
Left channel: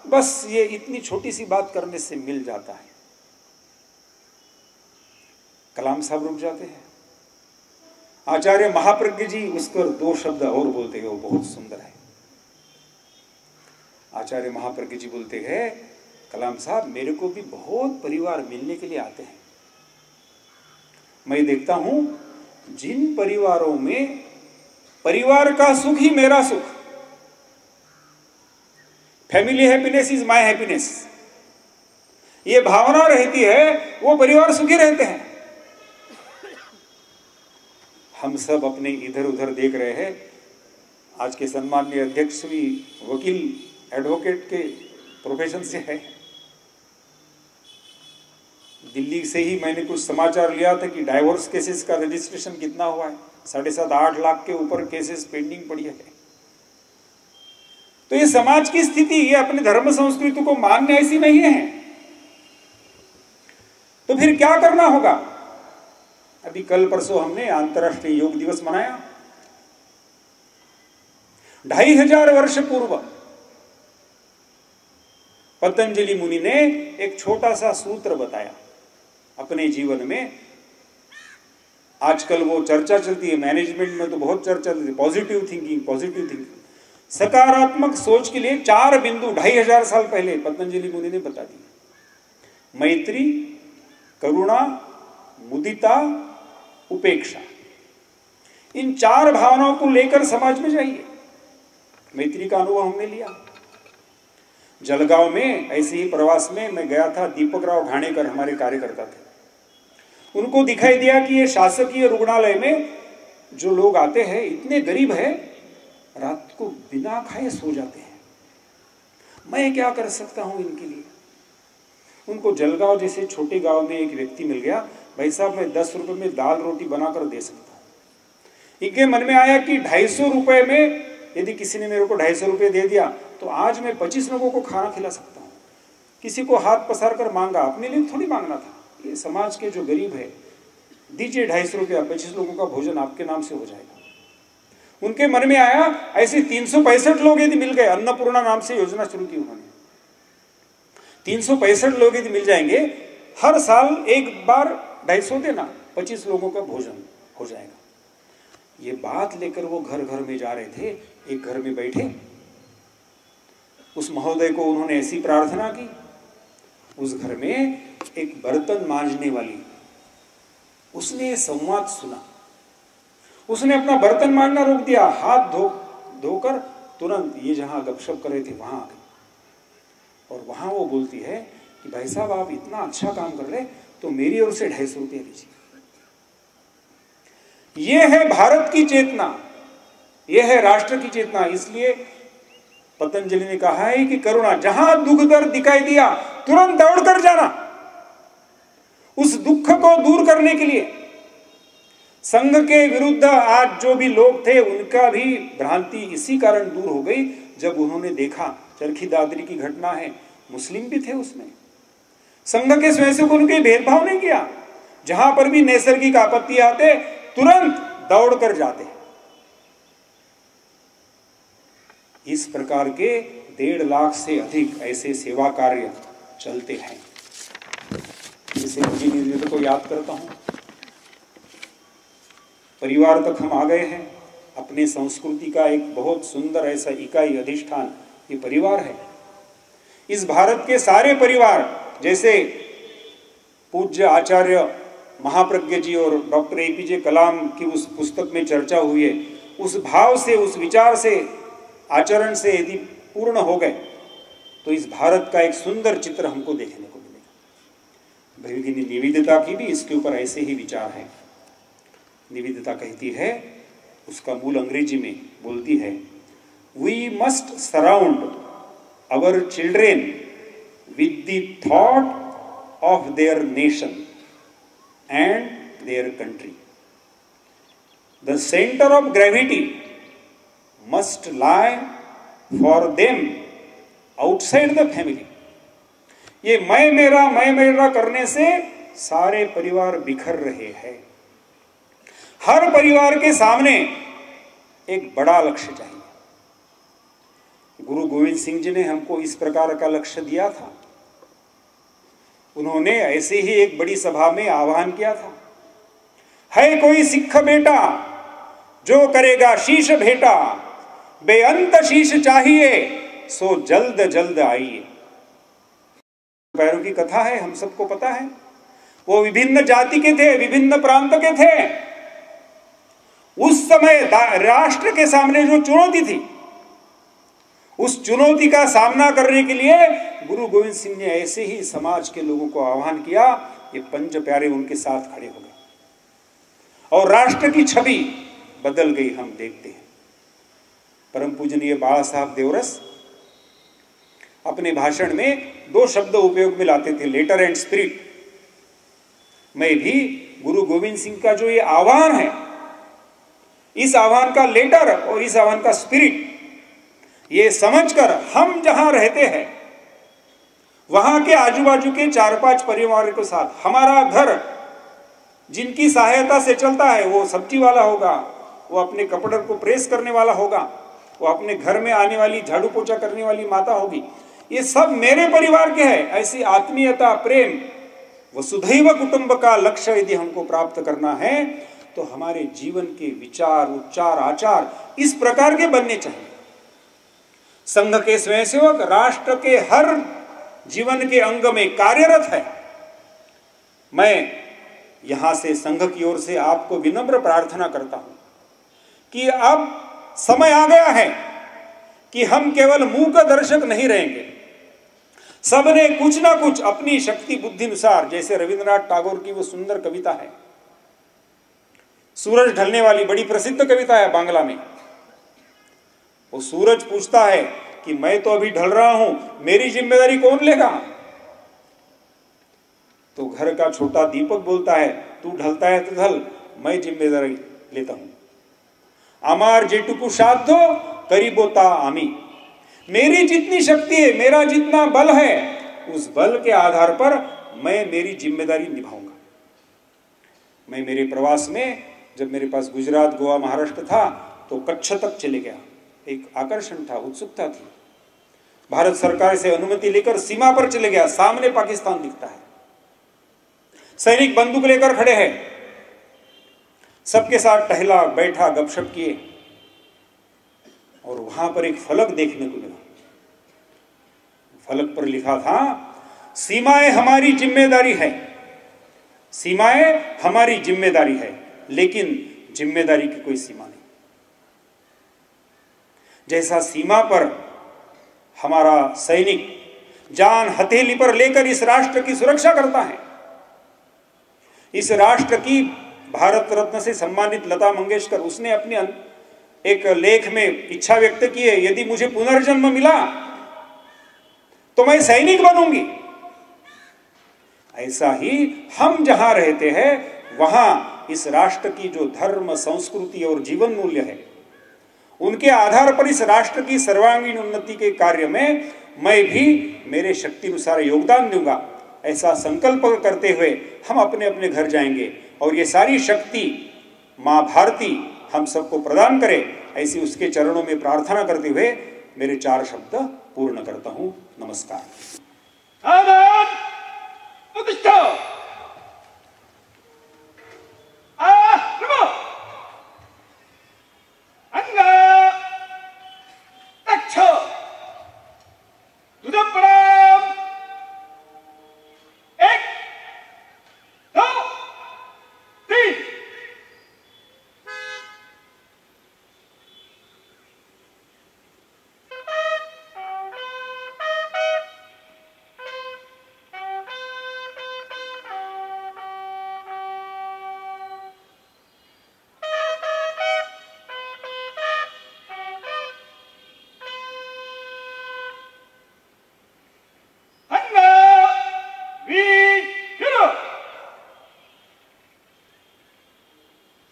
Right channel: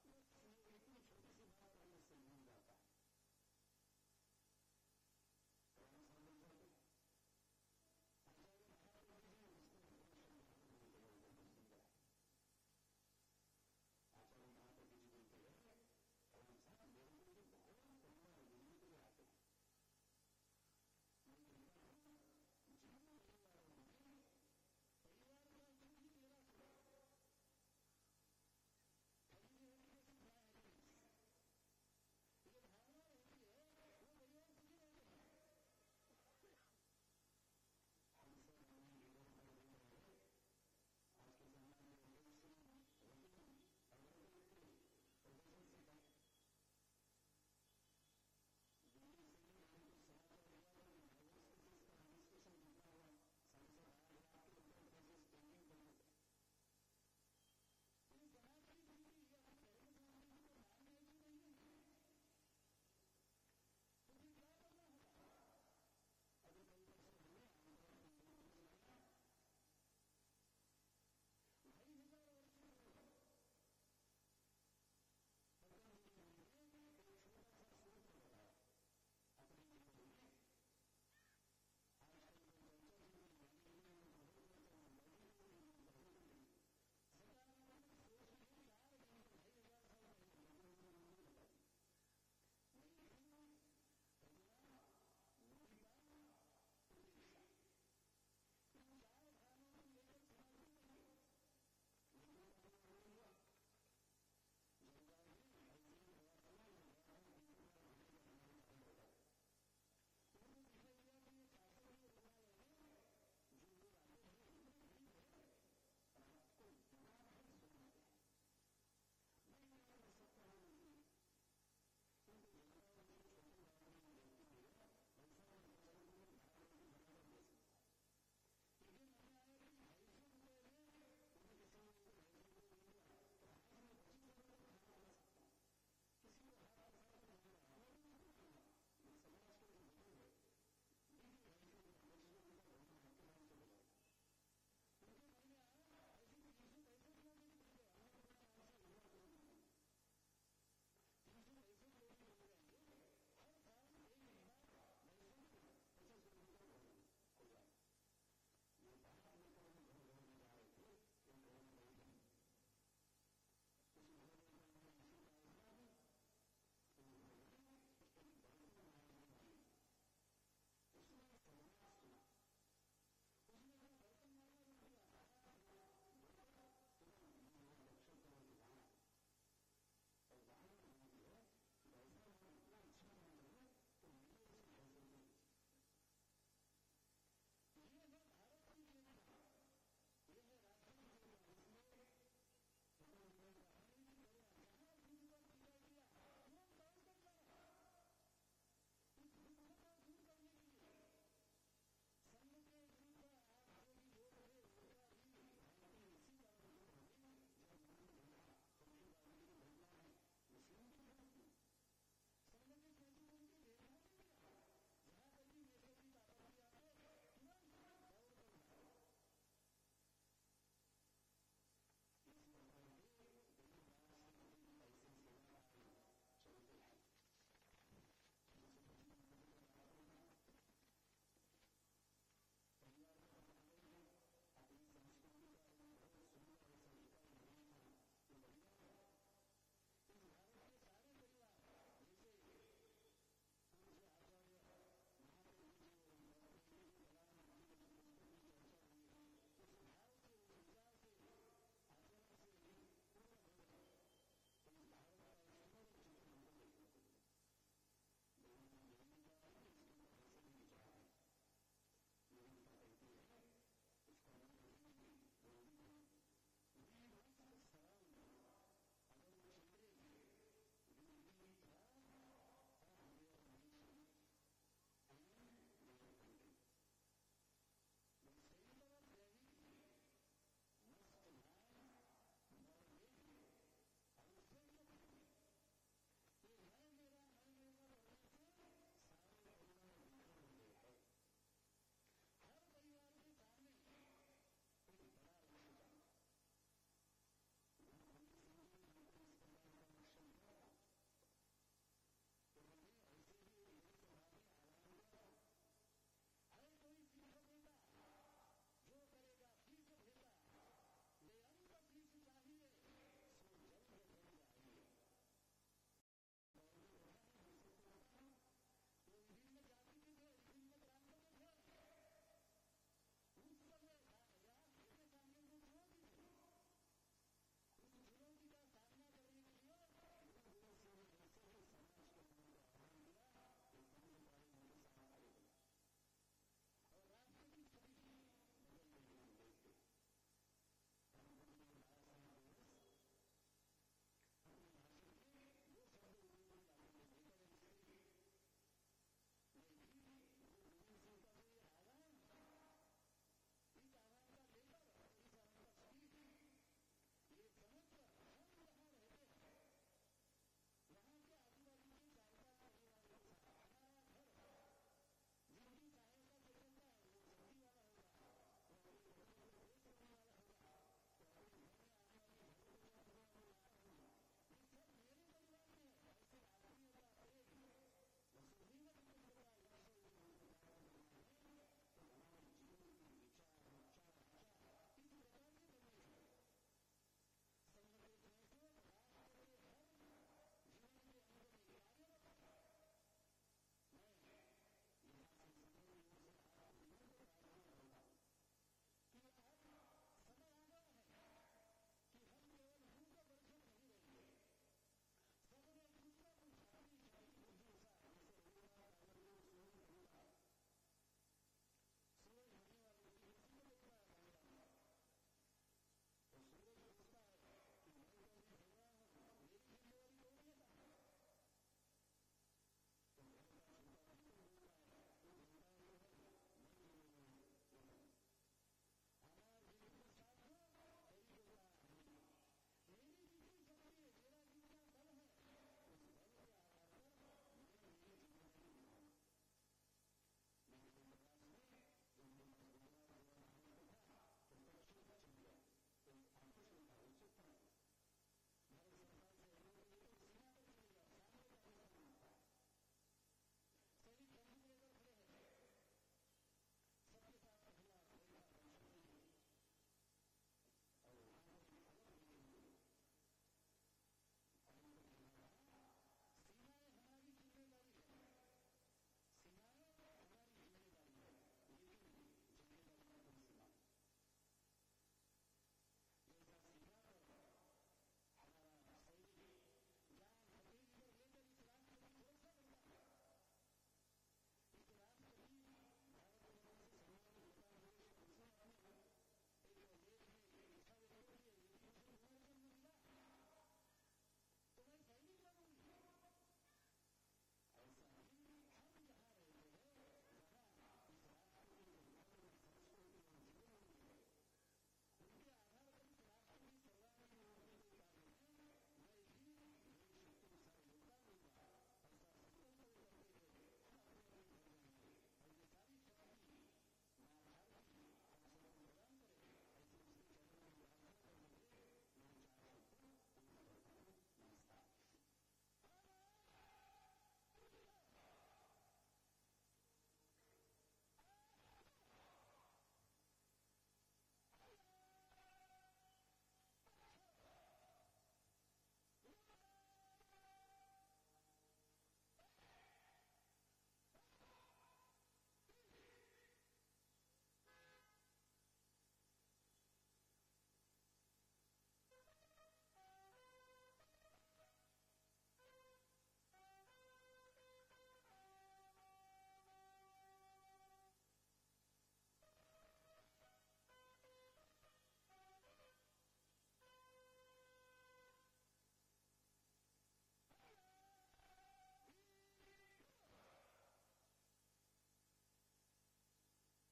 बस ये इतनी छोटी सी बात करने से मिल जाता है। कलाम साहब रुक जाते हैं। आचार्य महाप्रज्ञ जी उस पर दो शब्द और बोलते हैं, वो बहुत सुंदर है। आचार्य महाप्रज्ञ जी बोलते हैं, कलाम साहब मेरे को भी बहुत परिवार मिलने के लिए आते हैं। मैं देखता हूं जिन परिवारों में परिवार का सुख ही मेरा सुख, family happiness is my happiness, ये भावना रहती है, वो परिवार सुखी रहते हैं। हम सब अपने इधर उधर देख रहे हैं। आज के सम्माननीय अध्यक्ष भी वकील एडवोकेट के प्रोफेशन से है। दिल्ली से ही मैंने कुछ समाचार लिया था कि डाइवोर्स केसेस का रजिस्ट्रेशन कितना हुआ है, 7.5-8 लाख के ऊपर केसेस पेंडिंग पड़ी है। तो ये समाज की स्थिति, ये अपने धर्म संस्कृति को मानने ऐसी नहीं है। तो फिर क्या करना होगा? अभी कल परसों हमने अंतर्राष्ट्रीय योग दिवस मनाया। 2500 वर्ष पूर्व पतंजलि मुनि ने एक छोटा सा सूत्र बताया अपने जीवन में। आजकल वो चर्चा चलती है, मैनेजमेंट में तो बहुत चर्चा चलती है, पॉजिटिव थिंकिंग, सकारात्मक सोच के लिए 4 बिंदु 2500 साल पहले पतंजलि मुनि ने बता दिए। मैत्री, करुणा, मुदिता, उपेक्षा, इन 4 भावनाओं को लेकर समाज में जाइए। मैत्री का अनुभव हमने लिया। जलगांव में ऐसे ही प्रवास में मैं गया था। दीपक राव घाणेकर हमारे कार्यकर्ता थे। उनको दिखाई दिया कि ये शासकीय रुग्णालय में जो लोग आते हैं इतने गरीब है, रात को बिना खाए सो जाते हैं। मैं क्या कर सकता हूं इनके लिए? उनको जलगांव जैसे छोटे गांव में एक व्यक्ति मिल गया, भाई साहब मैं 10 रुपए में दाल रोटी बनाकर दे सकता हूं। इनके मन में आया कि 250 रुपए में यदि किसी ने मेरे को 250 रुपए दे दिया तो आज मैं 25 लोगों को खाना खिला सकता हूं। किसी को हाथ पसार कर मांगा, अपने लिए थोड़ी मांगना था। ये समाज के जो गरीब है, दीजिए 250 रुपया, 25 लोगों का भोजन आपके नाम से हो जाएगा। उनके मन में आया, ऐसे 365 लोग यदि मिल गए, अन्नपूर्णा नाम से योजना शुरू की उन्होंने। 365 लोग यदि मिल जाएंगे, हर साल एक बार 250 देना, 25 लोगों का भोजन हो जाएगा। ये बात लेकर वो घर घर में जा रहे थे। एक घर में बैठे, उस महोदय को उन्होंने ऐसी प्रार्थना की। उस घर में एक बर्तन मांजने वाली, उसने संवाद सुना। उसने अपना बर्तन मांजना रोक दिया, हाथ धोकर तुरंत ये जहां गपशप कर रहे थे वहां आ गई। और वहां वो बोलती है कि भाई साहब आप इतना अच्छा काम कर रहे, तो मेरी ओर से 250 रुपये लीजिए। ये है भारत की चेतना, ये है राष्ट्र की चेतना। इसलिए पतंजलि ने कहा है कि करुणा, जहां दुख दर्द दिखाई दिया तुरंत दौड़ कर जाना। उस दुख को दूर करने के लिए संघ के विरुद्ध आज जो भी लोग थे उनका भी भ्रांति इसी कारण दूर हो गई जब उन्होंने देखा, चरखी दादरी की घटना है, मुस्लिम भी थे उसमें, संघ के स्वयंसेवकों ने भेदभाव नहीं किया। जहां पर भी नैसर्गिक आपत्ति आते तुरंत दौड़ कर जाते। इस प्रकार के 1.5 लाख से अधिक ऐसे सेवा कार्य चलते हैं। इसे इंजीनियर को याद करता हूं। परिवार तक हम आ गए हैं। अपने संस्कृति का एक बहुत सुंदर ऐसा इकाई अधिष्ठान ये परिवार है। इस भारत के सारे परिवार, जैसे पूज्य आचार्य महाप्रज्ञ जी और डॉक्टर APJ कलाम की उस पुस्तक में चर्चा हुई है, उस भाव से, उस विचार से, आचरण से यदि पूर्ण हो गए तो इस भारत का एक सुंदर चित्र हमको देखने को मिलेगा। भगिनी निवेदिता की भी इसके ऊपर ऐसे ही विचार है। निवेदिता कहती है, उसका मूल अंग्रेजी में बोलती है, we must surround our children with the thought of their nation and their country. The centre of gravity must lie for them outside the family. ये मैं मेरा करने से सारे परिवार बिखर रहे हैं। हर परिवार के सामने एक बड़ा लक्ष्य चाहिए। गुरु गोविंद सिंह जी ने हमको इस प्रकार का लक्ष्य दिया था। उन्होंने ऐसे ही एक बड़ी सभा में आह्वान किया था, है कोई सिख बेटा जो करेगा शीश भेटा, बेअंत शीश चाहिए सो जल्द जल्द आइए। पैरों की कथा है, हम सबको पता है। वो विभिन्न जाति के थे, विभिन्न प्रांत के थे। उस समय राष्ट्र के सामने जो चुनौती थी, उस चुनौती का सामना करने के लिए गुरु गोविंद सिंह ने ऐसे ही समाज के लोगों को आह्वान किया। ये पंच प्यारे उनके साथ खड़े हो गए और राष्ट्र की छवि बदल गई। हम देखते हैं परम पूजनीय बाला साहब देवरस अपने भाषण में 2 शब्द उपयोग में लाते थे, लेटर एंड स्पिरिट। मैं भी गुरु गोविंद सिंह का जो ये आह्वान है, इस आह्वान का लेटर और इस आह्वान का स्पिरिट, ये समझकर हम जहां रहते हैं वहां के आजू बाजू के 4-5 परिवारों के साथ, हमारा घर जिनकी सहायता से चलता है, वो सब्जी वाला होगा, वो अपने कपड़े को प्रेस करने वाला होगा, वो अपने घर में आने वाली झाड़ू पोछा करने वाली माता होगी, ये सब मेरे परिवार के हैं। ऐसी आत्मीयता, प्रेम, वसुधैव कुटुंब का लक्ष्य यदि हमको प्राप्त करना है तो हमारे जीवन के विचार, उच्चार, आचार इस प्रकार के बनने चाहिए। संघ के स्वयंसेवक राष्ट्र के हर जीवन के अंग में कार्यरत है। मैं यहां से संघ की ओर से आपको विनम्र प्रार्थना करता हूं कि अब समय आ गया है कि हम केवल मूक दर्शक नहीं रहेंगे। सबने कुछ ना कुछ अपनी शक्ति बुद्धि अनुसार, जैसे रविंद्रनाथ टैगोर की वो सुंदर कविता है, सूरज ढलने वाली, बड़ी प्रसिद्ध कविता है बांग्ला में। वो सूरज पूछता है कि मैं तो अभी ढल रहा हूं, मेरी जिम्मेदारी कौन लेगा? तो घर का छोटा दीपक बोलता है, तू ढलता है तो ढल, मैं जिम्मेदारी लेता हूं। आमार जेटुकु साध्यो करीबोता आमी। मेरी जितनी शक्ति है, मेरा जितना बल है, उस बल के आधार पर मैं मेरी जिम्मेदारी निभाऊंगा। मैं मेरे प्रवास में, जब मेरे पास गुजरात, गोवा, महाराष्ट्र था, तो कच्छ तक चले गया। एक आकर्षण था, उत्सुकता थी। भारत सरकार से अनुमति लेकर सीमा पर चले गया। सामने पाकिस्तान दिखता है, सैनिक बंदूक लेकर खड़े हैं। सबके साथ टहला, बैठा, गपशप किए और वहां पर एक फलक देखने को मिला। फलक पर लिखा था, सीमाएं हमारी जिम्मेदारी है, सीमाएं हमारी जिम्मेदारी है, लेकिन जिम्मेदारी की कोई सीमा नहीं। जैसा सीमा पर हमारा सैनिक जान हथेली पर लेकर इस राष्ट्र की सुरक्षा करता है, इस राष्ट्र की भारत रत्न से सम्मानित लता मंगेशकर, उसने अपने एक लेख में इच्छा व्यक्त की है, यदि मुझे पुनर्जन्म मिला तो मैं सैनिक बनूंगी। ऐसा ही हम जहां रहते हैं वहां इस राष्ट्र की जो धर्म, संस्कृति और जीवन मूल्य है, उनके आधार पर इस राष्ट्र की सर्वांगीण उन्नति के कार्य में मैं भी मेरे शक्ति अनुसार योगदान दूंगा। ऐसा संकल्प करते हुए हम अपने अपने घर जाएंगे और ये सारी शक्ति माँ भारती हम सबको प्रदान करे, ऐसी उसके चरणों में प्रार्थना करते हुए मेरे 4 शब्द पूर्ण करता हूं। नमस्कार।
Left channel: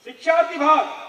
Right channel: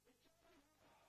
शिक्षा विभाग